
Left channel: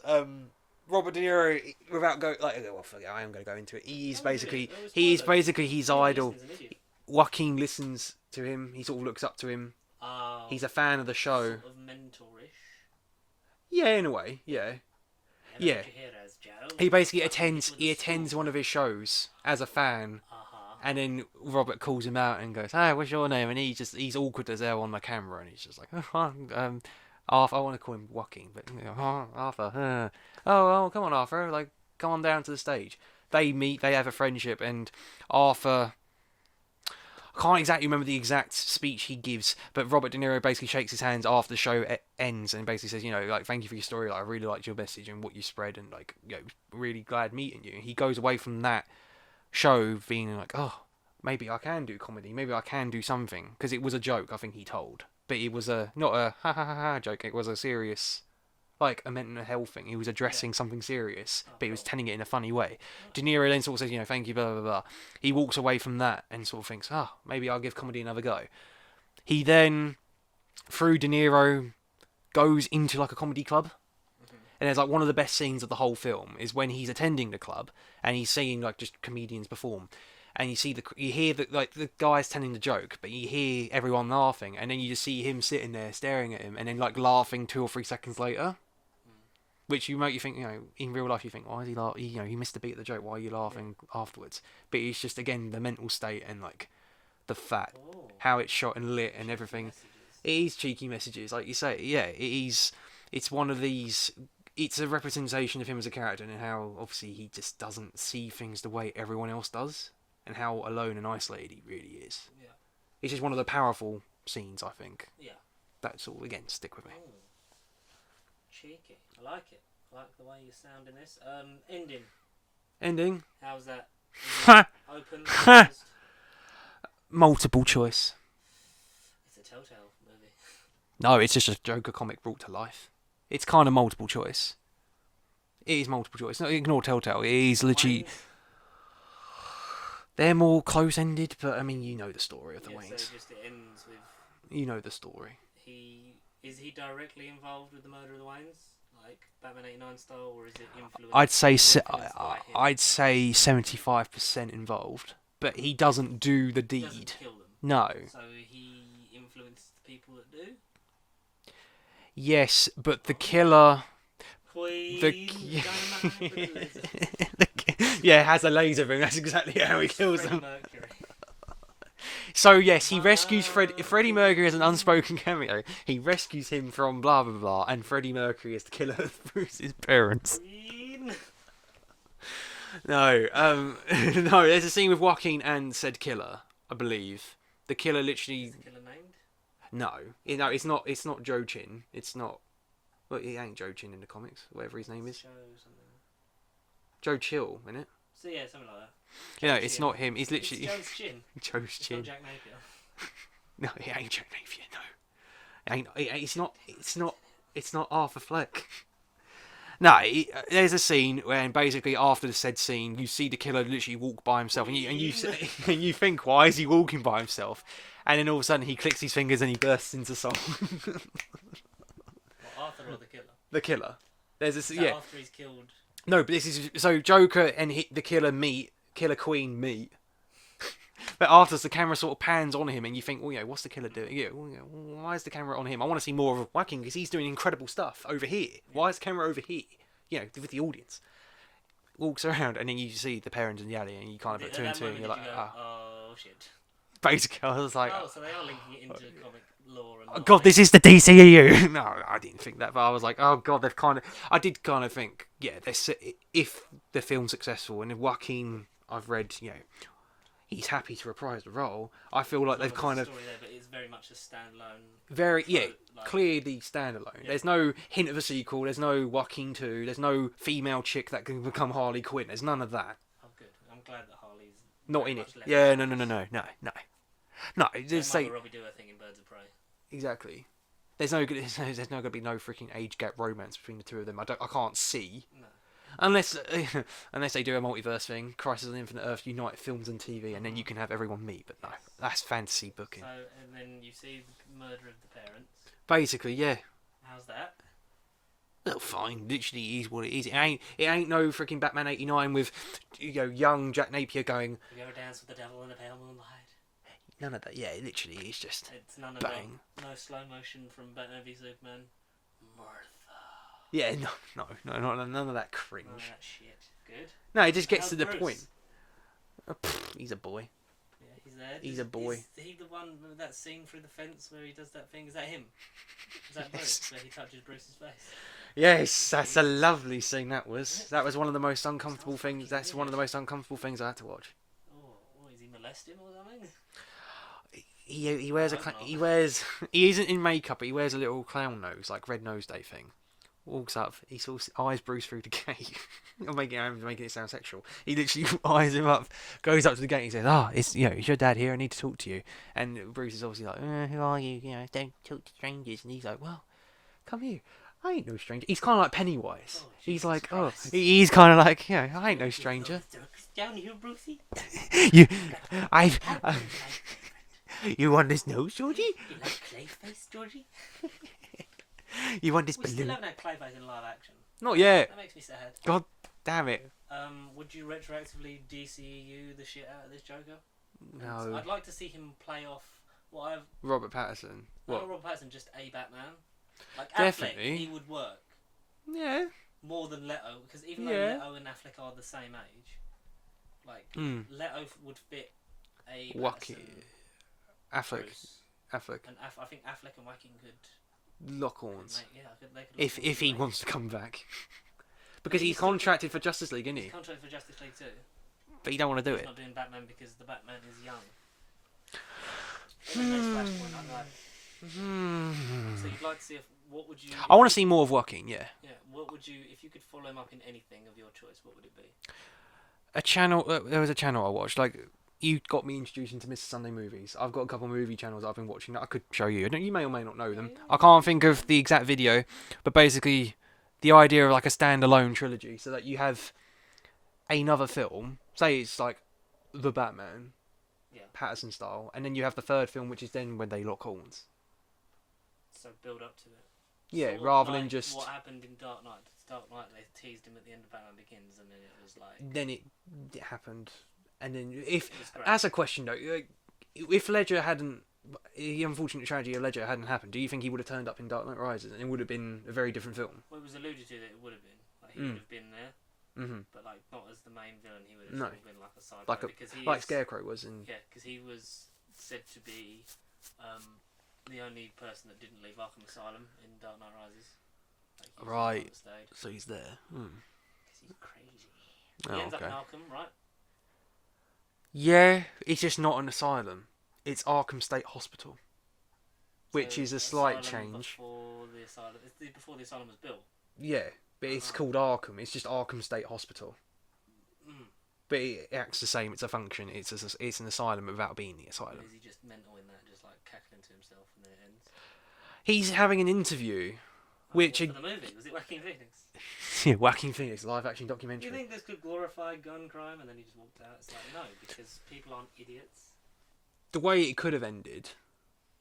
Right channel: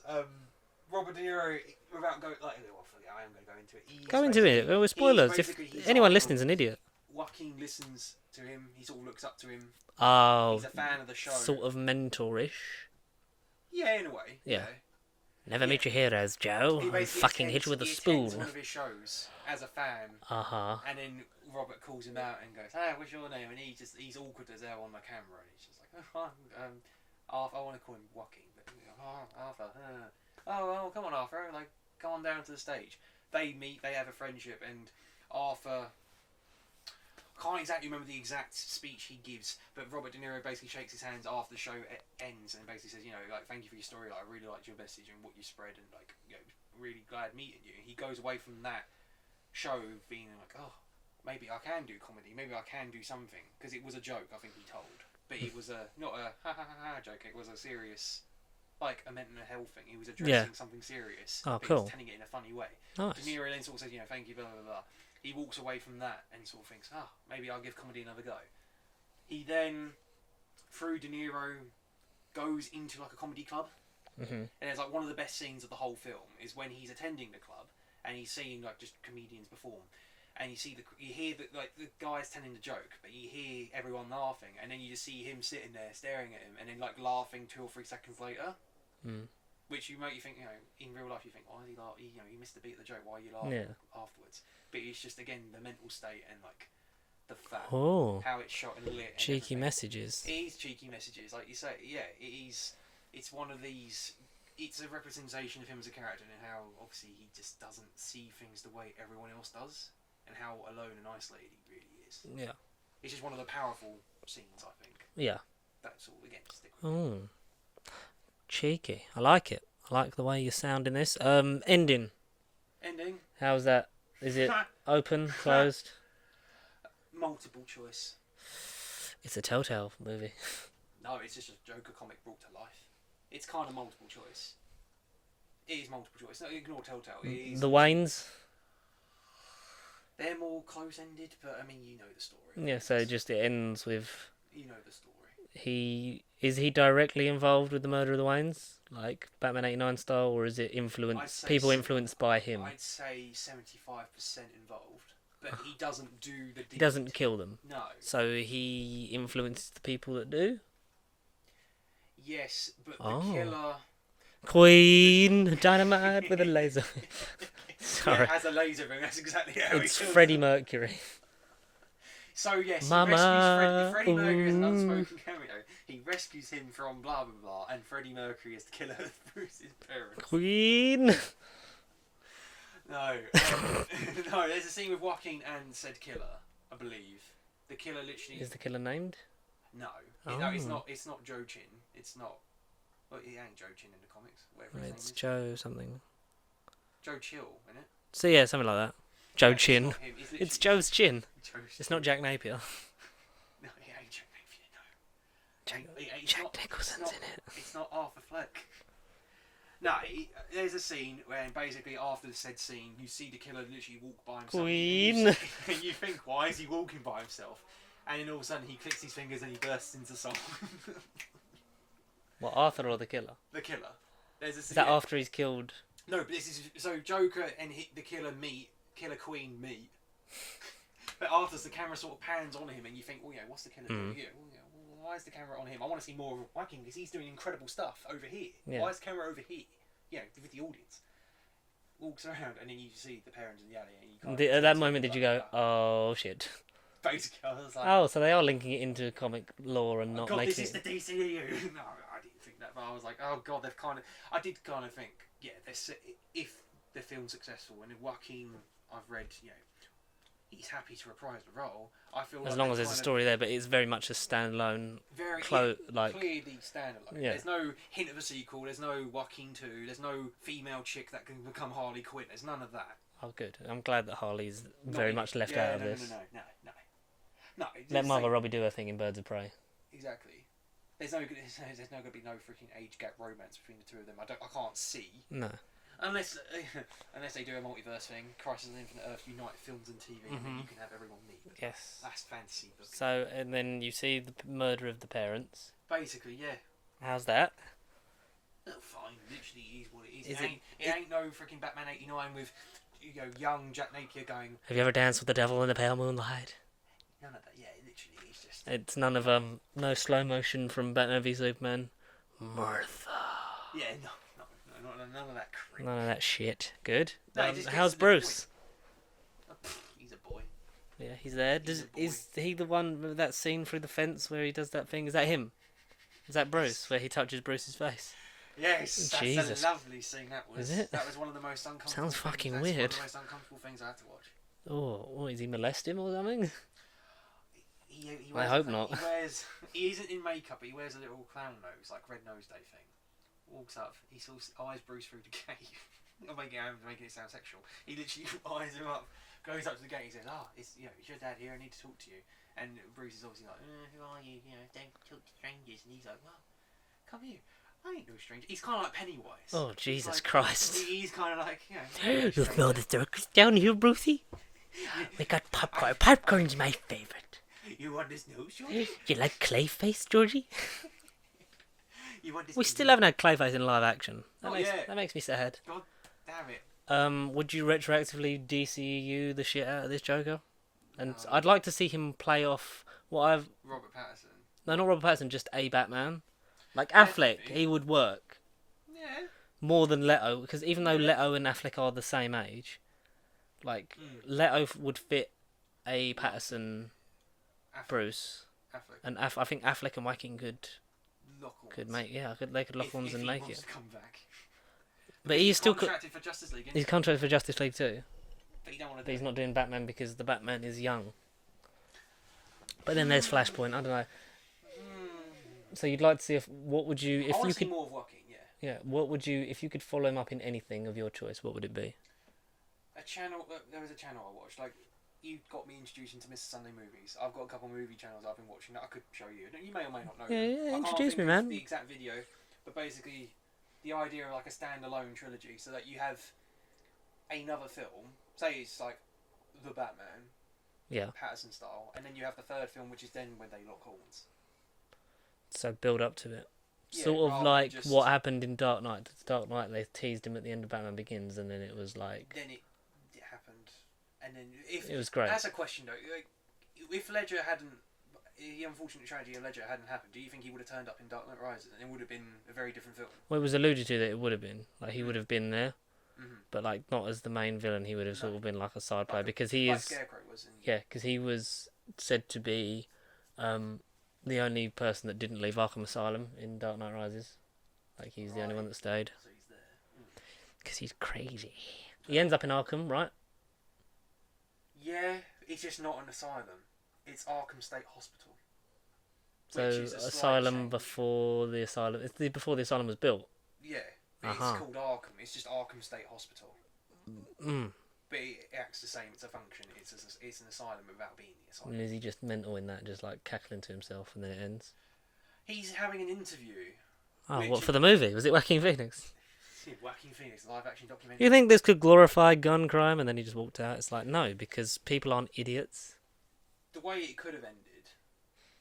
Robert De Niro, without going well, forget, I am going to go into it. He's Go into basically, it. Oh, spoilers. he's basically his Anyone idol. listening's an idiot. Joaquin listens to him. He sort of looks up to him. Oh, He's a fan of the show. sort of mentorish. Yeah, in a way. Yeah. Yeah. Never meet your heroes, Joe. He basically Fucking hit attends. you with a Attends spoon. one of his shows as a fan, Uh-huh. and then Robert calls him out and goes, "Hey, what's your name?" And he's awkward as hell on the camera, and he's just like, Arthur. I want to call him Joaquin, but Arthur. Oh, come on, Arthur. Like, come on down to the stage. They meet. They have a friendship, and Arthur. I can't exactly remember the exact speech he gives, but Robert De Niro basically shakes his hands after the show ends and basically says, like, thank you for your story. Like, I really liked your message and what you spread, and like, really glad meeting you. He goes away from that show being like, oh, maybe I can do comedy. Maybe I can do something, because it was a joke. I think he told, but it was not a ha ha ha ha joke. It was a serious, like a mental health thing. He was addressing something serious, Oh, but he was cool. telling it in a funny way. Nice. De Niro then sort of says, thank you, blah, blah, blah. He walks away from that and sort of thinks, maybe I'll give comedy another go. He then, through De Niro, goes into like a comedy club. Mm-hmm. And there's like one of the best scenes of the whole film is when he's attending the club and he's seeing like just comedians perform. And you hear the guys telling the joke, but you hear everyone laughing, and then you just see him sitting there staring at him, and then like laughing 2 or 3 seconds later. Mm. Which you think, in real life you think, why is he laughing? He missed the beat of the joke. Why are you laughing afterwards? But it's just again the mental state and like the fat, Oh, how it's shot and lit and cheeky everything. messages. It is cheeky messages, like you say. Yeah, it is. It's one of these. It's a representation of him as a character and how obviously he just doesn't see things the way everyone else does, and how alone and isolated he really is. Yeah. It's just one of the powerful scenes, I think. Yeah. That's all. Again, stick with me. Oh, cheeky. I like it. I like the way you sound in this. Ending. Ending. How's that? Is it open? Closed? Multiple choice. It's a Telltale movie. No, it's just a Joker comic brought to life. It's kind of multiple choice. It is multiple choice. No, ignore Telltale. It is The legit. Waynes. They're more close-ended, but I mean, you know the story of the Yeah. Waynes. So just it ends with You know the story. Is he directly involved with the murder of the Waynes, like Batman '89 style, or is it influenced? I'd say people influenced by him. I'd say 75% involved, but he doesn't do the deed. He doesn't kill them. No. So he influences the people that do. Yes, but the Oh. killer. Queen Dynamite with a laser. Yeah, it has a laser ring. That's exactly how It's he kills Freddie them. Mercury. So yes, he Mama, rescues Freddie Mercury as an ooh. unspoken cameo. He rescues him from blah blah blah, and Freddie Mercury is the killer of Bruce's parents. Queen. No, no. There's a scene with Joaquin and said killer, I believe. The killer literally. Is the killer named? No, no, it's Oh. not. It's not Joe Chin. It's not. Well, he ain't Joe Chin in the comics. Whatever his name It's is. Joe something. Joe Chill, isn't it? So yeah, something like that. Joe No, Chin. it's not him. He's literally. It's Joe's chin. Joe's It's Chin. not Jack Napier. No, it ain't Joe Napier. No, it's not. It's Nicholson's not. in it. It's not Arthur Fleck. No, there's a scene where basically after the said scene, you see the killer literally walk by himself, and and you think, why is he walking by himself? And then all of a sudden he clicks his fingers and he bursts into song. What, Arthur or the killer? The killer. There's a Is that yeah. after he's killed? No, but this is so Joker and the killer Killer Queen meet. But after the camera sort of pans on him, and you think, well, yeah, what's the killer doing? Yeah, well, why is the camera on him? I want to see more of Joaquin because he's doing incredible stuff over here. Yeah. Why is the camera over here? You know, with the audience. Walks around, and then you see the parents in the alley, and you kind of At that moment, did you go, "Oh shit"? Basically, I was like, Oh, so they are linking it into comic lore and. oh Not god, like... this is the DCEU. No, I didn't think that, but I was like, oh god, they've kind of. I did kind of think, yeah, if the film's successful, and if Joaquin, I've read, you know, he's happy to reprise the role. I feel As like long they've as there's kind a of story there, but it's very much a standalone. very like... clearly standalone. Yeah. There's no hint of a sequel. There's no Joaquin 2. There's no female chick that can become Harley Quinn. There's none of that. Oh, good. I'm glad that Harley's Not very in much it. left Yeah, out. no. No, Let just Margot say Robbie do her thing in Birds of Prey. exactly. There's no gonna be no freaking age gap romance between the two of them. I can't see. No. Unless they do a multiverse thing, Crisis on Infinite Earth unite films and TV, and then you can have everyone meet. But Yes. that's fantasy booking. So, and then you see the murder of the parents. Basically, yeah. How's that? Well, fine. Literally, is what it is. It ain't no freaking Batman '89 with young Jack Napier going. Have you ever danced with the devil in the pale moonlight? None of that. Yeah, literally, it's just. It's none of bang. no slow motion from Batman v Superman. Martha. Yeah, no, none of that cringe. None of that shit. Good. No, it just gets How's to the Bruce? point. He's a boy. Yeah, he's there. He's a boy. Is he the one with that scene through the fence where he does that thing? Is that him? Is that Bruce where he touches Bruce's face? Yes, that's a Jesus. lovely scene. That was. Is it? That was one of the most uncomfortable Sounds things. fucking That's one weird. of the most uncomfortable things I had to watch. Oh, what, is he molest him or something? He wears I hope not. he isn't in makeup, but he wears a little clown nose, like Red Nose Day thing. Walks up, he sort of eyes Bruce through the gate. I'm making it sound sexual. He literally eyes him up, goes up to the gate, and he says, it's it's your dad here. I need to talk to you." And Bruce is obviously like, "Who are you? Don't talk to strangers." And he's like, "Well, come here. I ain't no stranger." He's kind of like Pennywise. Oh, He's Jesus like, Christ. he's kind of like, I ain't no You feel stranger. the circus down here, Brucey? You, I got popcorn. I've- Popcorn's my favourite. you want this nose, Georgie? You like Clayface, Georgie? You want this? We balloon? still haven't had Clayface in live action. Not yet. That makes me sad. God damn it. Would you retroactively DCU the shit out of this Joker? And No. I'd like to see him play off what I've... Robert Pattinson. No, What? not Robert Pattinson, just a Batman. Like Definitely. Affleck, he would work Yeah. more than Leto, because even though Yeah. Leto and Affleck are the same age, like, Leto would fit a Pattinson Affleck. Bruce. Affleck. And I think Affleck and Joaquin could Lock horns. make, they could lock If horns if and he make wants it. to come back. But Because he's he's still contracted for Justice League, isn't He's he? contracted for Justice League too. But you don't want to do He's it. not doing Batman because the Batman is young. But then there's Flashpoint. I don't know. So you'd like to see what would you? I want to see more of Joaquin, yeah. Yeah. What would you if you could follow him up in anything of your choice? What would it be? A channel. There was a channel I watched. Like, you got me introduced into Mr. Sunday Movies. I've got a couple of movie channels that I've been watching that I could show you. You may or may not know them. Yeah, I can't introduce think me, of man. the exact video, but basically, the idea of like a standalone trilogy, so that you have another film. Say it's like the Batman, Yeah. Patterson style, and then you have the third film, which is then when they lock horns. So build up to it. Yeah, sort of rather than like just- what happened in Dark Knight. Dark Knight, they teased him at the end of Batman Begins, and then it was like Then it happened, And then if It was great. as a question though, if Ledger hadn't, the unfortunate tragedy of Ledger hadn't happened, do you think he would have turned up in Dark Knight Rises and it would have been a very different film? Well, it was alluded to that it would have been like he would have been there, Mm-hmm. but like not as the main villain. He would have No. sort of been like a side player Like because he like is Scarecrow was in. yeah, because he was said to be the only person that didn't leave Arkham Asylum in Dark Knight Rises. Like he's the only Right. one that stayed So he's there. because he's crazy. Oh, He ends up in okay. Arkham, right? Yeah, it's just not an asylum. It's Arkham State Hospital, which So, is a slight asylum change. before the asylum. It's before the asylum was built. Yeah, but it's Uh-huh. called Arkham. It's just Arkham State Hospital. Mm. But it acts the same. It's a function. It's an asylum without being the asylum. And is he just mental in that, just like cackling to himself, and then it ends? He's having an interview. Oh, Which what, it- for the movie? Was it Joaquin Phoenix? Yeah, Joaquin Phoenix live action documentary. You think this could glorify gun crime, and then he just walked out? It's like no, because people aren't idiots. The way it could have ended,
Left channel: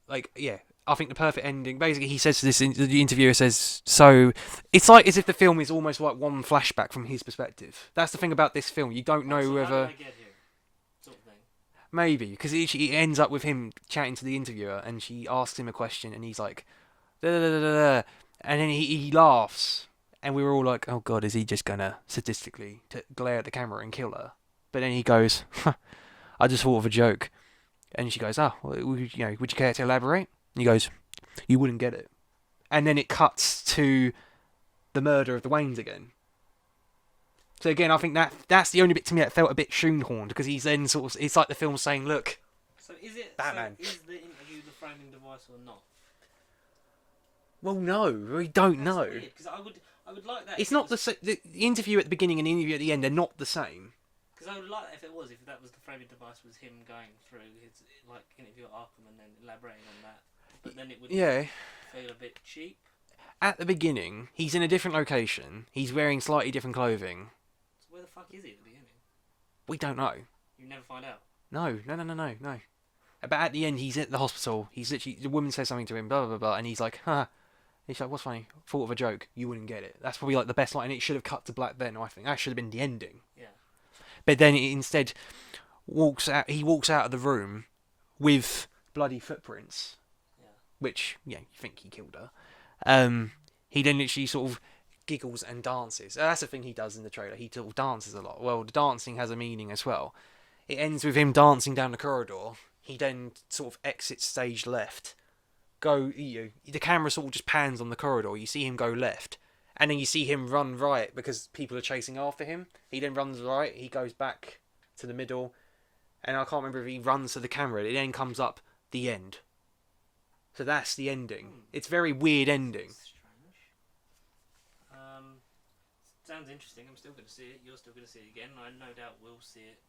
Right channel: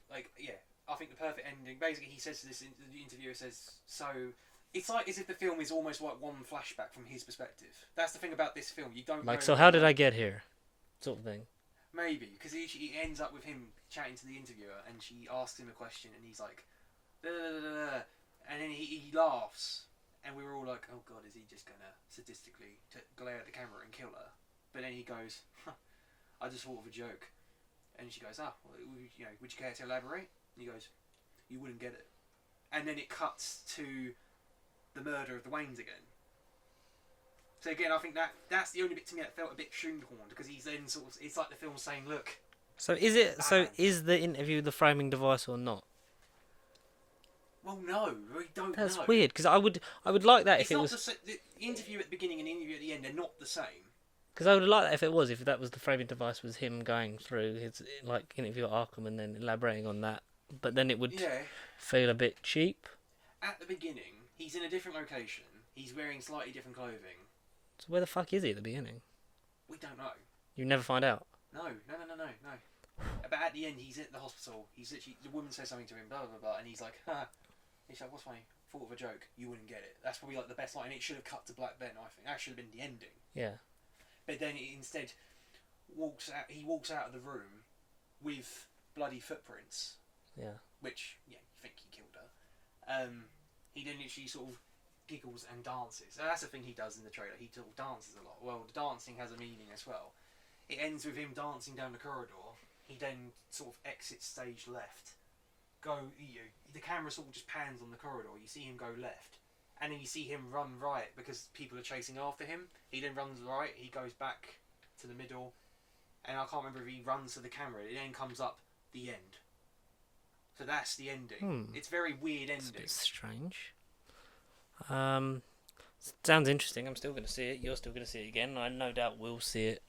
like yeah, I think the perfect ending. Basically, he says to this. The interviewer says, "So it's like as if the film is almost like one flashback from his perspective." That's the thing about this film. You don't know. Like, so how did whether- I get here? Sort of thing. Maybe because it ends up with him chatting to the interviewer, and she asks him a question, and he's like, da, da, da, da, da, and then he laughs, and we were all like, "Oh God, is he just gonna sadistically glare at the camera and kill her?" But then he goes, "I just thought of a joke," and she goes, "Oh, well, would you care to elaborate?" And he goes, "You wouldn't get it," and then it cuts to the murder of the Waynes again. So again, I think that's the only bit to me that felt a bit shoehorned because he's then sort of it's like the film saying, "Look." So is it? Batman. So is the interview the framing device or not? Well, no, we don't That's know. weird because I would like that. It's if it not was, the interview at the beginning and the interview at the end. They're not the same. Because I would like that if that was the framing device was him going through his like interview at Arkham and then elaborating on that. But then it would Yeah. feel a bit cheap. At the beginning, he's in a different location. He's wearing slightly different clothing. So where the fuck is he at the beginning? We don't know. You never find out. No. But at the end, he's at the hospital. He's literally the woman says something to him, blah blah blah, blah and he's like, "Huh." He's like, "What's funny? Thought of a joke. You wouldn't get it." That's probably like the best line. And it should have cut to black then. I think that should have been the ending. Yeah. But then it instead walks out. He walks out of the room with bloody footprints, Yeah. which you think he killed her. He then literally sort of giggles and dances. That's the thing he does in the trailer. He sort of dances a lot. Well, the dancing has a meaning as well. It ends with him dancing down the corridor. He then sort of exits stage left. The camera sort of just pans on the corridor. You see him go left, and then you see him run right because people are chasing after him. He then runs right. He goes back to the middle, and I can't remember if he runs to the camera. It then comes up the end. So that's the ending. It's a very weird ending. It's strange. Sounds interesting. I'm still going to see it. You're still going to see it again. I no doubt will see it,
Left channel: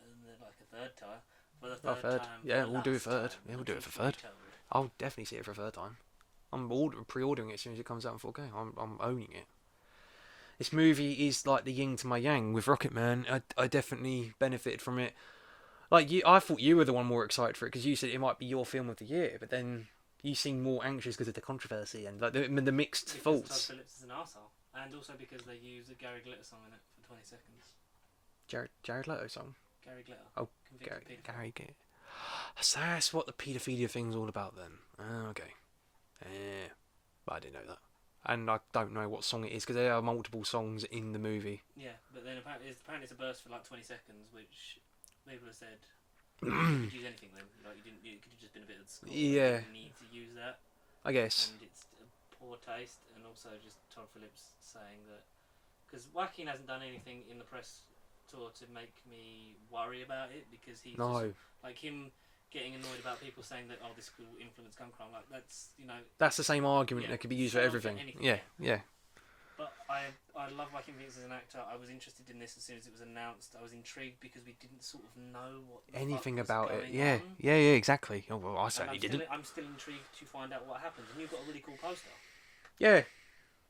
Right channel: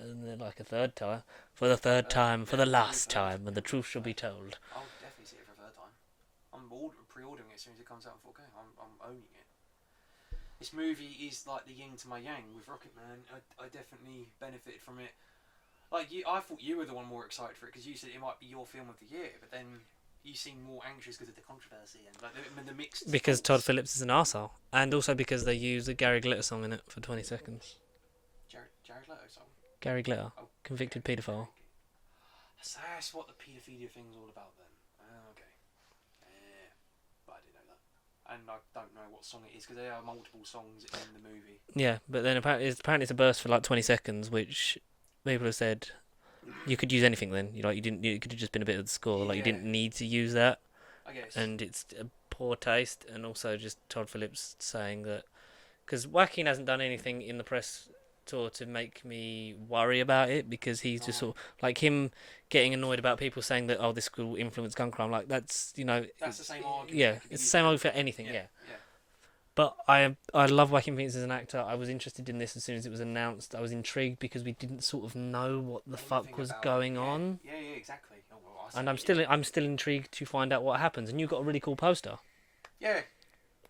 and then like a third time, for the third time, for Yeah, the we'll do a last third. time, Yeah, and we'll the do a truth shall be third. told. I'll definitely see it for a third time. I'm pre-ordering it as soon as it comes out in 4K. I'm owning it. This movie is like the yin to my yang with Rocketman. I definitely benefited from it. Like I thought you were the one more excited for it because you said it might be your film of the year, but then you seem more anxious because of the controversy and like the mixed. Because Todd thoughts. Phillips is an arsehole. And also because they use a Gary Glitter song in it for 20 seconds. Jared Leto song. Gary Glitter, Oh, convicted Gary- paedophile. Gary Glitter. So that's what the paedophilia thing's all about then. Oh, okay. Yeah, but I didn't know that. And I don't know what song it is because there are multiple songs in the movie. Yeah, but then apparently it's a burst for like 20 seconds, which people have said you could use anything then. You didn't. It could have just been a bit of the score. Like you Yeah. didn't need to use that. I guess. And it's a poor taste, and also just Todd Phillips saying that because Joaquin hasn't done anything in the press tour to make me worry about it because he's just No. sort of like him getting annoyed about people saying that this could influence gun crime. Like that's That's the same argument yeah, that could be it's the used same for argument for everything. anything, Yeah. But I love Joaquin Phoenix as an actor. I was interested in this as soon as it was announced. I was intrigued because we didn't sort of know what the fuck was about going it. Yeah. on. Yeah, exactly. Oh, well, I And certainly I'm still intrigued to find out what happens. And you got a really cool poster, Yeah.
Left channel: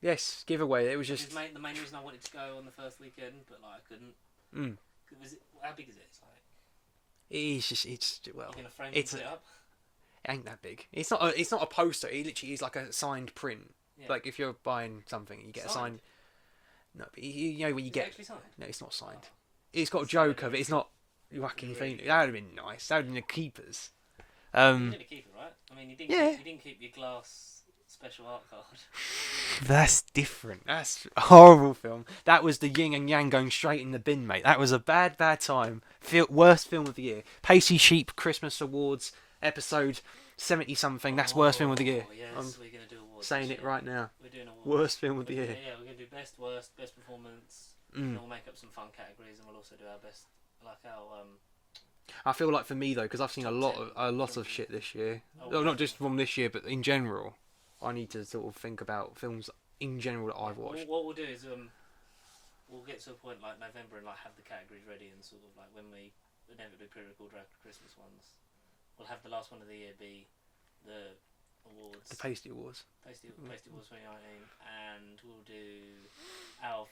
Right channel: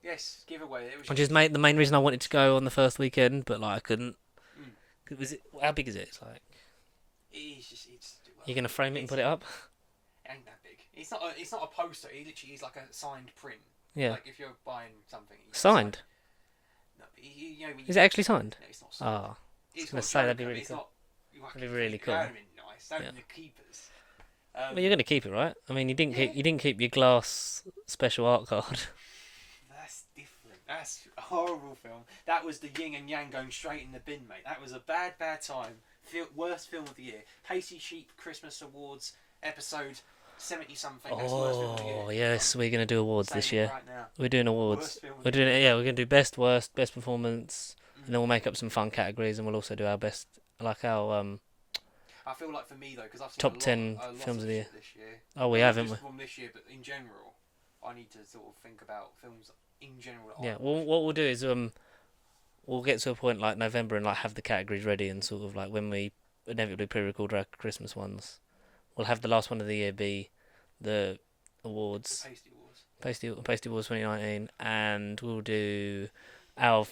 Yes, giveaway. It was which just. is the main reason I wanted to go on the first weekend, but like I couldn't. Mm. How big is it? It's like It's just. Well, you're gonna frame it and it's- put it up. it ain't that big. It's not a poster. It literally is like a signed print. Yeah, Like if you're buying something, you get a signed. No, but you know when you Is get, it actually signed? No, it's not signed. Ah, It's gonna got say that'd Joker, be but really it's cool. not. Joaquin really Phoenix. cool. That would have been nice. That would have Yeah. been the keepers. Well, you're gonna keep it, right? I mean, Yeah. you didn't keep your glass special art card. That's different. That's a horrible film. That was the yin and yang going straight in the bin, mate. That was a bad, bad time. Worst film of the year. Pacey Sheep Christmas Awards episode 70 something. That's worst film of the year. Oh yes, I'm we're gonna do awards saying this it year. right now. We're doing awards. Worst film of We're the doing year. it. Yeah, we're gonna do best, worst, best performance. And then Mm. we'll make up some fun categories, and we'll also do our best, like our I feel like for me though, because I've seen Top 10 a lot films of of the shit this year. Oh, we Not haven't. just from this year, but in general. I need to sort of think about films in general that I Yeah. watch. Well, what we'll do is we'll get to a point like November and like have the categories ready, and sort of like when we inevitably pre-record our Christmas ones, we'll have the last one of the year be the awards. The Pasty Awards. Pasty Awards 2019, and we'll do our.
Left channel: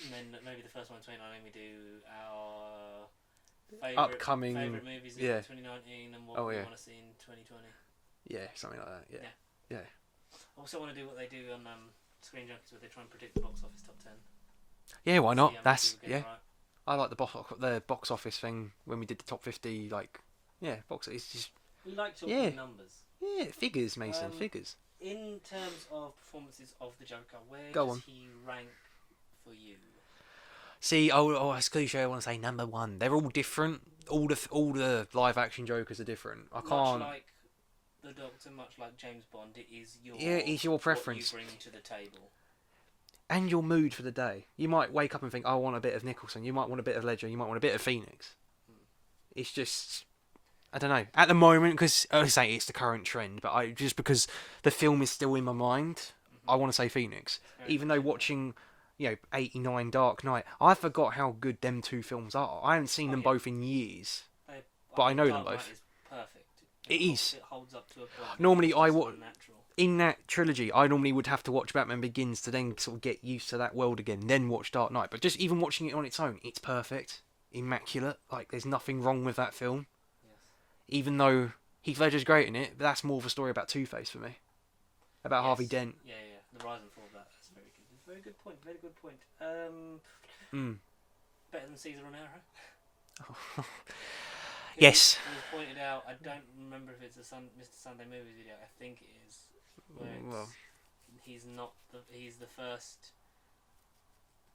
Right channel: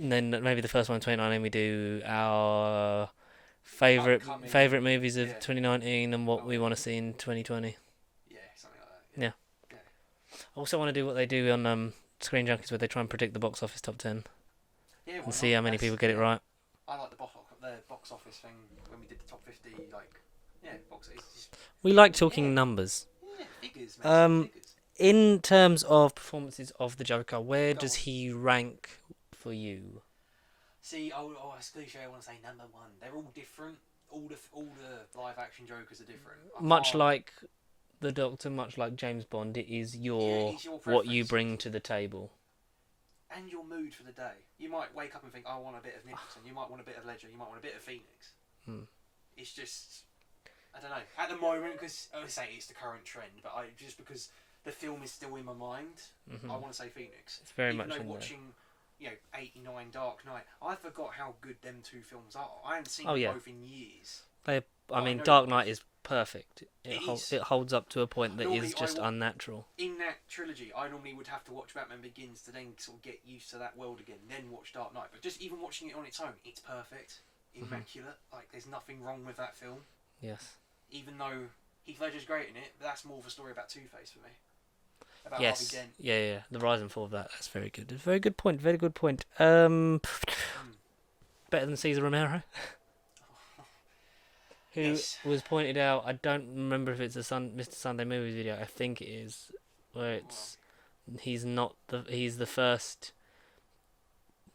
And then maybe the first one in 2019 we do our Upcoming- favorite movies of yeah. 2019 and what Oh, we yeah. want to see in 2020. Yeah, something like that. Yeah. I also want to do what they do on Screen Junkies, where they try and predict the box office top 10. Yeah, why and not? See how many people get it right. I like the box office thing when we did the top 50. Like, yeah, box. It's just We like talking Yeah. numbers. figures, mate. Figures. In terms of performances of the Joker, where Go does on. he rank for you? See, it's cliche. I want to say number one. They're all different. All the live action Jokers are different. Much can't- like the Doctor, much like James Bond, it is it's your what you preference. bring to the table. and your mood for the day. You might wake up and think, I want a bit of Nicholson. You might want a bit of Ledger. You might want a bit of Phoenix. Hmm. It's just, I don't know. At the moment, because I say it's the current trend, but just because the film is still in my mind, I want to say Phoenix. It's very Even much though in there. watching, 89 Dark Knight, I forgot how good them two films are. I haven't seen Oh, them yeah. both in years. I I mean, know Dark them both. Knight is perfect. It is. It holds up to a point that Normally is just I wa- unnatural. In that trilogy, I normally would have to watch Batman Begins to then sort of get used to that world again, then watch Dark Knight. But just even watching it on its own, it's perfect, immaculate. Like there's nothing wrong with that film. Yes. Even though Heath Ledger's great in it, but that's more of a story about Two-Face for me. About Harvey Dent. Yeah. The rise and fall of that. That's very good. Very good point. Very good point. Mm. Better than Cesar Romero. Who Yes. was pointed out. I don't remember if it's a Mr. Sunday Movies video. I think it is. Where it's he's the first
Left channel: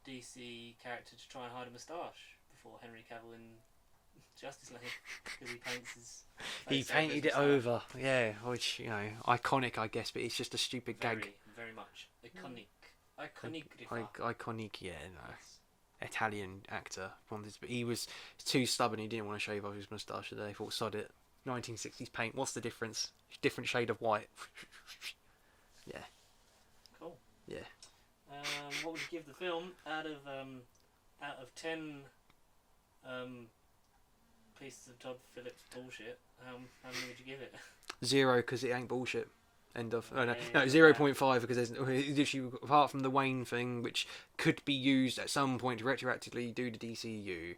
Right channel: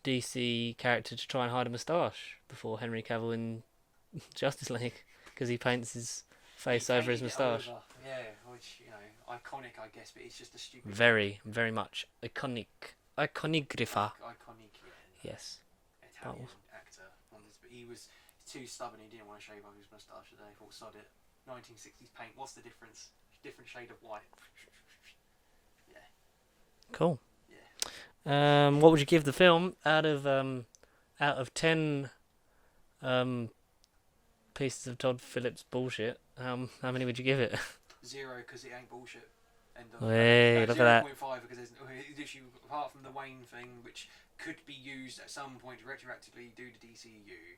DC character to try and hide a moustache before Henry Cavill in Justice League because he paints his face over his moustache. Yeah, which, iconic, I guess, but it's just a stupid... Very much iconic. Iconographer. Iconic, yeah. No. Yes. Italian actor. But he was too stubborn, he didn't want to shave off his moustache today. He thought, sod it. 1960s paint, what's the difference? Different shade of white. Yeah. Cool. Yeah. What would you give the film out of 10 pieces of Todd Phillips bullshit? How many would you give it? 0, because it ain't bullshit. End of. Hey, look at 0.5 because there's literally, apart from the Wayne thing, which could be used at some point to retroactively do the DCU.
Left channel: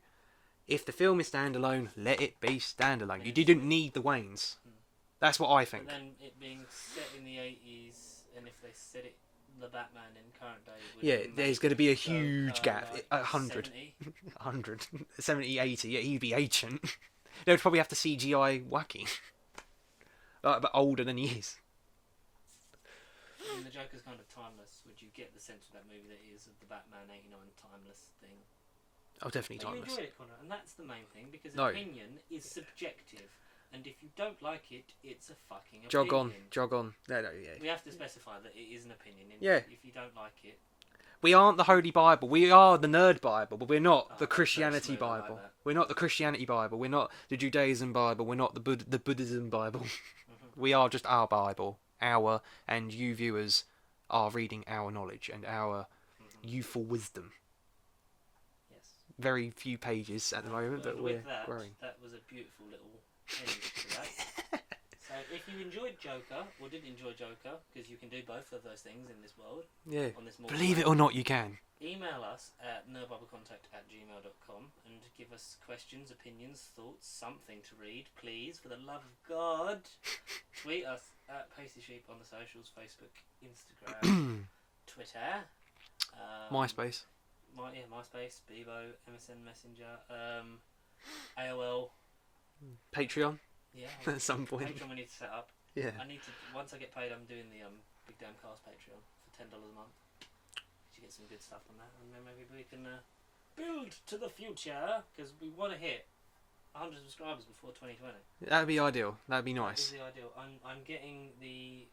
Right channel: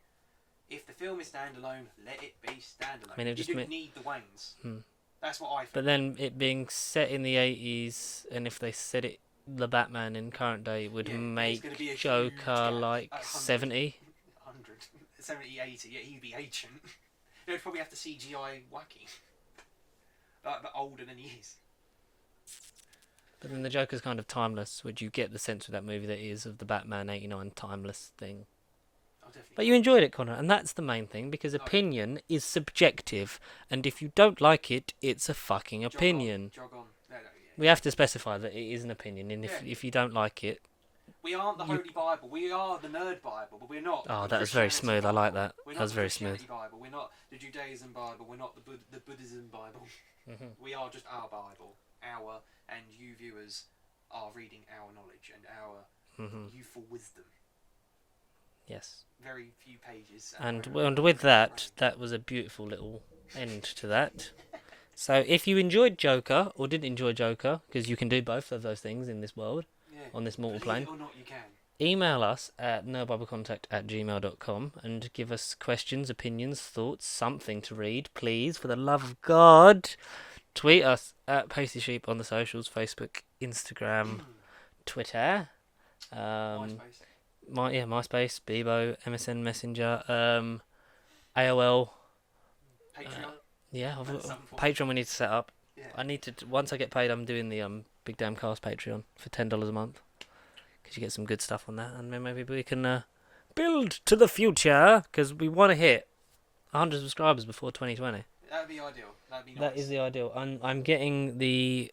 If the film is standalone, let it be standalone. I mean, it You just didn't need the Waynes. Hmm. That's what I think. But then it being set in the 80s, and if they set it the Batman in current day, it would Yeah, make there's going to be a huge Joker gap. like 100. 70. 100, 70, 80. Yeah, he'd be ancient. They would probably have to CGI Wacky. But older than he is. I mean, the Joker's kind of timeless. Would you get the sense of that movie that is of the Batman 89 timeless thing? Oh, definitely. But you enjoyed it, Connor, and that's the main thing, because No. opinion is subjective, and if you don't like it, it's a fucking opinion. Jog on. No, yeah. We have to specify that it is an opinion, and Yeah. if you don't like it... We aren't the Holy Bible. We are the Nerd Bible, but we're not Oh, the that was very Christianity smooth. I Bible. like that. We're That not was the very Christianity Bible. We're not the Judaism Bible. We're not the Buddhism Bible. Mm-hmm. We are just our Bible. And you viewers are reading our knowledge and our Mm-hmm. youthful wisdom. Yes. Very few pages. At the And moment, but with we're that, growing. that was a beautiful little end to that. So if you enjoyed Joker, or didn't enjoy Joker, because you can do both of those things in this world, Yeah. on this mortal Believe plane, it or not, you can. email us at nerdbiblecontact@gmail.com and give us questions, opinions, thoughts, something to read, please, for the love of God. Tweet us at Pasty Sheep on the socials, Facebook, Instagram, Twitter. MySpace. MySpace, Bebo, MSN Messenger. AOL. Patreon Yeah, at some point. Patreon we need to set up. Yeah. I need to once I get paid, I'm doing the Big Damn Cast Patreon for $10 a month because you get some good stuff on that, and then maybe we can build to the future because we want to hit 100 subscribers before 2020. That'd be ideal. That'd be nice. That is the ideal. I'm getting the.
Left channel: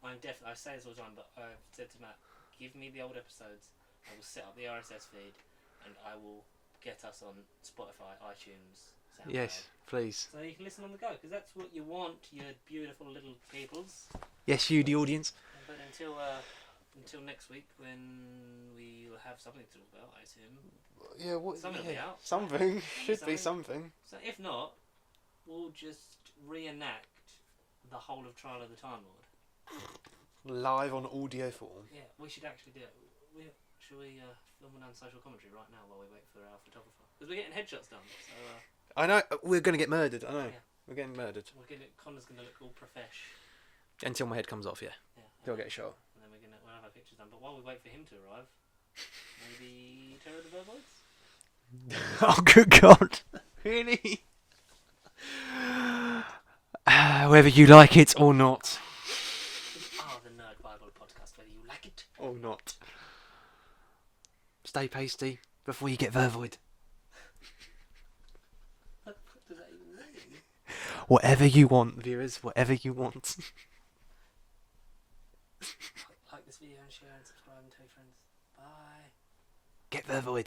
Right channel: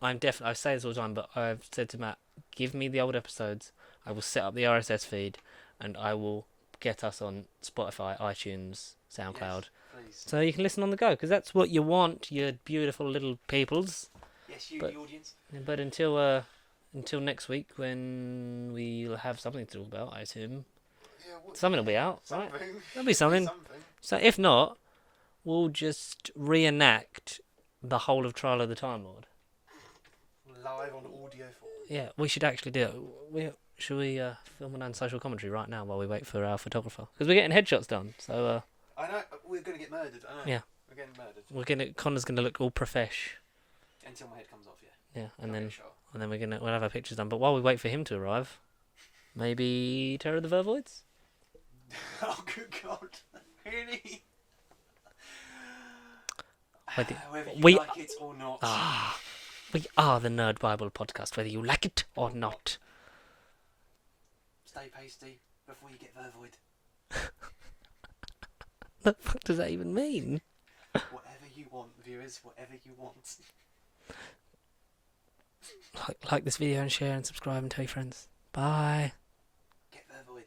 I'm definitely. I say this all the time, but I've said to Matt, give me the old episodes. I will set up the RSS feed, and I will get us on Spotify, iTunes, SoundCloud. Yes, please. So you can listen on the go, because that's what you want, you beautiful little peoples. Yes, you, the audience. But until next week, when we'll have something to talk about, I assume. Yeah, something will be out. Something. Right? There'll be something. So if not, we'll just reenact the whole of Trial of the Time Lord. Live on audio form. Yeah, we should actually do it. Should we film an social commentary right now while we wait for our photographer? Because we're getting headshots done. So. I know we're gonna get murdered. I know. Yeah. We're getting murdered. Connor's gonna look all profesh. Until my head comes off, yeah. Yeah, and then we'll have our pictures done. But while we wait for him to arrive, maybe Terror of the Vervoids? Oh, good God. Really? Whether you like it or not. We are the Nerd Bible podcast, whether you like it or not. Stay pasty before you get vervoid. What the fuck does that even mean? Whatever you want, viewers. Whatever you want. Like this video and share and subscribe and tell your friends. Bye. Get vervoid.